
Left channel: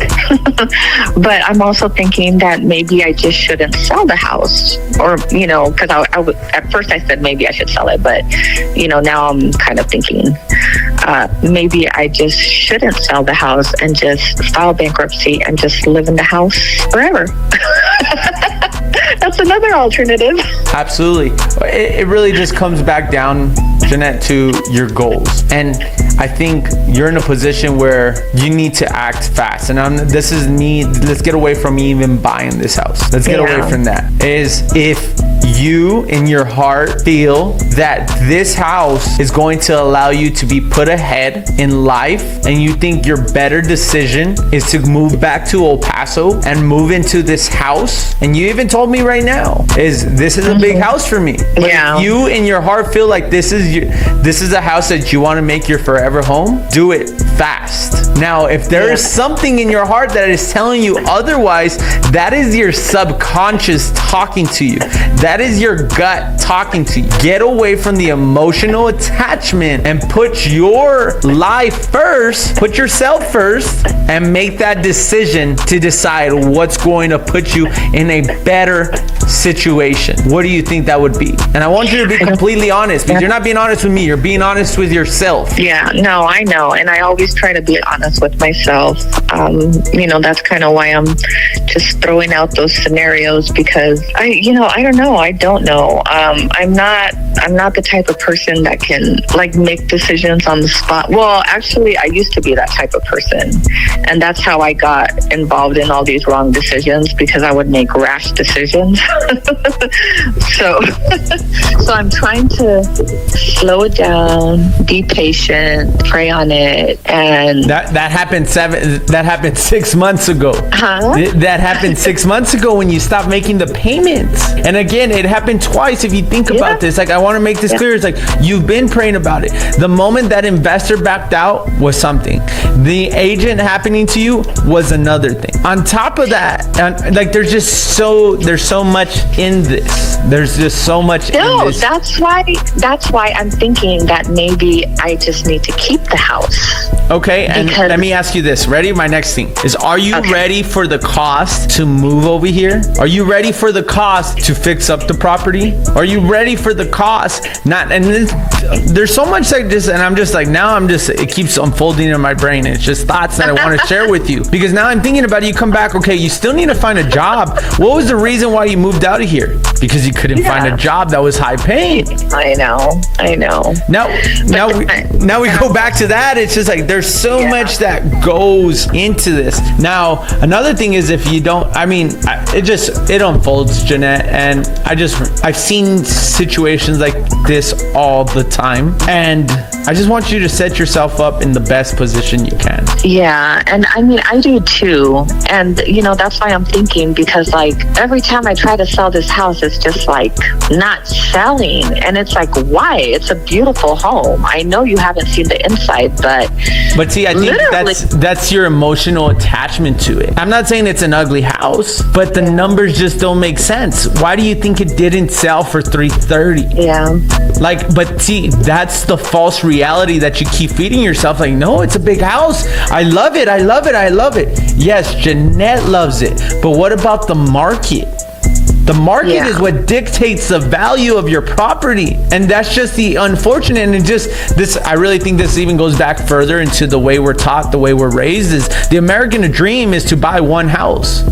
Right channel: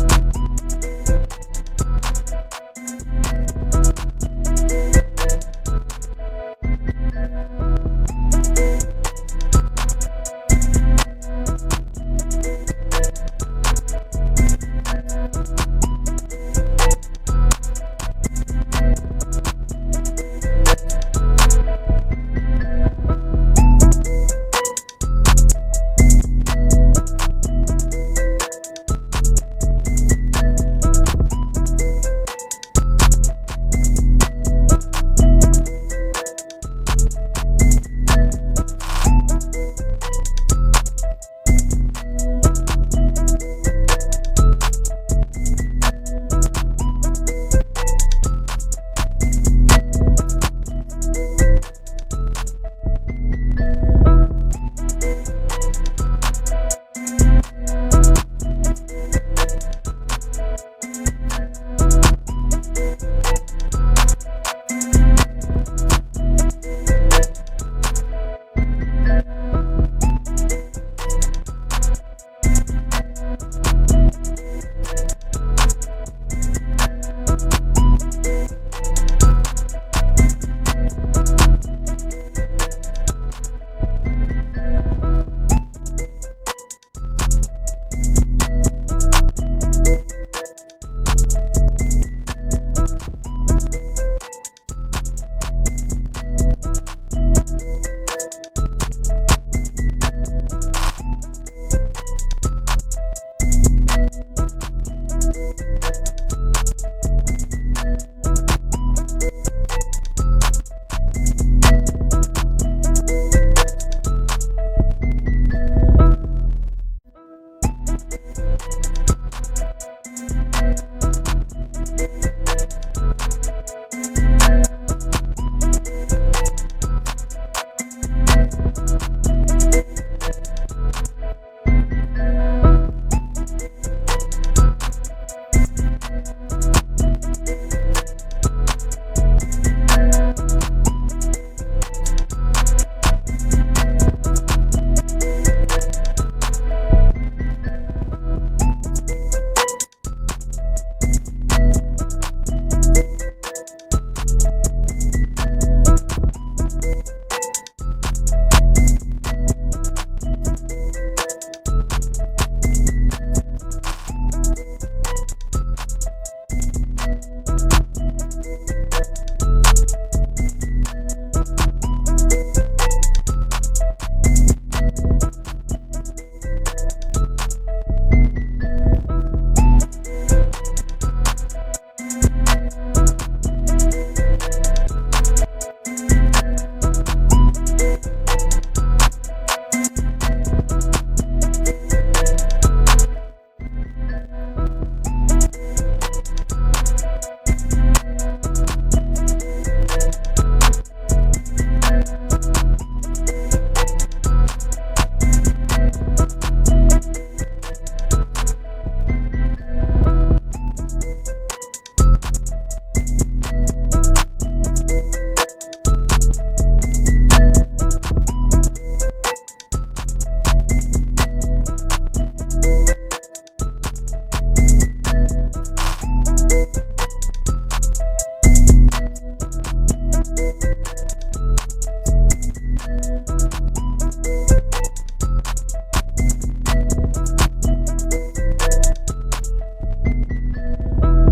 But I'm also thinking that maybe I just shouldn't sell the house, or because I would, at first I said maybe I should sell it, but now I'm kind of thinking maybe I just shouldn't sell the house and just file bankruptcy and just live in the house forever. That's another alternative. Absolutely. It really just comes back down, Jeanette, to your goals. And I think you're in a position where you need to act fast. And this is me. Let's get away from me even buying this house. Let's get away from that. Is if you in your heart feel that this house is going to allow you to be put ahead in life, and you think your better decision is to move back to El Paso and move into this house, and you even told me right now this is a big house for me. But if you in your heart feel like this is a house that you want to make your forever home, do it fast. Now, if there is something in your heart that is telling you otherwise, that is your subconscious talking to you. That is your gut talking to you. Get away from the emotional attachment and put your life first, put yourself first, and make that decision to decide what's going to put you in a better situation. What do you think that would be? And I want you to be completely honest, because you're not being honest with me, you're being honest with yourself. Yeah, no, I know. And I always try to be honest with myself. That's kind of why I'm just throwing out those scenarios, because I don't know. I'm not the type of person that can make decisions on the spot. Well, actually, I used to be that type of person. And that's how I got involved in all these wrong decisions, because I would make rash decisions. So I'm trying to slow it down, be patient, pray on it, and that happened 6 months ago. Huh? That happened 6 months ago when you stopped making the payments. And again, it It happened twice if you think about this. Like, I want to make this clear. It's like, you've been praying about it. The moment that investor backed out was something. The agent happening to you was another thing. On top of that, like, there's so much in this. There's just so much in this. That's why I'm thinking that maybe I just need to keep the house. Okay, and let me ask you this. Ready? My next thing is, are you ready for the cost to move over here? Are you ready for the cost to fix up the property? Are you ready for the cost? There's so much like this, and I'm just like, now it keeps unfolding in my brain. It's just thoughts that I want to share with you. Because now I'm thinking about it, you come back, okay, you still need to find a job. What was the reason why you moved out of here? Because you couldn't find a job that was high paying. I know. Now we go back to that. It's just like, there's so much that goes into this. Now, another thing is, if you don't, it unfolds, Jeanette, and I've seen situations like this all the time, and I just want you to set yourself up in the best position you can. Yeah, and I do too, and that's why I'm thinking, because like every time I try to sell this house, it's just like not selling, and it's like, why? It's a beautiful home. I know you haven't seen the inside, but see, I think that's your emotional attachment to it. I'm not saying it's an ugly house, but the numbers just don't make sense. Why do you think it didn't sell for $330? Yeah. Like, but see, that's the false reality that you keep feeding yourself. Like, no, it's a big house. I love it. Yes, Jeanette loves it. But what about the market? The market is what dictates the value of your property. And that's just the unfortunate. And I really think this even goes back further into the way we're taught, the way we're raised, is the American dream is to buy one house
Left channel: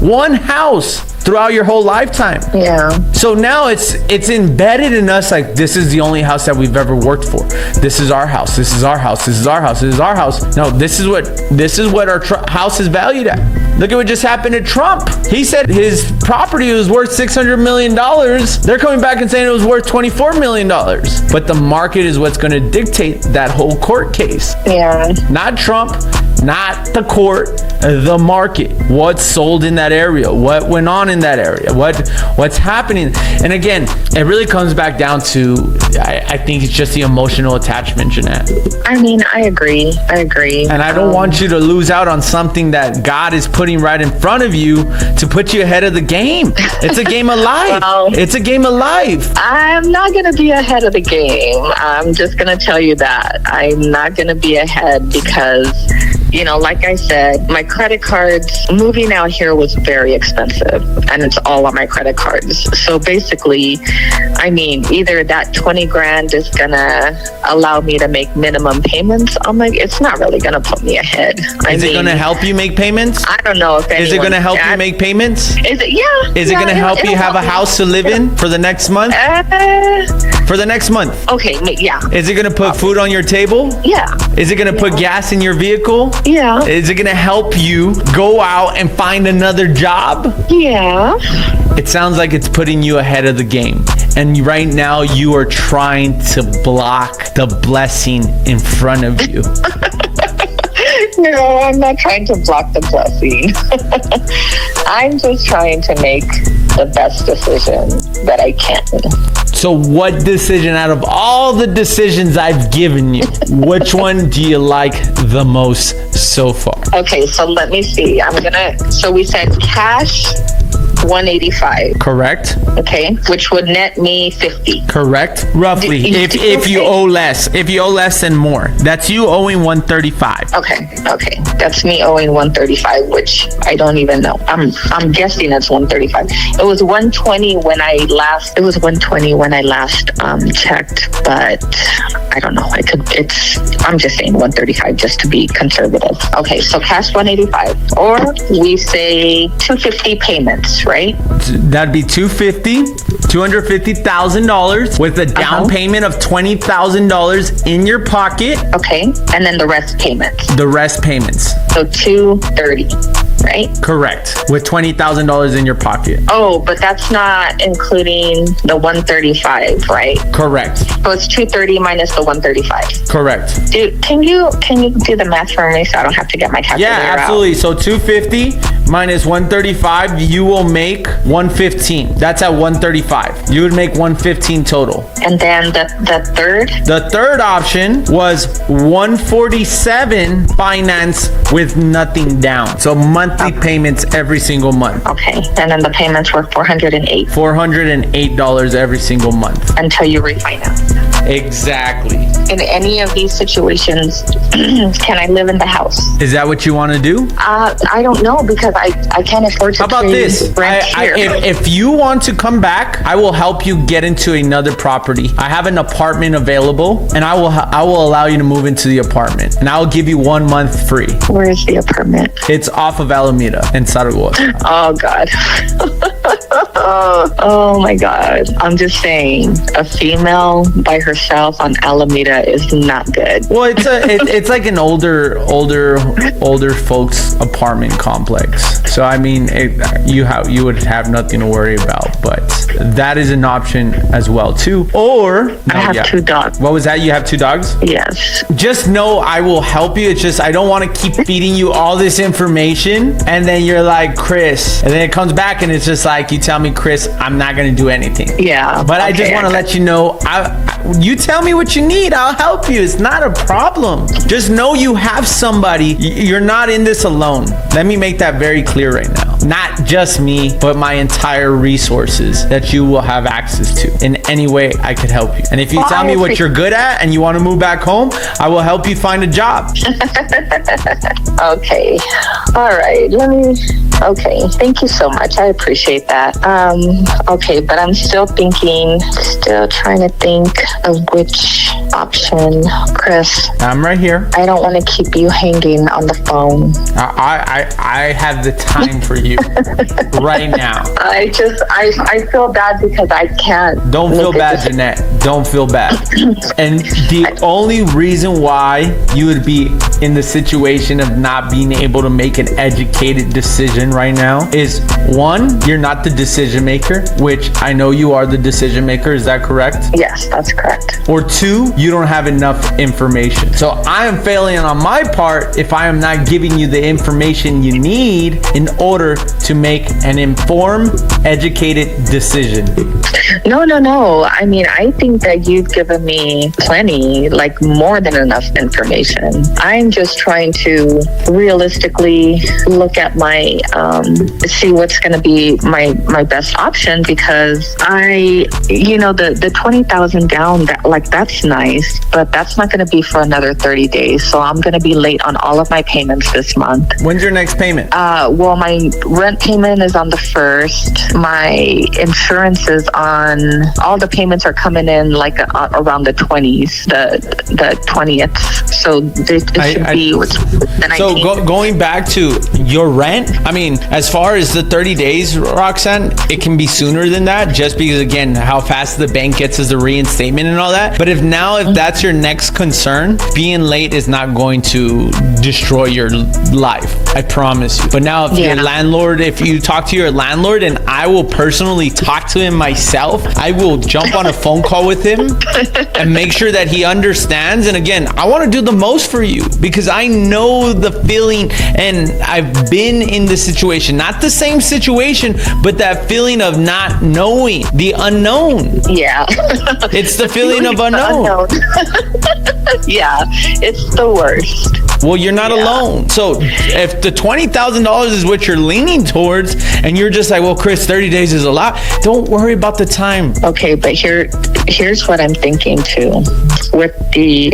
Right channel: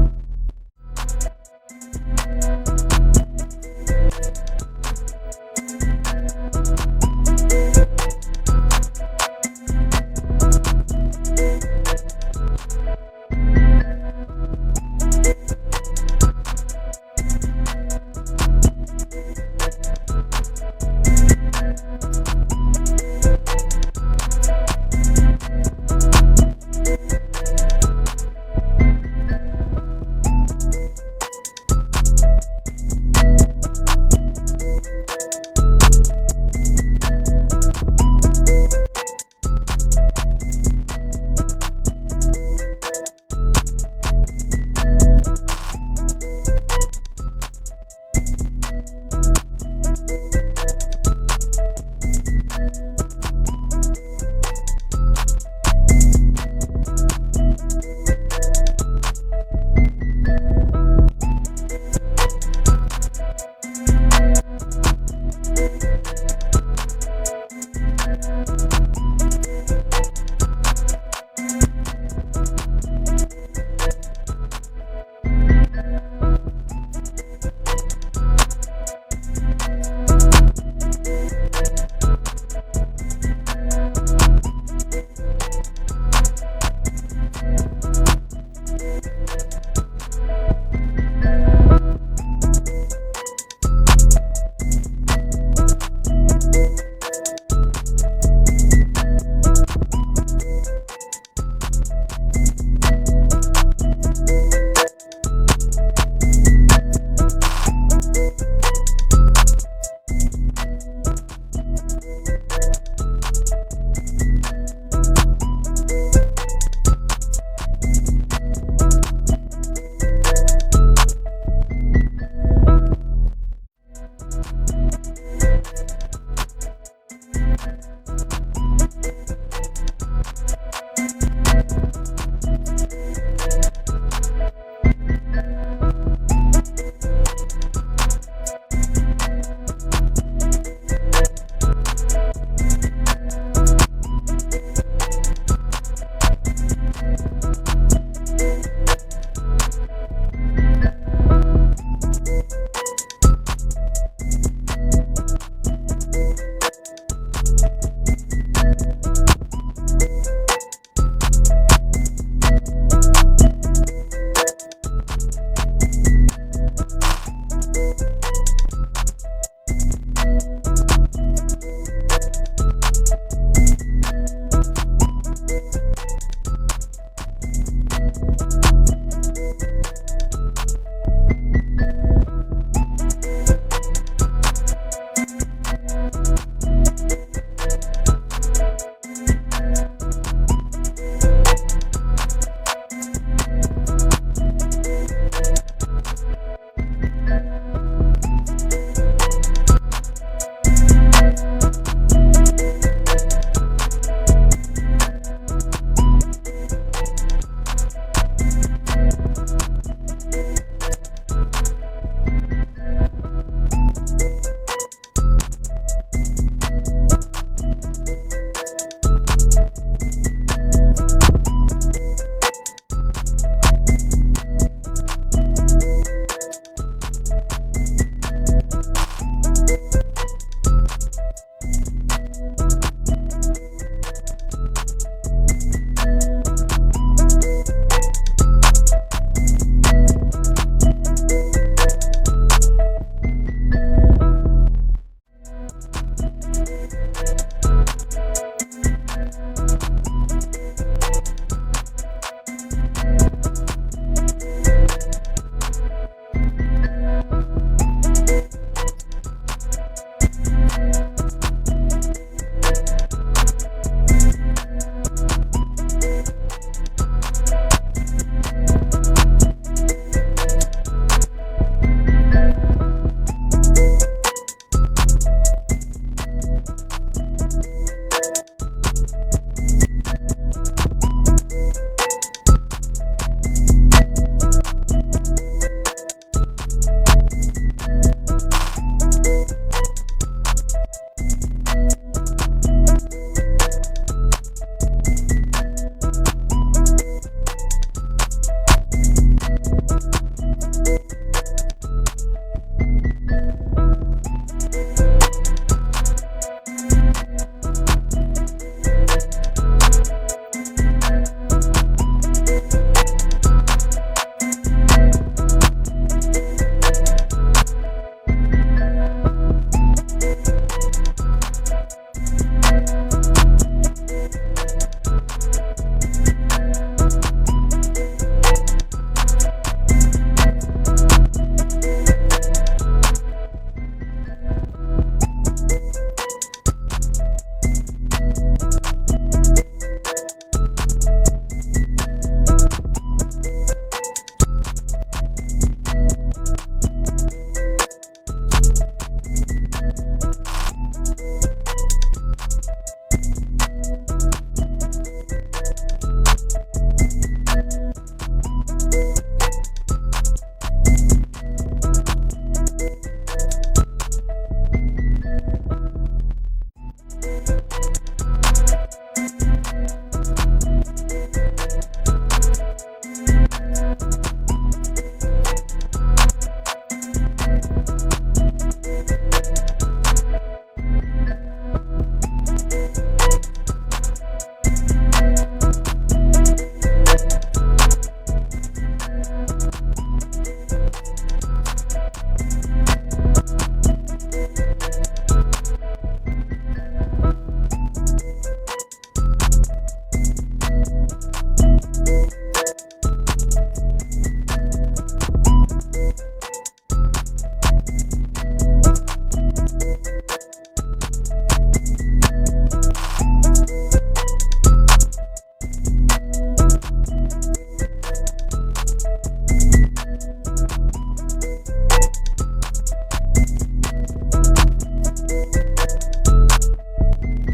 throughout your whole lifetime. Yeah. So now it's embedded in us, like, this is the only house that we've ever worked for. This is our house. This is our house. This is our house. This is our house. No, this is what our house is valued at. Look at what just happened to Trump. He said his property was worth $600 million. They're coming back and saying it was worth $24 million. But the market is what's going to dictate that whole court case. Yeah. Not Trump, not the court, the market. What's sold in that area? What went on in that area? What's happening? And again, it really comes back down to, I think it's just the emotional attachment, Jeanette. I agree. And I don't want you to lose out on something that God is putting right in front of you to put you ahead of the game. It's a game of life. It's a game of life. I'm not going to be ahead of the game. I'm just going to tell you that. I'm not going to be ahead because, like I said, my credit cards, moving out here was very expensive, and it's all on my credit cards. So basically, either that 20 grand is going to allow me to make minimum payments. It's not really going to put me ahead. Is it going to help you make payments? I don't know if Is it going to help you make payments? Is it? Yeah. Is it going to help you have a house to live in for the next month? For the next month? Okay, yeah. Is it going to put food on your table? Yeah. Is it going to put gas in your vehicle? Yeah. Is it going to help you go out and find another job? Yeah. It sounds like it's putting you ahead of the game. And right now you are trying to block the blessing in front of you. No, I'm not trying to block the blessing. I'm just trying to make the best decision that I can. So what decision out of all the decisions I've given you, which one do you like the most so far? Okay, so let me see. So we said cash, 185. Correct. Okay, which would net me 50. Correct. Roughly. If you owe less. If you owe less than more. That's you owing 135. Okay. That's me owing 135, which I don't even know. I'm guessing it's 135. It was 120 when I last checked, but I don't know. I'm just saying 135 just to be conservative. Okay, so cash 185, or we say 250 payments, right? That'd be $250,000 with a down payment of $20,000 in your pocket. Okay, and then the rest payments. So $230, right? Correct. With $20,000 in your pocket. Oh, but that's not including the 135, right? Correct. So it's 230 minus the 135. Correct. Dude, can you do the math for me so I don't have to get my calculator out? Yeah, absolutely. So 250 minus 135, you will make 115. That's at 135. You would make 115 total. And then the third? The third option was 147 finance with nothing down. So monthly payments every single month. Okay. And then the payments were $408. $408 every single month. Until you refinance. Exactly. In any of these situations, can I live in the house? Is that what you want to do? I don't know, because I can't afford to How about this? rent here. If you want to come back, I will help you get into another property. I have an apartment available, and I will allow you to move into the apartment, and I will give you 1 month free. Where is the apartment? It's off of Alameda in Zaragoza. Oh, God. Oh, my God. I'm just saying, a female by herself on Alameda is not good. Well, it's like an older folks apartment complex. So I mean, you would have nothing to worry about, but that is an option as well too. Or I have 2 dogs. What was that? You have 2 dogs? Yes. Just know I will help you. It's just I don't want to keep feeding you all this information, and then you're like, Chris, and then it comes back and it's just like you tell me, Chris, I'm not gonna do anything. Yeah. But I just want to let you know, you tell me what you need, I'll help you. It's not a problem. Just know you have somebody. You're not in this alone. Let me make that very clear right now. Not just me, but my entire resources that you will have access to in any way I could help you. And if you tell me what you're good at and you want to move back home, I will help you find a job. Okay. All right. Okay. Thank you so much. I appreciate that. Okay, but I'm still trying to think of which option. Chris, I'm right here. I don't want to keep you hanging on the phone. I have the time for you right now. I feel bad because I can't. Don't feel bad, Jeanette. Don't feel bad. And the only reason why you would be in the situation of not being able to make an educated decision right now is, 1, you're not the decision maker, which I know you are the decision maker. Is that correct? Yes, that's correct. Or 2, you don't have enough information. So I am failing on my part if I am not giving you the information you need in order to make an informed, educated decision. No. I mean, I think that you've given me plenty, like more than enough information. I'm just trying to realistically look at see what's going to be my best option, because the 20,000 down, that's nice, but that's not going to be for another 30 days. So I'm going to be late on all of my payments this month. When's your next payment? Well, my rent payment is on the 1st. My insurance is on, all the payments are coming in like around the 20s, the 20th. So it should be the 19th. So going back to your rent, I mean, as far as the 30 days, Roxanne, it can be sooner than that, just because, again, how fast the bank gets as a reinstatement and all that. But if that's your next concern, being late is not going to destroy your life. I promise you. But now if you talk to your landlord, and I will personally talk to him myself, I will jump on a phone call with him and make sure that he understands. And again, I want to do the most for you because I know the feeling, and I've been in the situation, not the same situation, but that feeling of not knowing, the unknown. Yeah. It's the feeling of unknown. Yeah, it's the worst. Well, you're not alone. So if the $20,000 is what you're leaning towards, and you're just like, well, Chris, 30 days is a lot, don't worry about the time. Okay, but here's what I'm thinking too. With the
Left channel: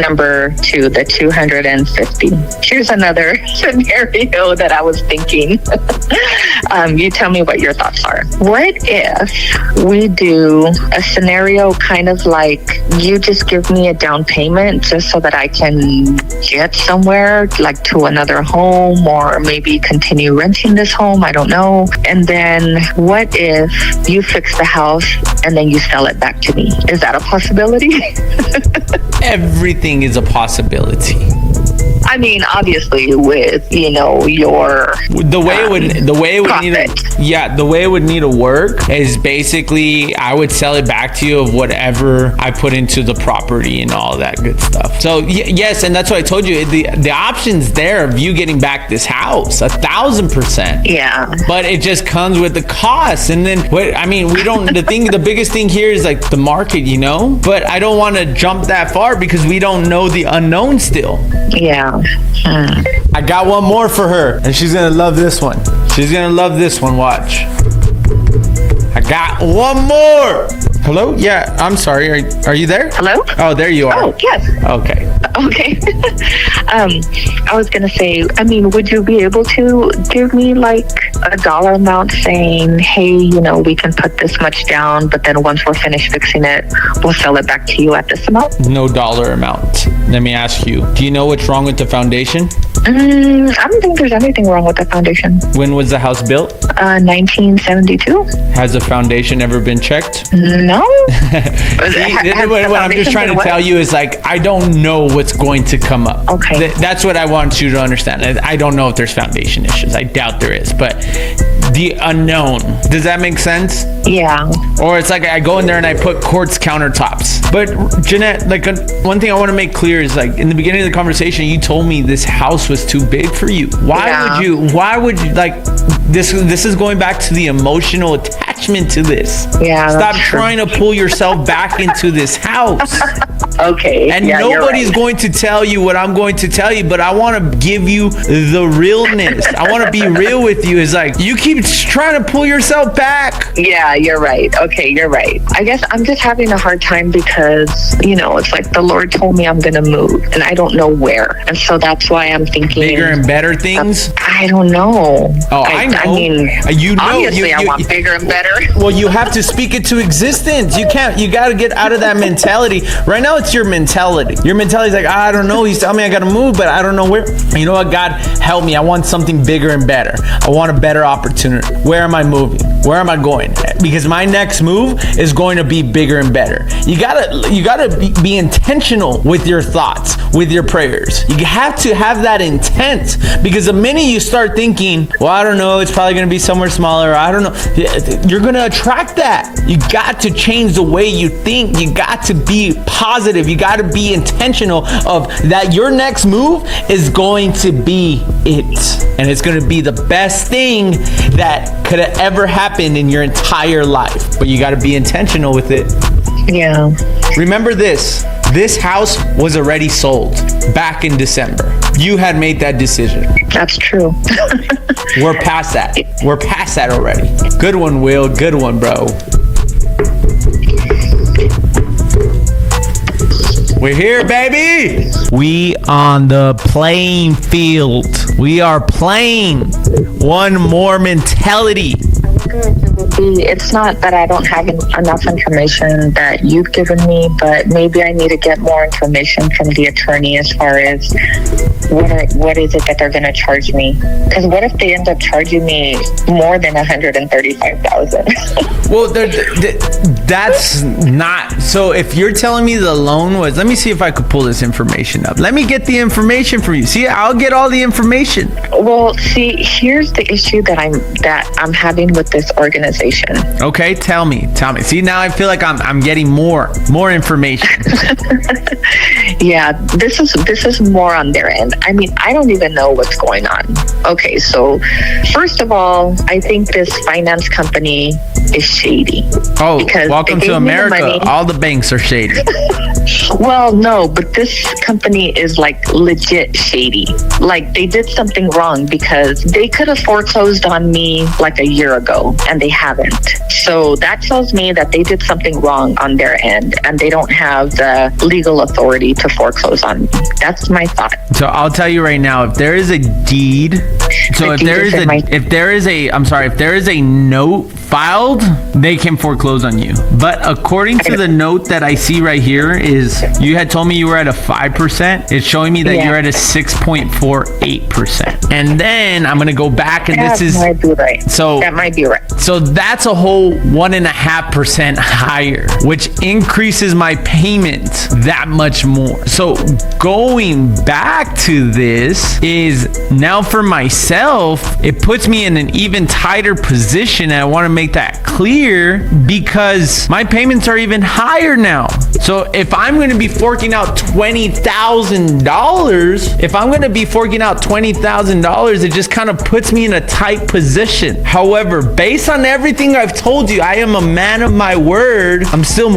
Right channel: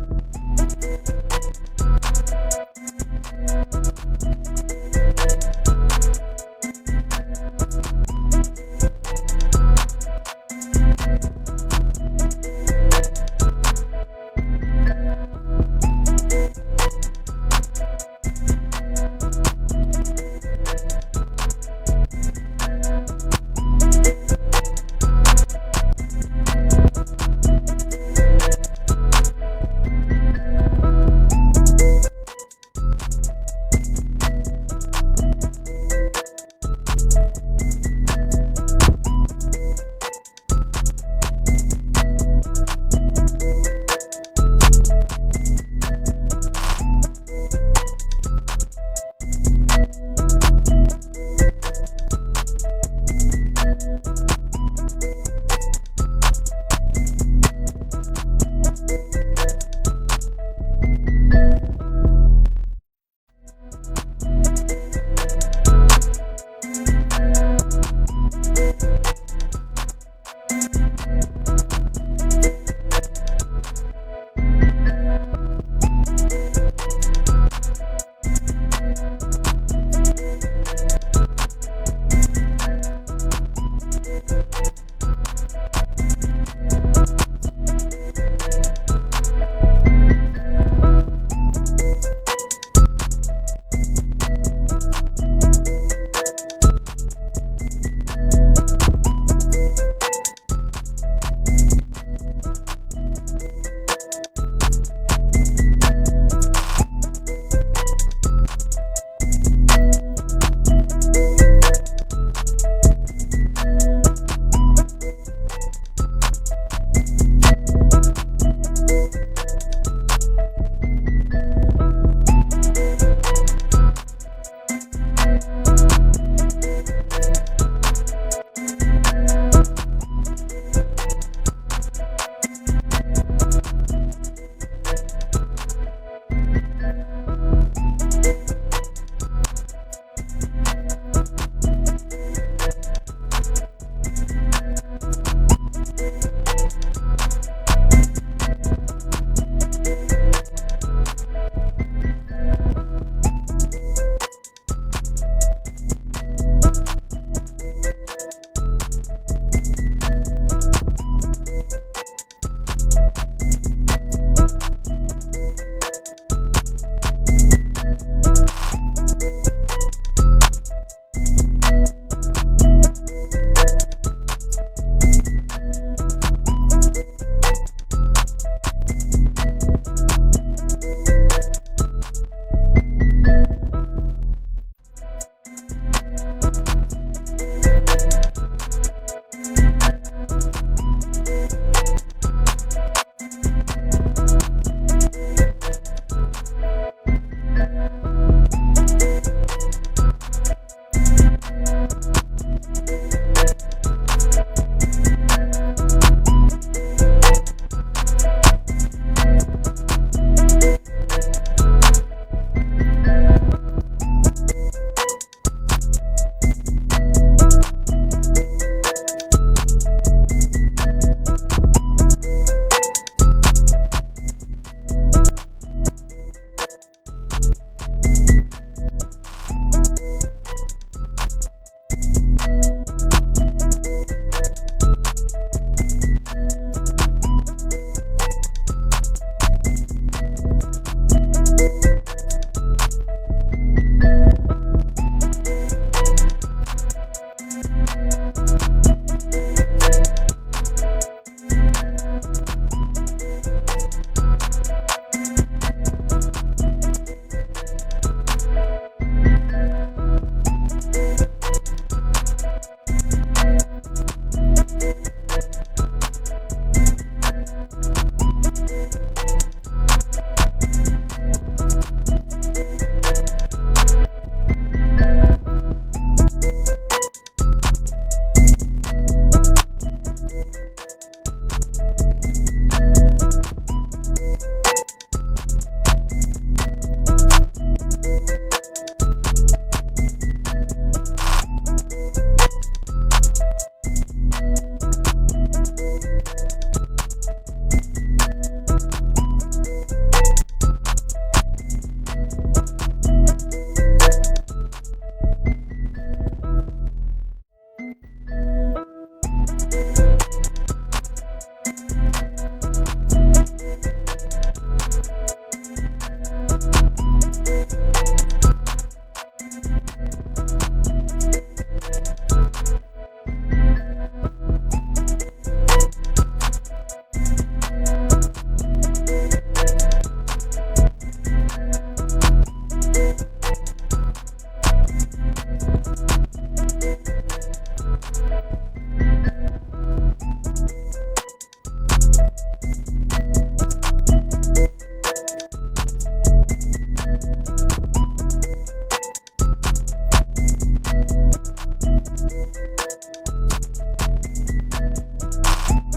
number 2, the 250. Here's another scenario that I was thinking. You tell me what your thoughts are. What if we do a scenario kind of like you just give me a down payment just so that I can get somewhere, like to another home, or maybe continue renting this home, I don't know. And then what if you fix the house and then you sell it back to me? Is that a possibility? Everything is a possibility. I mean, obviously with, you know, your The way it would need profit. the way it would need to work is basically I would sell it back to you of whatever I put into the property and all that good stuff. So yes, and that's what I told you. The option's there of you getting back this house 1,000%. Yeah. But it just comes with the cost. And then the biggest thing here is like the market, you know? But I don't want to jump that far because we don't know the unknown still. Yeah. I got one more for her, and she's gonna love this one. She's gonna love this one. Watch. I got one more. Hello? Yeah, I'm sorry. Are you there? Hello? Oh, there you are. Oh, yes. Okay. Okay. I was going to say, I mean, would you be able to give me like a dollar amount saying, hey, you know, we can put this much down, but then once we're finished fixing it, we'll sell it back to you at this amount? No dollar amount. Let me ask you, do you know what's wrong with the foundation? I don't think there's anything wrong with the foundation. When was the house built? 1972? Has the foundation ever been checked? No. What I'm just trying to tell you is like, I don't know what's going to come up. Okay. That's what I want you to understand. I don't know if there's foundation issues. I doubt there is, but the unknown. Does that make sense? Yeah. Or it's like I go in there and I put quartz countertops. But Jeanette, like one thing I want to make clear is like in the beginning of the conversation, you told me this house was too big for you. Why would you like this is going back to the emotional attachment to this. Yeah. Stop trying to pull yourself back into this house. Okay. And yeah, nobody's going to tell you what I'm going to tell you, but I want to give you the realness. I want to be real with you. It's like you keep trying to pull yourself back. Yeah, you're right. Okay, you're right. I guess I'm just having a hard time because, you know, it's like the Lord told me I'm going to move and I don't know where. And so that's why I'm thinking bigger and better things. I don't know. Oh, I know. I mean, you know, obviously I want bigger and better. Well, you have to speak it to existence. You got to get out of that mentality. Right now, it's your mentality. Your mentality is like, I don't know. He's telling me I got to move, but I don't know where. You know what? God, help me. I want something bigger and better. I want a better opportunity. Where am I moving? Where am I going? Because my next move is going to be bigger and better. You gotta be intentional with your thoughts, with your prayers. You have to have that intent, because the minute you start thinking, well, I don't know, it's probably going to be somewhere smaller, I don't know, you're going to attract that. You got to change the way you think. You got to be positive. You got to be intentional of that. Your next move is going to be it, and it's going to be the best thing that could have ever happened in your entire life. But you got to be intentional with it. Yeah. Remember this house was already sold back in December. You had made that decision. That's true. We're past that. We're past that already. Good one, Will. Good one, bro. We're here, baby. We on the playing field. We are playing. One more mentality. It's not that I don't have enough information that you've given me, but maybe I need to get more information from the attorney as far as what is it that they're going to charge me? Because what if they end up charging me more than $135,000? Well, that's not. So if you're telling me the loan was, let me see if I could pull this information up. Let me get the information from you. See, I'll get all the information. Well, see, here's the issue that I'm having with this organization. Okay, tell me. See, now I feel like I'm getting more information. Yeah, this is more on their end. I mean, I don't even know what's going on. Okay, so first of all, I think this finance company is shady. Oh, welcome to America. All the banks are shady. Well, no, but this company is like legit shady. Like they did something wrong, because they could have foreclosed on me like a year ago and they haven't. So that tells me that they did something wrong on their end and they don't have the legal authority to foreclose on me. That's my thought. So I'll tell you right now, if there is a deed, so if there is a note filed, they can foreclose on you. But according to the note that I see right here, is you had told me you were at a 5%. It's showing me that you're at a 6.48%. And then I'm gonna go back, and That might be right. So that might be right. So that that's a whole 1.5% higher, which increases my payment that much more. So going back to this is now for myself, it puts me in an even tighter position. And I want to make that clear because my payments are even higher now. So if I'm going to be forking out $20,000, it just kind of puts me in a tight position. However, based on everything I've told you, I am a man of my word. I'm still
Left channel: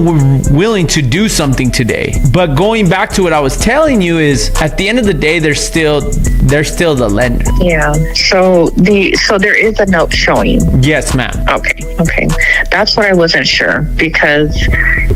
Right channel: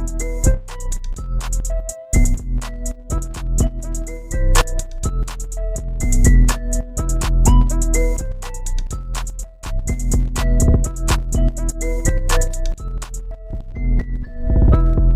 willing to do something today. But going back to what I was telling you is, at the end of the day, they're still the lender. Yeah. So there is a note showing. Yes, ma'am. Okay. That's what I wasn't sure because,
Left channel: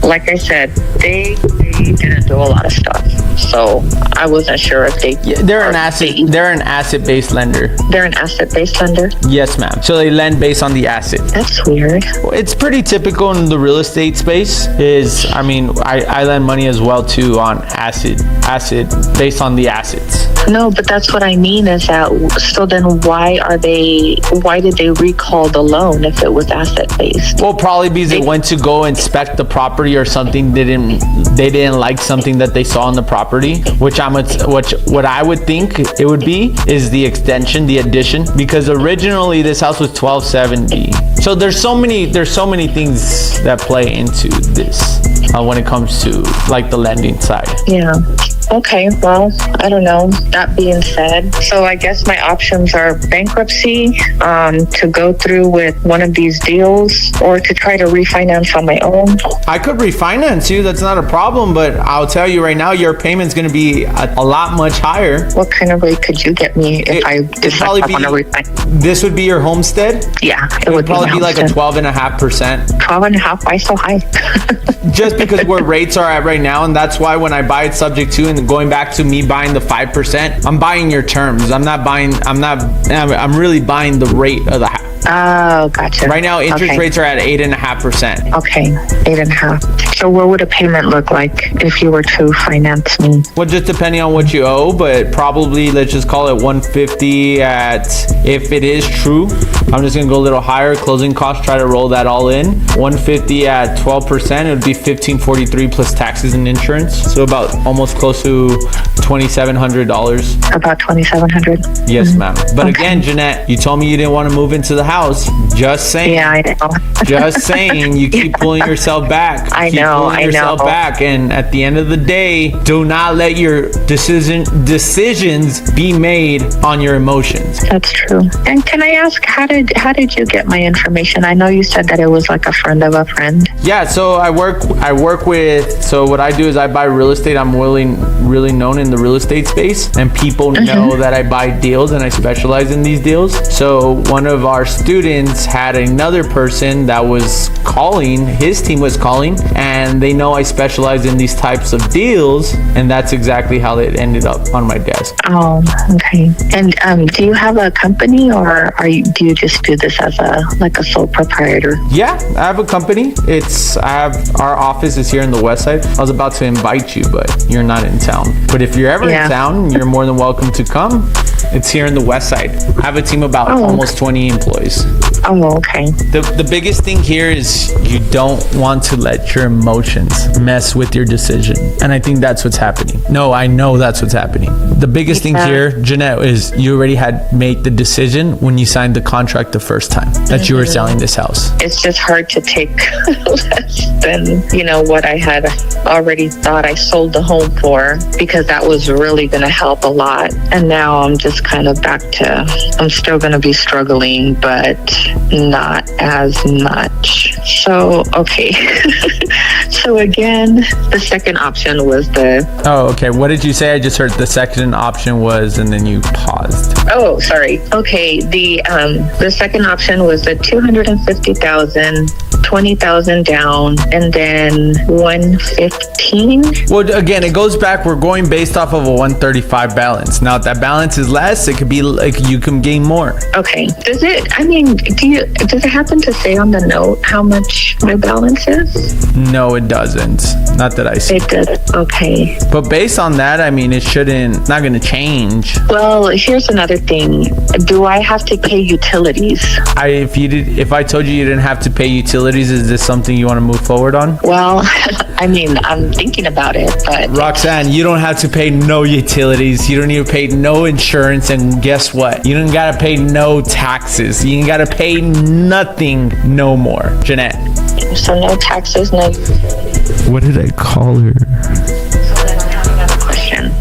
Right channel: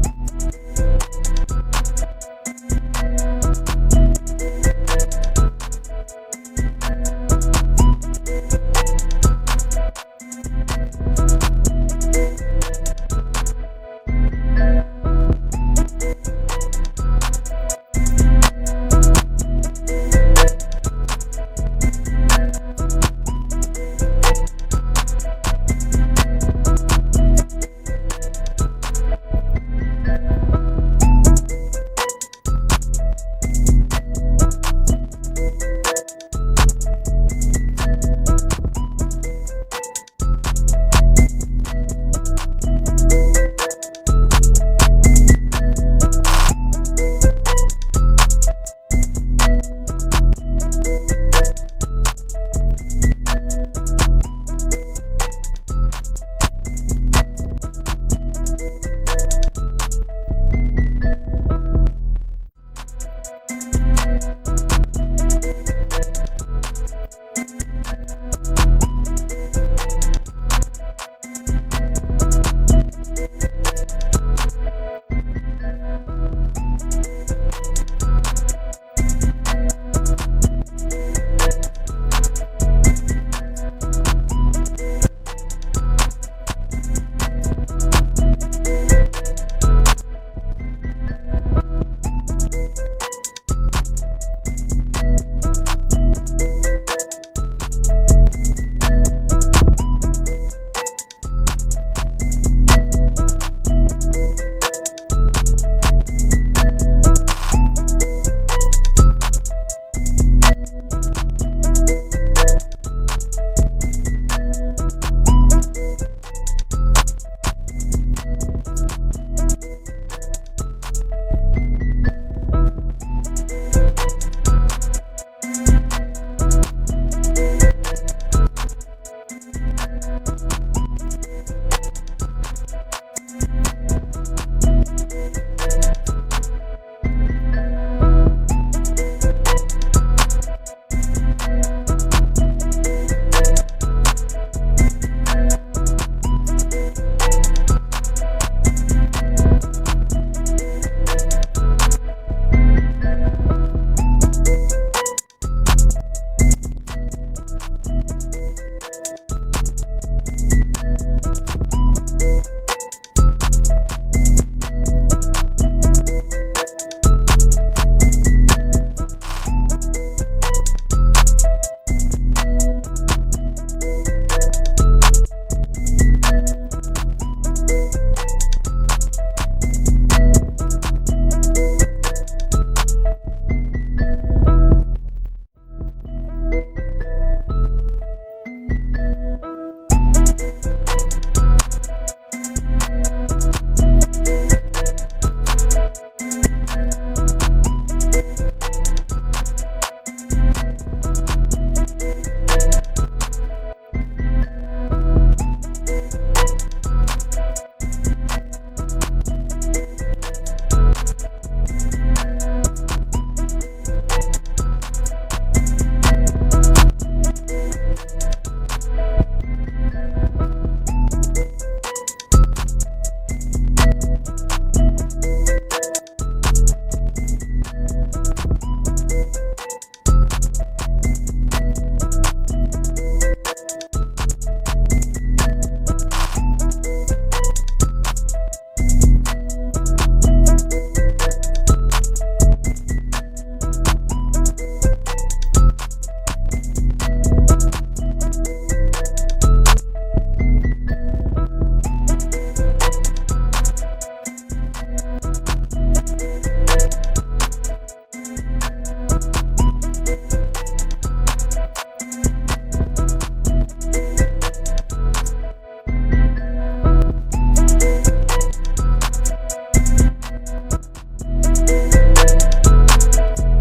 like I said, they didn't do a lot of stuff. So I wasn't sure if they're an asset-based lender. They're an asset-based lender? Yes, ma'am. So they lend based on the asset. That's weird. It's pretty typical in the real estate space. I lend money as well too on asset based on the assets. No, but that's what I mean is that, so then why did they recall the loan if it was asset-based? Well, probably because they went to go inspect the property or something. They didn't like something that they saw on the property, what I would think it would be is the extension, the addition, because originally this house was 1270. So there's so many things that play into this when it comes to like the lending side. Yeah. Okay, well, I don't know. That being said, so I guess my options are bankruptcy, to go through with one of these deals, or to try to refinance on my own. I could refinance you. That's not a problem, but I'll tell you right now, your payment's going to be a lot much higher. What kind of rate could you get me if I decide I want to refinance? This would be your homestead? Yeah, it would probably be like a 12.5%. 12.5%? Why so high? Just because where rates are at right now, and that's why when I buy it subject to, and going back to me buying the 5%, I'm buying your terms. I'm really buying the rate of the house. Oh, gotcha. Right now, interest rates are at 8.5%. Okay, 8.5%. So what would a payment look like if you were to finance me? Well, just depending on what you owe, but probably let's just call it 150 if it is true. I'm just gonna go a little higher. Closing costs, try to roll that all in. 150 at 12%, it would be 1543 plus taxes and insurance. So about almost close to $2,700. About $2,700? Yes, ma'am. But again, Jeanette, you told me you didn't want to move into the house. Just saying. Yeah, I know. Just saying. You keep pulling yourself back. I know. Back. And at the end of the day, do not let your decisions be made on your emotions. That's true. And can I ask, how did you get my information? I know you said that it was like a friend of a friend. Yeah, so I work with, so what I do is I buy real estate. I'm really known in the real estate space, and people know that I buy deals and I specialize in these deals. So one of our students had another person that was calling, his team was calling, and they know I specialize in these types of deals, and that's exactly how it ended up on my desk. Oh, okay. And do you have a company, or do you just do this as a sole proprietor? Yeah, I have a company. Our office is here in the West Side. I was about to invite you, but you're not in town. But if you're ever in town, you're more than welcome to come. It's here in the West Side. I have a team of about almost 20 employees. Oh, okay. The biggest thing here is you don't want to let your emotions mess with your decision. And I think that's what's happening. No, I know that's what's happening. The biggest thing here, Jeanette, is you already had made the decision when you signed the contract the first time that you were selling this house. It's just hard to take less than, what I had already thought I sold the home for, because that was really going to help a lot. And now I'm just kind of back to, I'm still going to be struggling, but not as much. So, okay. So again, the second option was Oh, okay. What did you say? I just heard the second option was, and then you paused. Oh, sorry. Okay. The second option was the $250,000 20,000 down and then 115. Well, again, it goes back. We're going based off of a 135 balance. Now, if that balance is less, it could be like you can gain more. Okay. Does it happen to say on the note how much my balance is? No, it doesn't. Not that I see. It does. Okay. But based on that, I mean, it's not going to change. Well, here's another thing. Do I have to pay utilities? If I told you didn't have to pay utilities, is this something you want to move forward on? Well, I mean, I'm thinking about it, but... Roxanne, you don't have to pay no utilities. You don't even pay no insurance. And guess what? You don't got to pay no taxes. You ain't got to pay nothing no more. Jeanette. So no taxes, no... What did I call her? Question.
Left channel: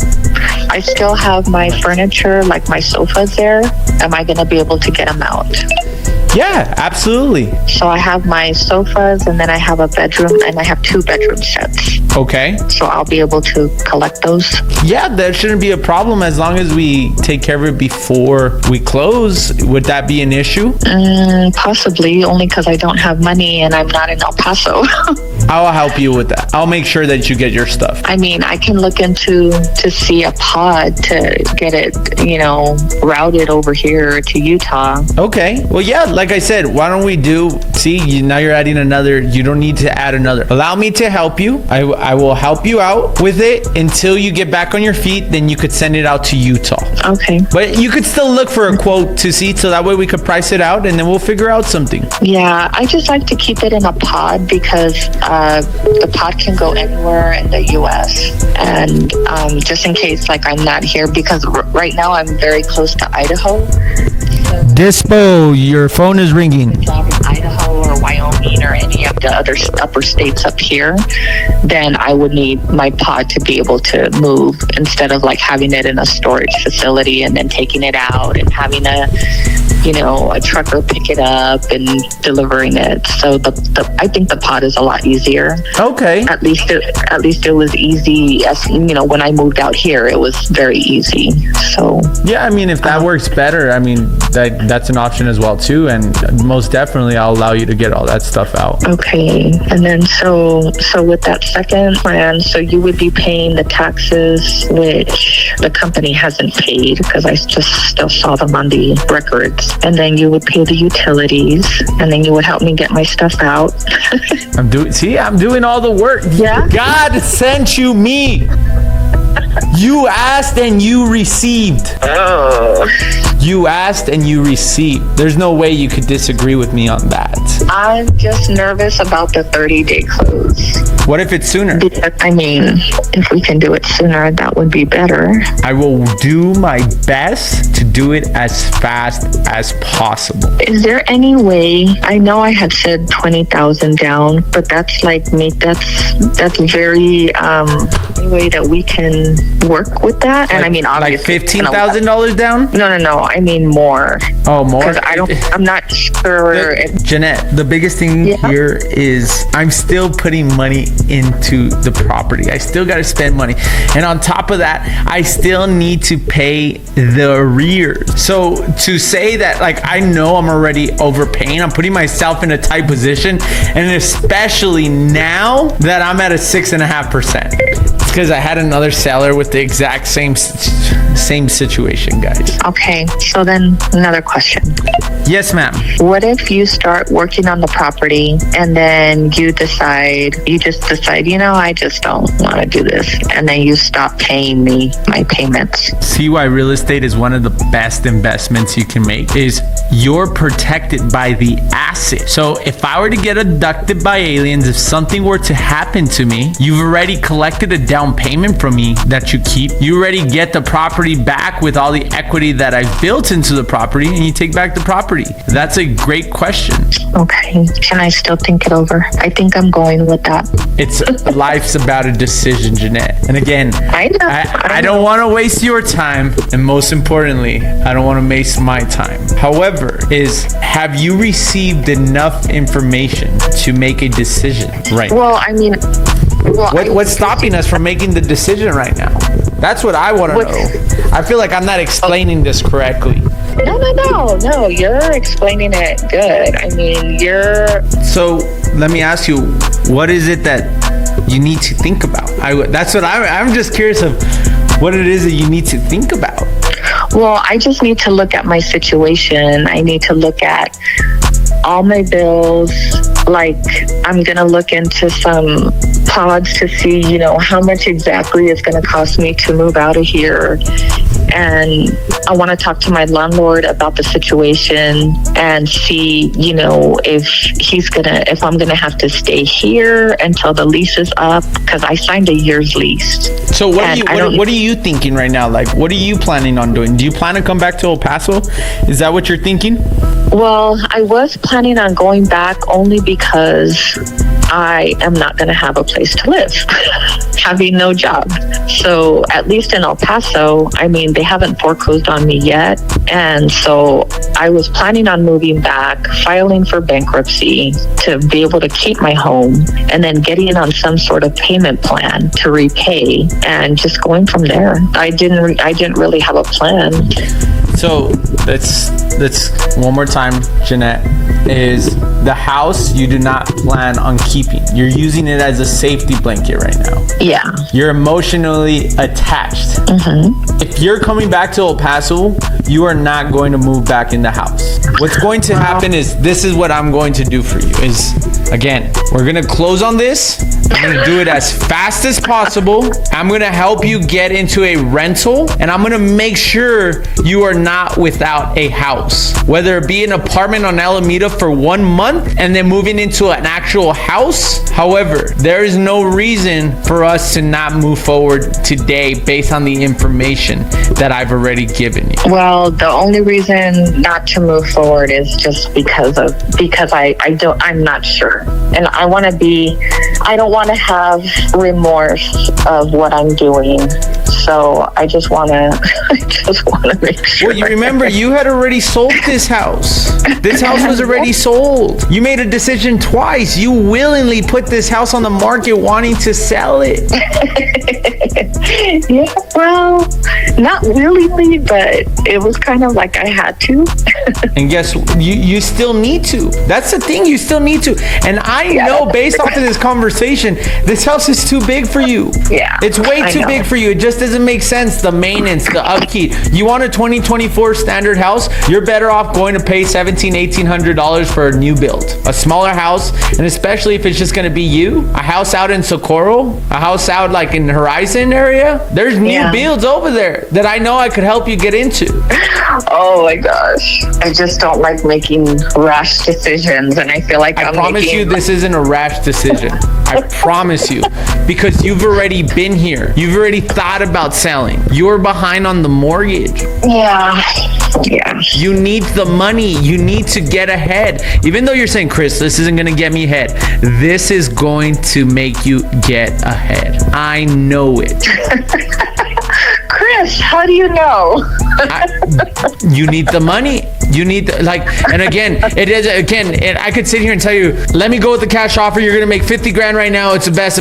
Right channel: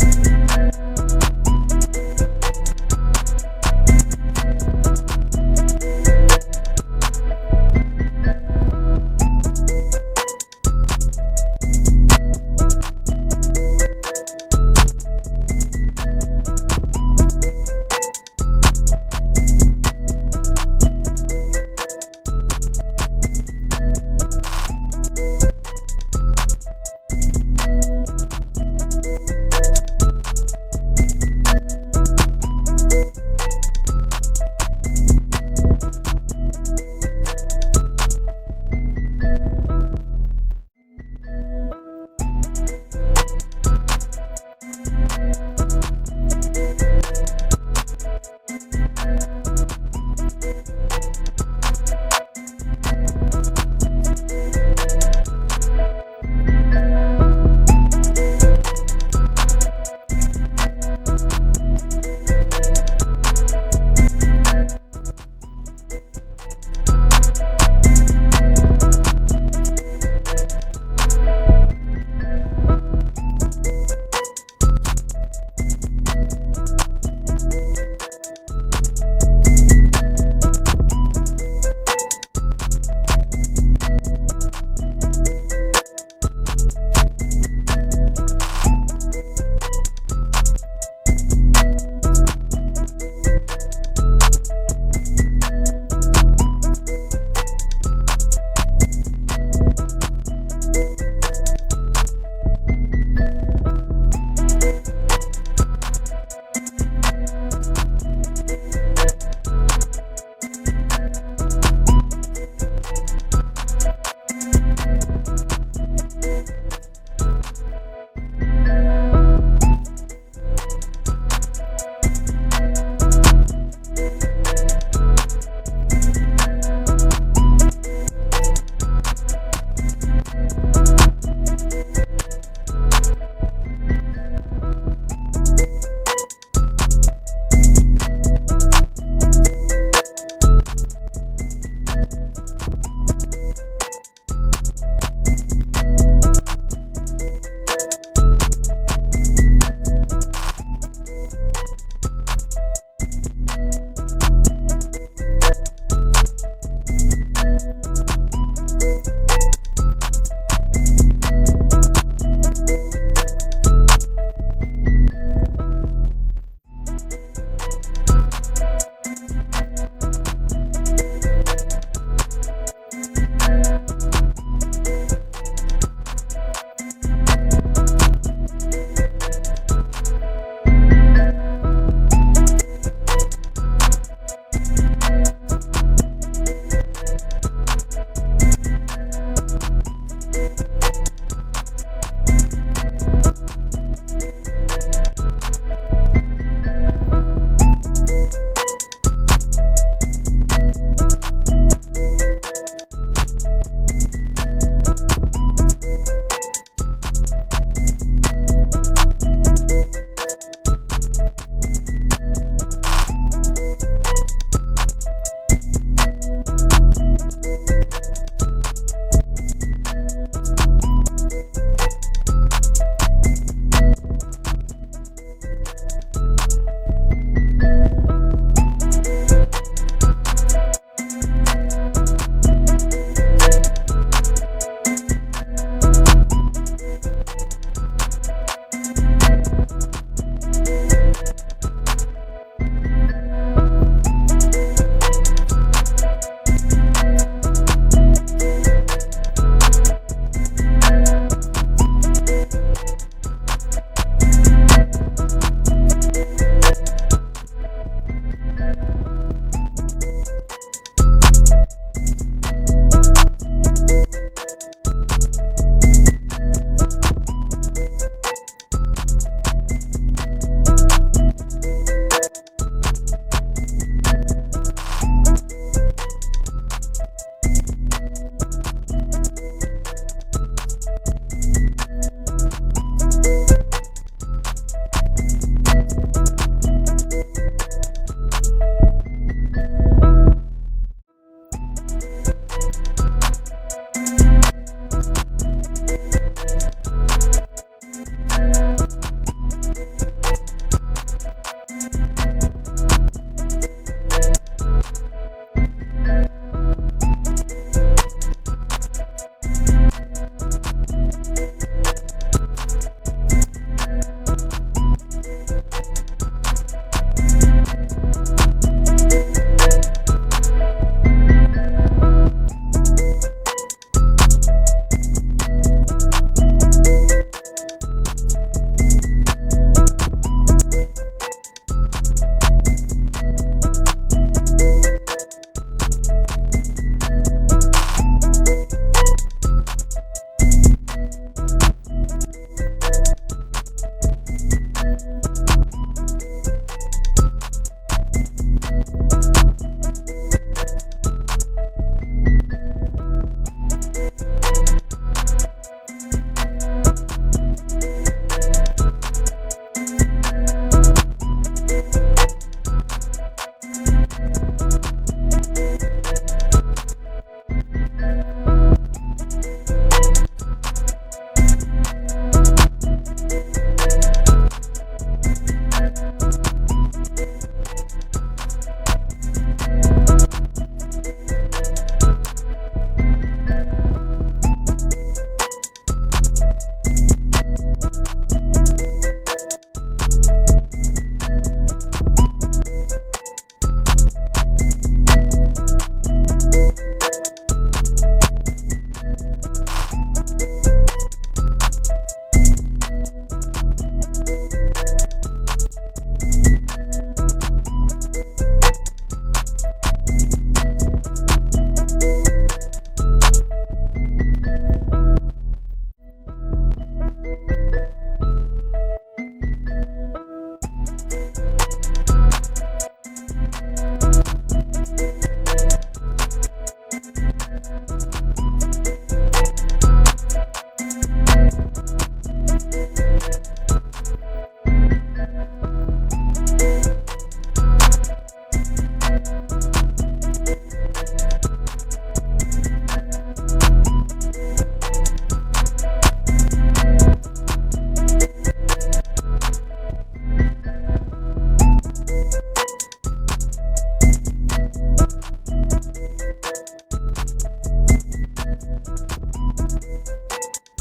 I still have my furniture, like my sofas there. Am I going to be able to get them out? Yeah, absolutely. So I have my sofas, and then I have a bedroom, and I have 2 bedroom sets. Okay. So I'll be able to collect those? Yeah, that shouldn't be a problem as long as we take care of it before we close. Would that be an issue? Possibly, only because I don't have money and I'm not in El Paso. I'll help you with that. I'll make sure that you get your stuff. I mean, I can look to see a pod to get it, routed over here to Utah. Okay. Well, yeah, like I said, why don't we now you're adding another. You don't need to add another. Allow me to help you. I will help you out with it until you get back on your feet. Then you could send it out to Utah. Okay. But you could still look for a quote to see, so that way we could price it out and then we'll figure out something. Yeah, I just like to keep it in a pod because the pod can go anywhere in the U.S. And just in case, like, I'm not here, because right now I'm very close to Idaho. Dispo, your phone is ringing. Idaho or Wyoming or any of the other upper states up here, then I would need my pod to be able to move instead of like having it in a storage facility and then taking it out and having a trucker pick it up and delivering it. So I think the pod is a lot easier. Okay. At least it was easy. As when I moved out here, it was very easy. So yeah, I mean, if that works better, I mean, that's an option as well too, and most definitely I'll allow you to get all that stuff out. Okay. And then so with that second plan, so you would be paying the taxes, which the company hasn't paid because I just still saw them on the records. And then you would pay the utilities, and then you would help me get my stuff out. I'm doing all the work. Yeah. God sent you me. You asked and you received. Oh. You asked and you received. There's no way you could disagree with me on that. I'm just nervous about the 30-day close. What if it's sooner? I mean, if we can do it sooner, that would be better. I will do my best to do it as fast as possible. Is there any way, I know I had said 20,000 down, but that's like me, that's very, way that we can work with that. And I mean, obviously, like $15,000 down? No. I mean more. Oh, more? Because I'm not sure. Jeanette, the biggest thing here is I'm still putting money into the property. I still got to spend money. And on top of that, I still need to pay the arrears. So to say that, like, I know I'm already overpaying, I'm putting myself in a tight position. And especially now that I'm at a 6.5%. Because I had another seller with the exact same situation, guys. Okay, so then another question. Yes, ma'am. What if you start working on the property and then you just decide, I just don't want to do this. And then you stop paying me my payments. See why real estate is one of the best investments you can make is you're protected by the asset. So if I were to get abducted by aliens, if something were to happen to me, you've already collected a down payment from me that you keep. You already get the property back with all the equity that I built into the property, and you take back the property. That's a great question. Okay. Can I still think it over? I think I'm going with that. Life's about a decision, Jeanette. And again, I don't want to waste your time, and most importantly, I don't want to waste my time. However, have you received enough information to make a decision right now? Well, I mean, what's stopping us from making the decision right now? That's what I want to know. I feel like I'm not explaining this correctly. No, you're explaining it good. I mean, So let me ask you, what is it that you need to think about? That's what I'm just curious of what it is that you need to think about. Well, I just need to look at my situation. I need to look at all my bills. Like, I'm going to look into some pods to see, how much exactly it's going to cost me to move out of here. And I want to talk to my landlord about the situation and see, if I'm going to have to stay here until the lease is up, because I signed a year's lease. So what are you thinking right now? Like, what are you planning on doing? Do you plan to come back to El Paso? Is that what you're thinking? Well, I was planning on going back only because I am not going to have a place to live, having no job. So at least in El Paso, they haven't foreclosed on me yet. And so I was planning on moving back, filing for bankruptcy to be able to keep my home, and then getting on some sort of payment plan to repay and just going from there. I didn't really have a plan. So let's one more time, Jeanette, is the house you do not plan on keeping. You're using it as a safety blanket right now. Yeah. You're emotionally attached. Mm-hmm. If you're coming back to El Paso, you are not going to move back in the house. What's going to happen is, this is what I'm going to do for you is, again, we're going to close on this. I'm going to do it as fast as possible. I'm going to help you get into a rental, and I'm going to make sure you are not without a house, whether it be an apartment on Alameda for 1 month and then moving into an actual house. However, there is no reason for us to not move forward today based on the information that I've already given you. Well, the only reason not to move forward is just because I'm not sure. And I don't want to have remorse of what I'm doing. So I just want to make sure. Well, you remember, you had already sold this house. This house was already sold. You made a decision twice. You willingly put this house on the market wanting to sell it. Yeah, well, not willingly, but it was kind of like I had to. And guess you still need to. That's the thing, you still need to. And I know based off of this conversation, this house is too big for you. Yeah. It's way too big for you. It just doesn't make sense. The maintenance, the upkeep. You want a 2024 standard house, you're better off going to pay $1,800 for a new build. A smaller house, and especially if it's just going to be you. A house out in Socorro, a house out like in the Horizon area. There's new builds over there that I know I could help you get into. Oh my gosh. I just don't like making rash decisions, and I feel like I promise you this isn't a rash decision. I promise you, because you've already been here. You've already thought about selling. You're behind on the mortgage. Yeah. You need the money. You need to get ahead. Even though you're saying, Chris, this isn't going to get me ahead. This is going to make you get ahead. I know it. Chris, how do you know? You need the money. You need and again, I could sit here and tell you, let me go with the cash offer. You're gonna make 50 grand right now. It's the best.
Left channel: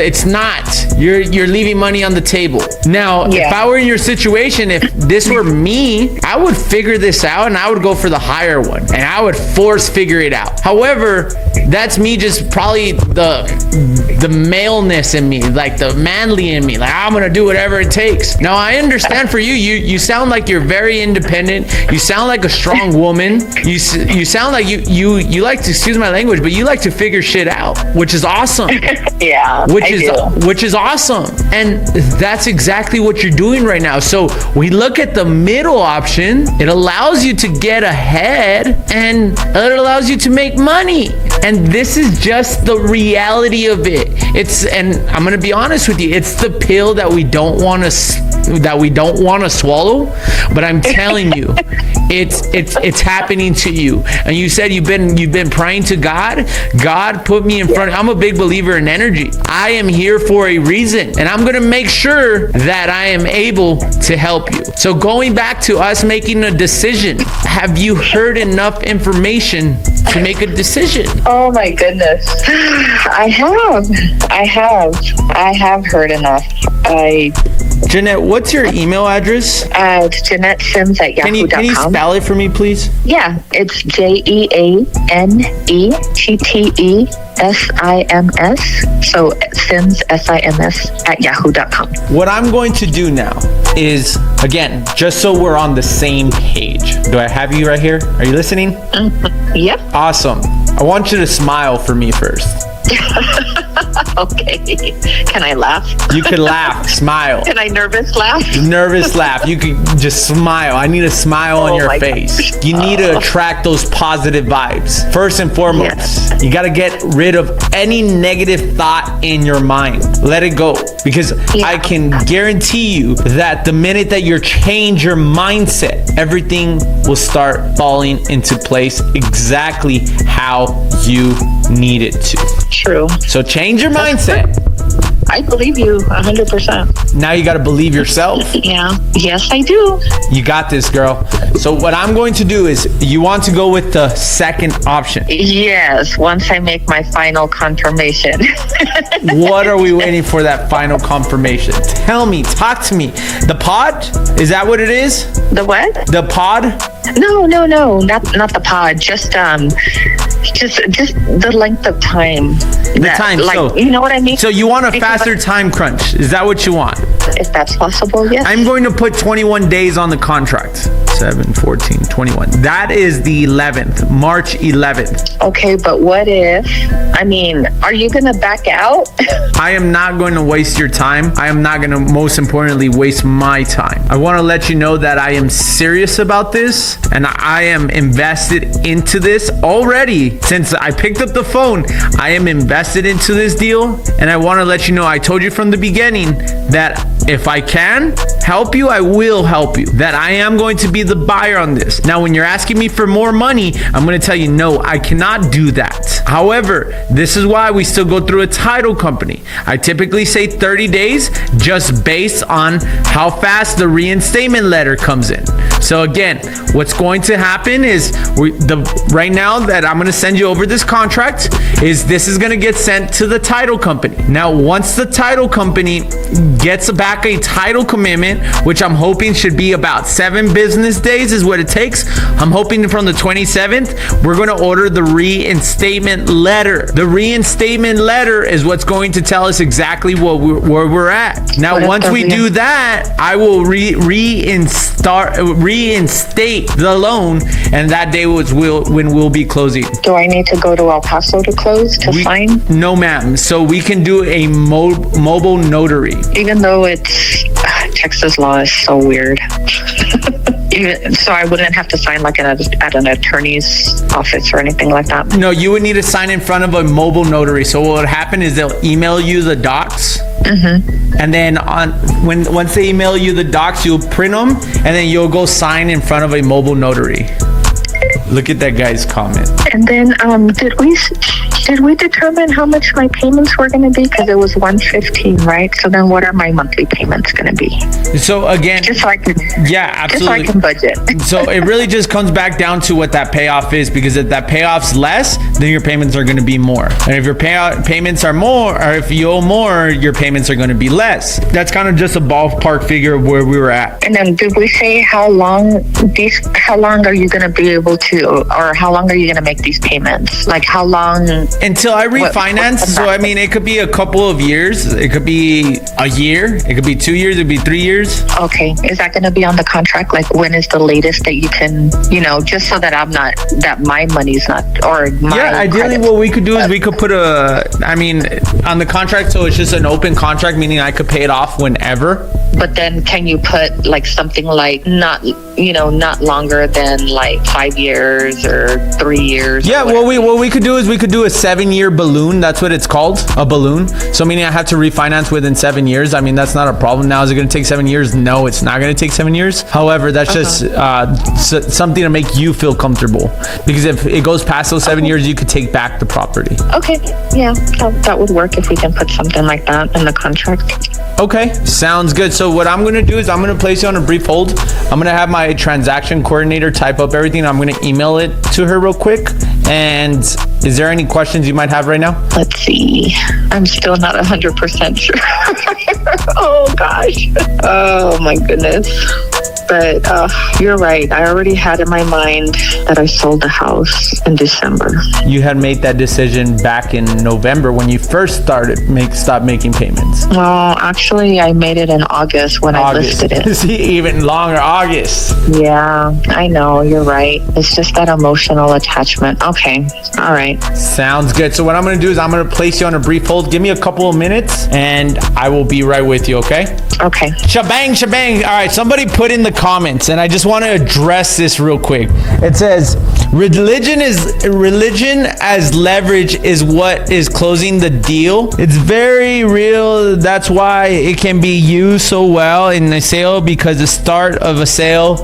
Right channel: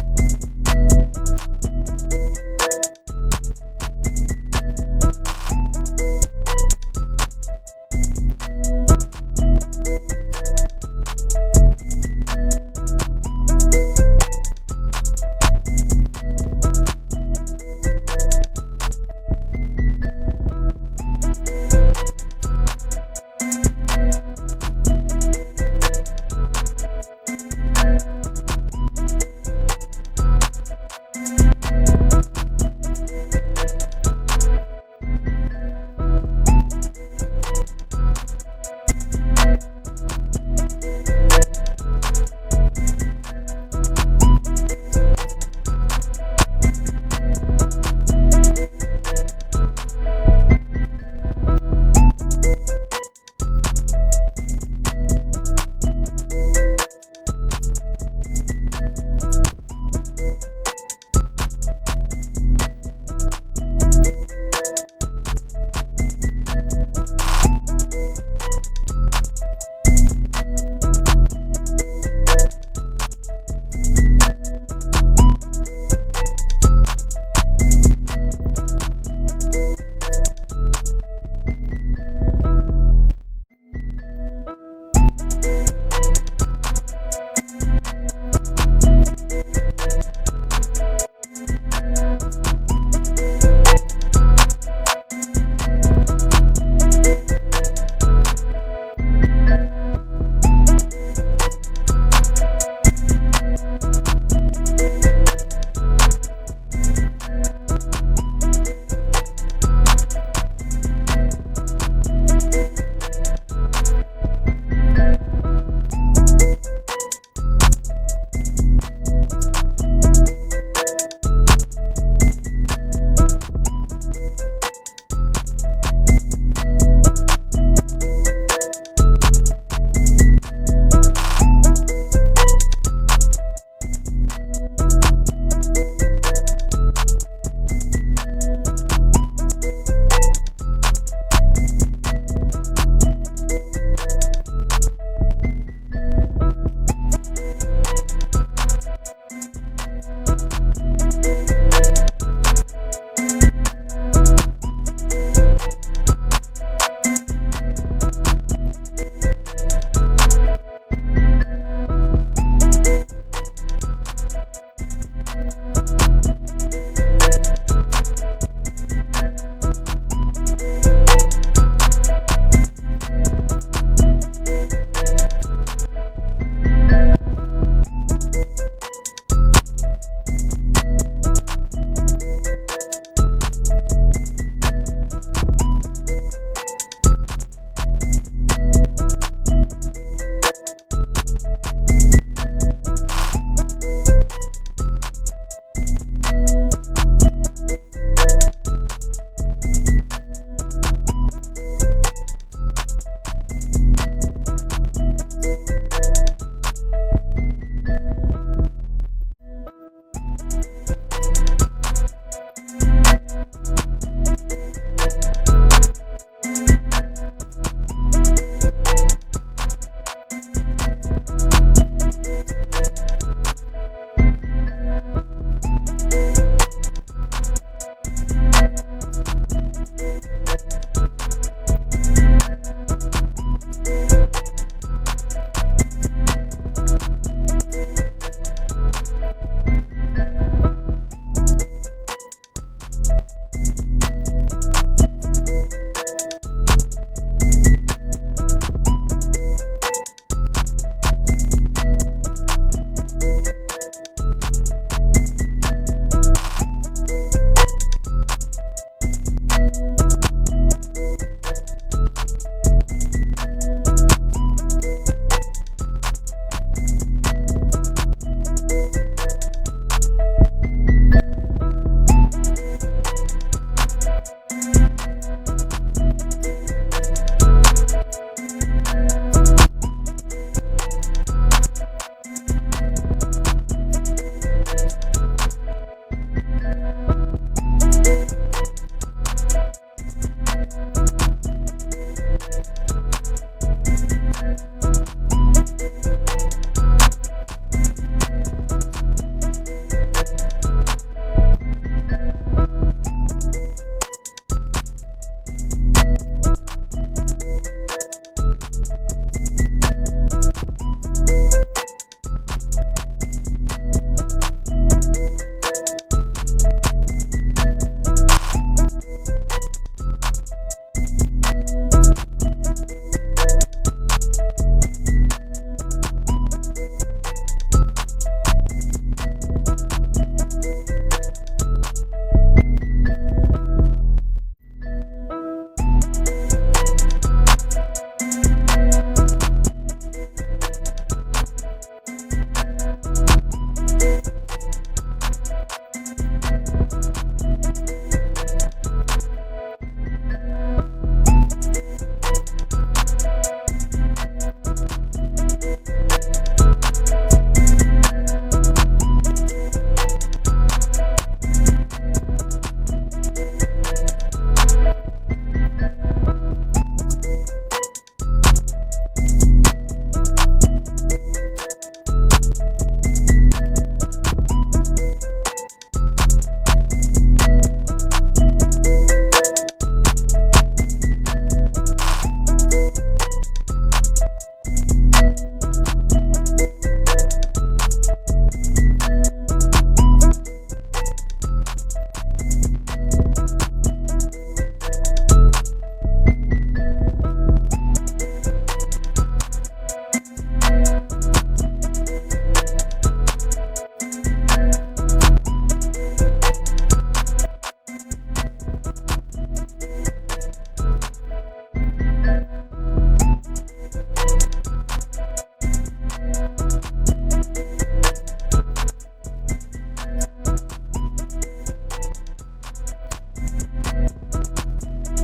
It's not. You're leaving money on the table. Now, if I were in your situation, if this were me, I would figure this out and I would go for the higher one and I would figure it out. However, that's me, just probably the maleness in me, like the manly in me, like I'm gonna do whatever it takes. Now I understand for you, you sound like you're very independent. You sound like a strong woman. You sound like you like to, excuse my language, but you like to figure shit out, which is awesome. Yeah, which is awesome. And that's exactly what you're doing right now. So we look at the middle option. It allows you to get ahead and it allows you to make money. And this is just the reality of it. And I'm gonna be honest with you, it's the pill that we don't want to swallow, but I'm telling you, it's happening to you. And you said you've been praying to God. God put me in front. I'm a big believer in energy. I am here for a reason, and I'm gonna make sure that I am able to help you. So going back to us making a decision, have you heard enough information to make a decision? Oh my goodness. I have heard enough. Jeanette, what's your email address? It's Jeanette Sims at yahoo.com. Can you spell it for me, please? Yeah, it's JeanetteSims. So Sims, SIMS at yahoo.com. What I'm going to do now is, again, just so we're on the same page. Do I have you right here? Are you listening? Yep. Awesome. I want you to smile for me first. Okay. Can I laugh? You can laugh, smile. Can I nervous laugh? Nervous laugh. You can just smile. I need a smile on your face. You need to attract those positive vibes. First and foremost, you got to get rid of any negative thought in your mind. Let it go. Because I can guarantee you that the minute that you change your mindset, everything will start falling into place exactly how you need it to. True. So change your mindset. I believe you 100%. Now you got to believe yourself. Yeah. Yes, I do. You got this, girl. So what I'm going to do is, you want to go with the second option. Yes, once I make my final confirmation. What are we waiting for that final confirmation? Tell me, talk to me. The pod? Is that what it is? The what? The pod? No, not the pod. Just the length of time. The time. Like, so, you know what I mean? So you want a faster time crunch. Is that what you want? If that's possible, yes. I'm going to put 21 days on the contract. 7, 14, 21. That is the 11th, March 11th. Okay, but what if, are you going to back out? I am not going to waste your time. I am not going to, most importantly, waste my time. I want to let you know that I am serious about this, and I am invested into this already. Since I picked up the phone, I am invested into this deal, and I want to let you know, I told you from the beginning that if I can help you, I will help you. That I am going to be the buyer on this. Now, when you're asking me for more money, I'm going to tell you, no, I cannot do that. However, this is why we still go through a title company. I typically say 30 days just based on how fast the reinstatement letter comes in. So again, what's going to happen is right now that I'm going to send you over this contract is this is going to get sent to the title company. Now, once the title company gets back a title commitment, which I'm hoping should be about 7 business days is what it takes. I'm hoping from the 27th, we're going to order the reinstatement letter. The reinstatement letter is what's going to tell us exactly where we're at. Now, once we do that, I will reinstate the loan, and that day when we'll be closing. Do I need to go to El Paso to close to sign? No, ma'am. So we can do a mobile notary. Even though Texas law is so weird. So I wouldn't have to sign like at an attorney's office or anything like that? No, you would need to sign in front of a mobile notary. So what would happen is they'll email you the docs. Mm-hmm. And then once they email you the docs, you'll print them, and then you'll go sign in front of a mobile notary. Look at that guy's comment. And then did we determine how much my payments were going to be? Because it was $115, right? So then what are my monthly payments going to be? So again, just so I can, absolutely. Just so I can budget. So it really just comes back down to what that payoff is, because if that payoff's less, then your payments are going to be more. And if your payments are more, or if you owe more, your payments are going to be less. That's kind of just a ballpark figure of where we were at. And then did we say how long are you going to be able to, or how long are you going to make these payments? Like how long? Until I refinance. So it could be a couple of years. It could be a year. It could be 2 years. It could be 3 years. Okay. Is that going to be on the contract? Like when is the latest that you can, just so that that my money's not, or my ideally what we could do is we could put on the contract, so it's just an open contract, meaning I could pay it off whenever. But then can you put like something like not longer than like 5 years or 3 years? Yeah, what we could do is we could do a 7-year balloon. That's what it's called, a balloon. So meaning I have to refinance within 7 years. That's not a problem. Now, is it going to take 7 years? No, it's not going to take 7 years. However, that's just something to make you feel comfortable. Because if it goes past those 7 years, you could take back the property. Okay, yeah, that would work if we can put something like that in the contract. Okay, sounds good. So what I'm gonna do is I'm gonna place you on a brief hold. I'm gonna have my transaction coordinator type up everything. I'm gonna email it to her real quick. And is there any questions you might have right now? Let's see. I'm still not 100% sure. Oh gosh. Oh my goodness. But you're right. I already had in my mind that I sold the house in December. You had made that decision back in November when you first stopped making payments. Well, actually, I made it in August when I listed it. See, even longer, August. Yeah, I know. You're right. It's just that emotional attachment. Okay. All right. Sounds good. So what I'm going to do is I'm going to place you on a brief hold. Give me a couple of minutes and I will be right with you, okay? Okay. Shebang, shebang. All right, somebody put in the comments, and I just want to address this real quick. It says, religion as leverage is what is closing the deal. It's very real. That's why it can be used so well in a sale, because the start of a sale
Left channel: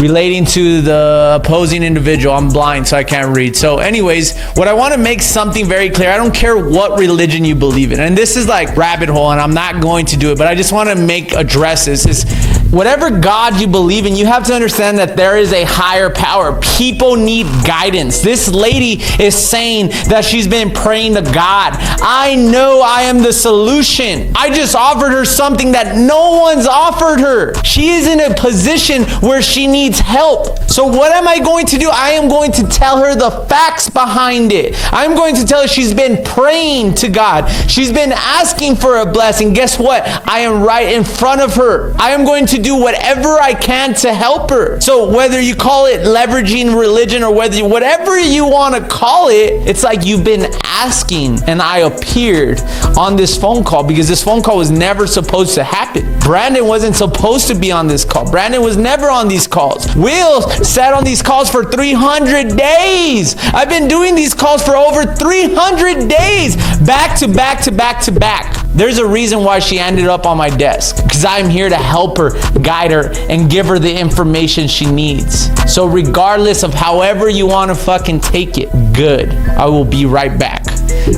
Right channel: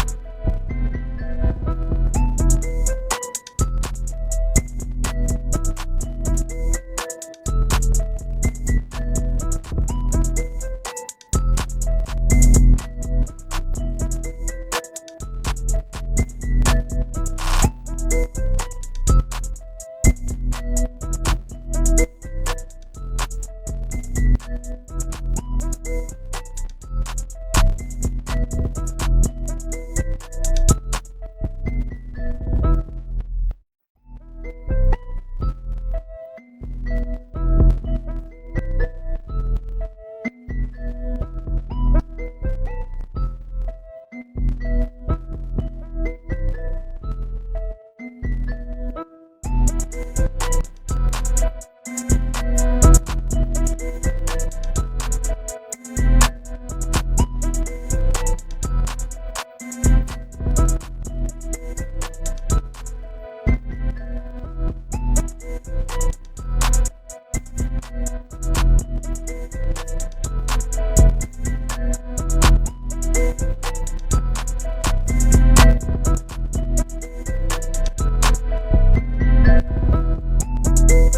relating to the opposing individual. I'm blind, so I can't read. So anyways, what I want to make something very clear. I don't care what religion you believe in. And this is like rabbit hole, and I'm not going to do it, but I just want to address this. Is whatever God you believe in, you have to understand that there is a higher power. People need guidance. This lady is saying that she's been praying to God. I know I am the solution. I just offered her something that no one's offered her. She is in a position where she needs help. So what am I going to do? I am going to tell her the facts behind it. I'm going to tell her she's been praying to God. She's been asking for a blessing. Guess what? I am right in front of her. I am going to do whatever I can to help her. So whether you call it leveraging religion or whatever you want to call it, it's like you've been asking, and I appeared on this phone call because this phone call was never supposed to happen. Brandon wasn't supposed to be on this call. Brandon was never on these calls. Will sat on these calls for 300 days. I've been doing these calls for over 300 days, back to back to back to back. There's a reason why she ended up on my desk, because I'm here to help her, guide her, and give her the information she needs. So regardless of however you want to fucking take it, good. I will be right back.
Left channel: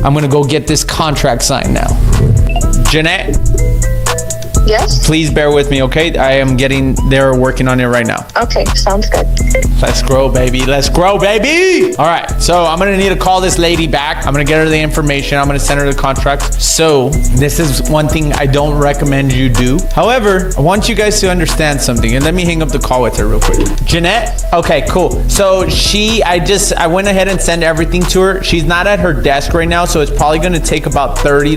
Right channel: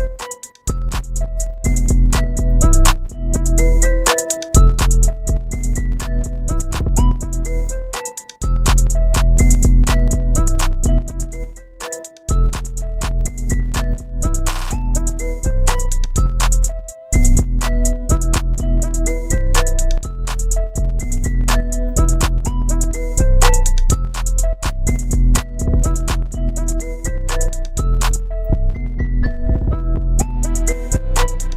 I'm gonna go get this contract signed now. Jeanette? Yes? Please bear with me, okay? I am they're working on it right now. Okay, sounds good. Let's grow, baby. Let's grow, baby. All right, so I'm gonna need to call this lady back. I'm gonna get her the information. I'm gonna send her the contract. So this is one thing I don't recommend you do. However, I want you guys to understand something, and let me hang up the call with her real quick. Jeanette? Okay, cool. So I went ahead and sent everything to her. She's not at her desk right now, so it's probably gonna take about 30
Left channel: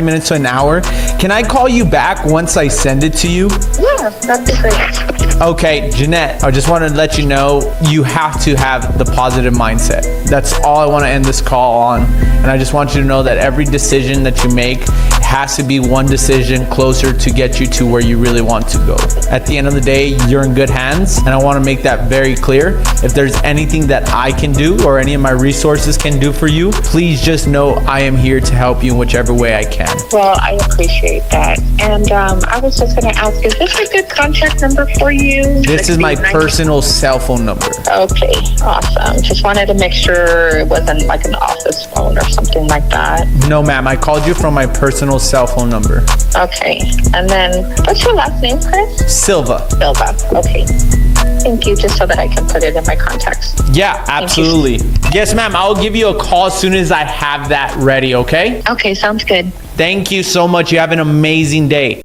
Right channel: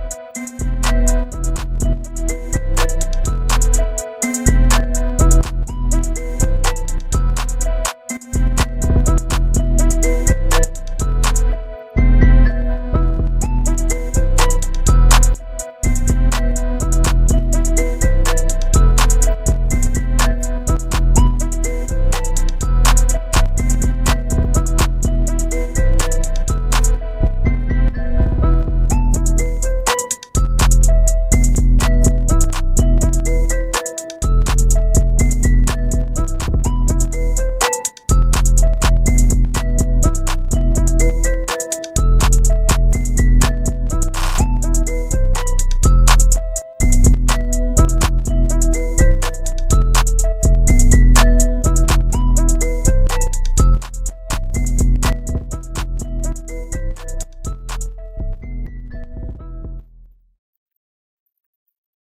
minutes to an hour. Can I call you back once I send it to you? Yeah, that'd be great. Okay, Jeanette, I just want to let you know you have to have the positive mindset. That's all I want to end this call on. And I just want you to know that every decision that you make has to be one decision closer to get you to where you really want to go. At the end of the day, you're in good hands, and I want to make that very clear. If there's anything that I can do or any of my resources can do for you, please just know I am here to help you in whichever way I can. Well, I appreciate that. And I was just going to ask, is this a good contact number for you? This is my personal cell phone number. Okay, awesome. Just wanted to make sure it wasn't like an office phone or something like that. No, ma'am. I called you from my personal cell phone number. Okay. And then, what's your last name, Chris? Silva. Silva. Okay. Thank you, just so that I can put it in my contacts. Yeah, absolutely. Yes, ma'am. I'll give you a call as soon as I have that ready, okay? Okay, sounds good. Thank you so much. You have an amazing day.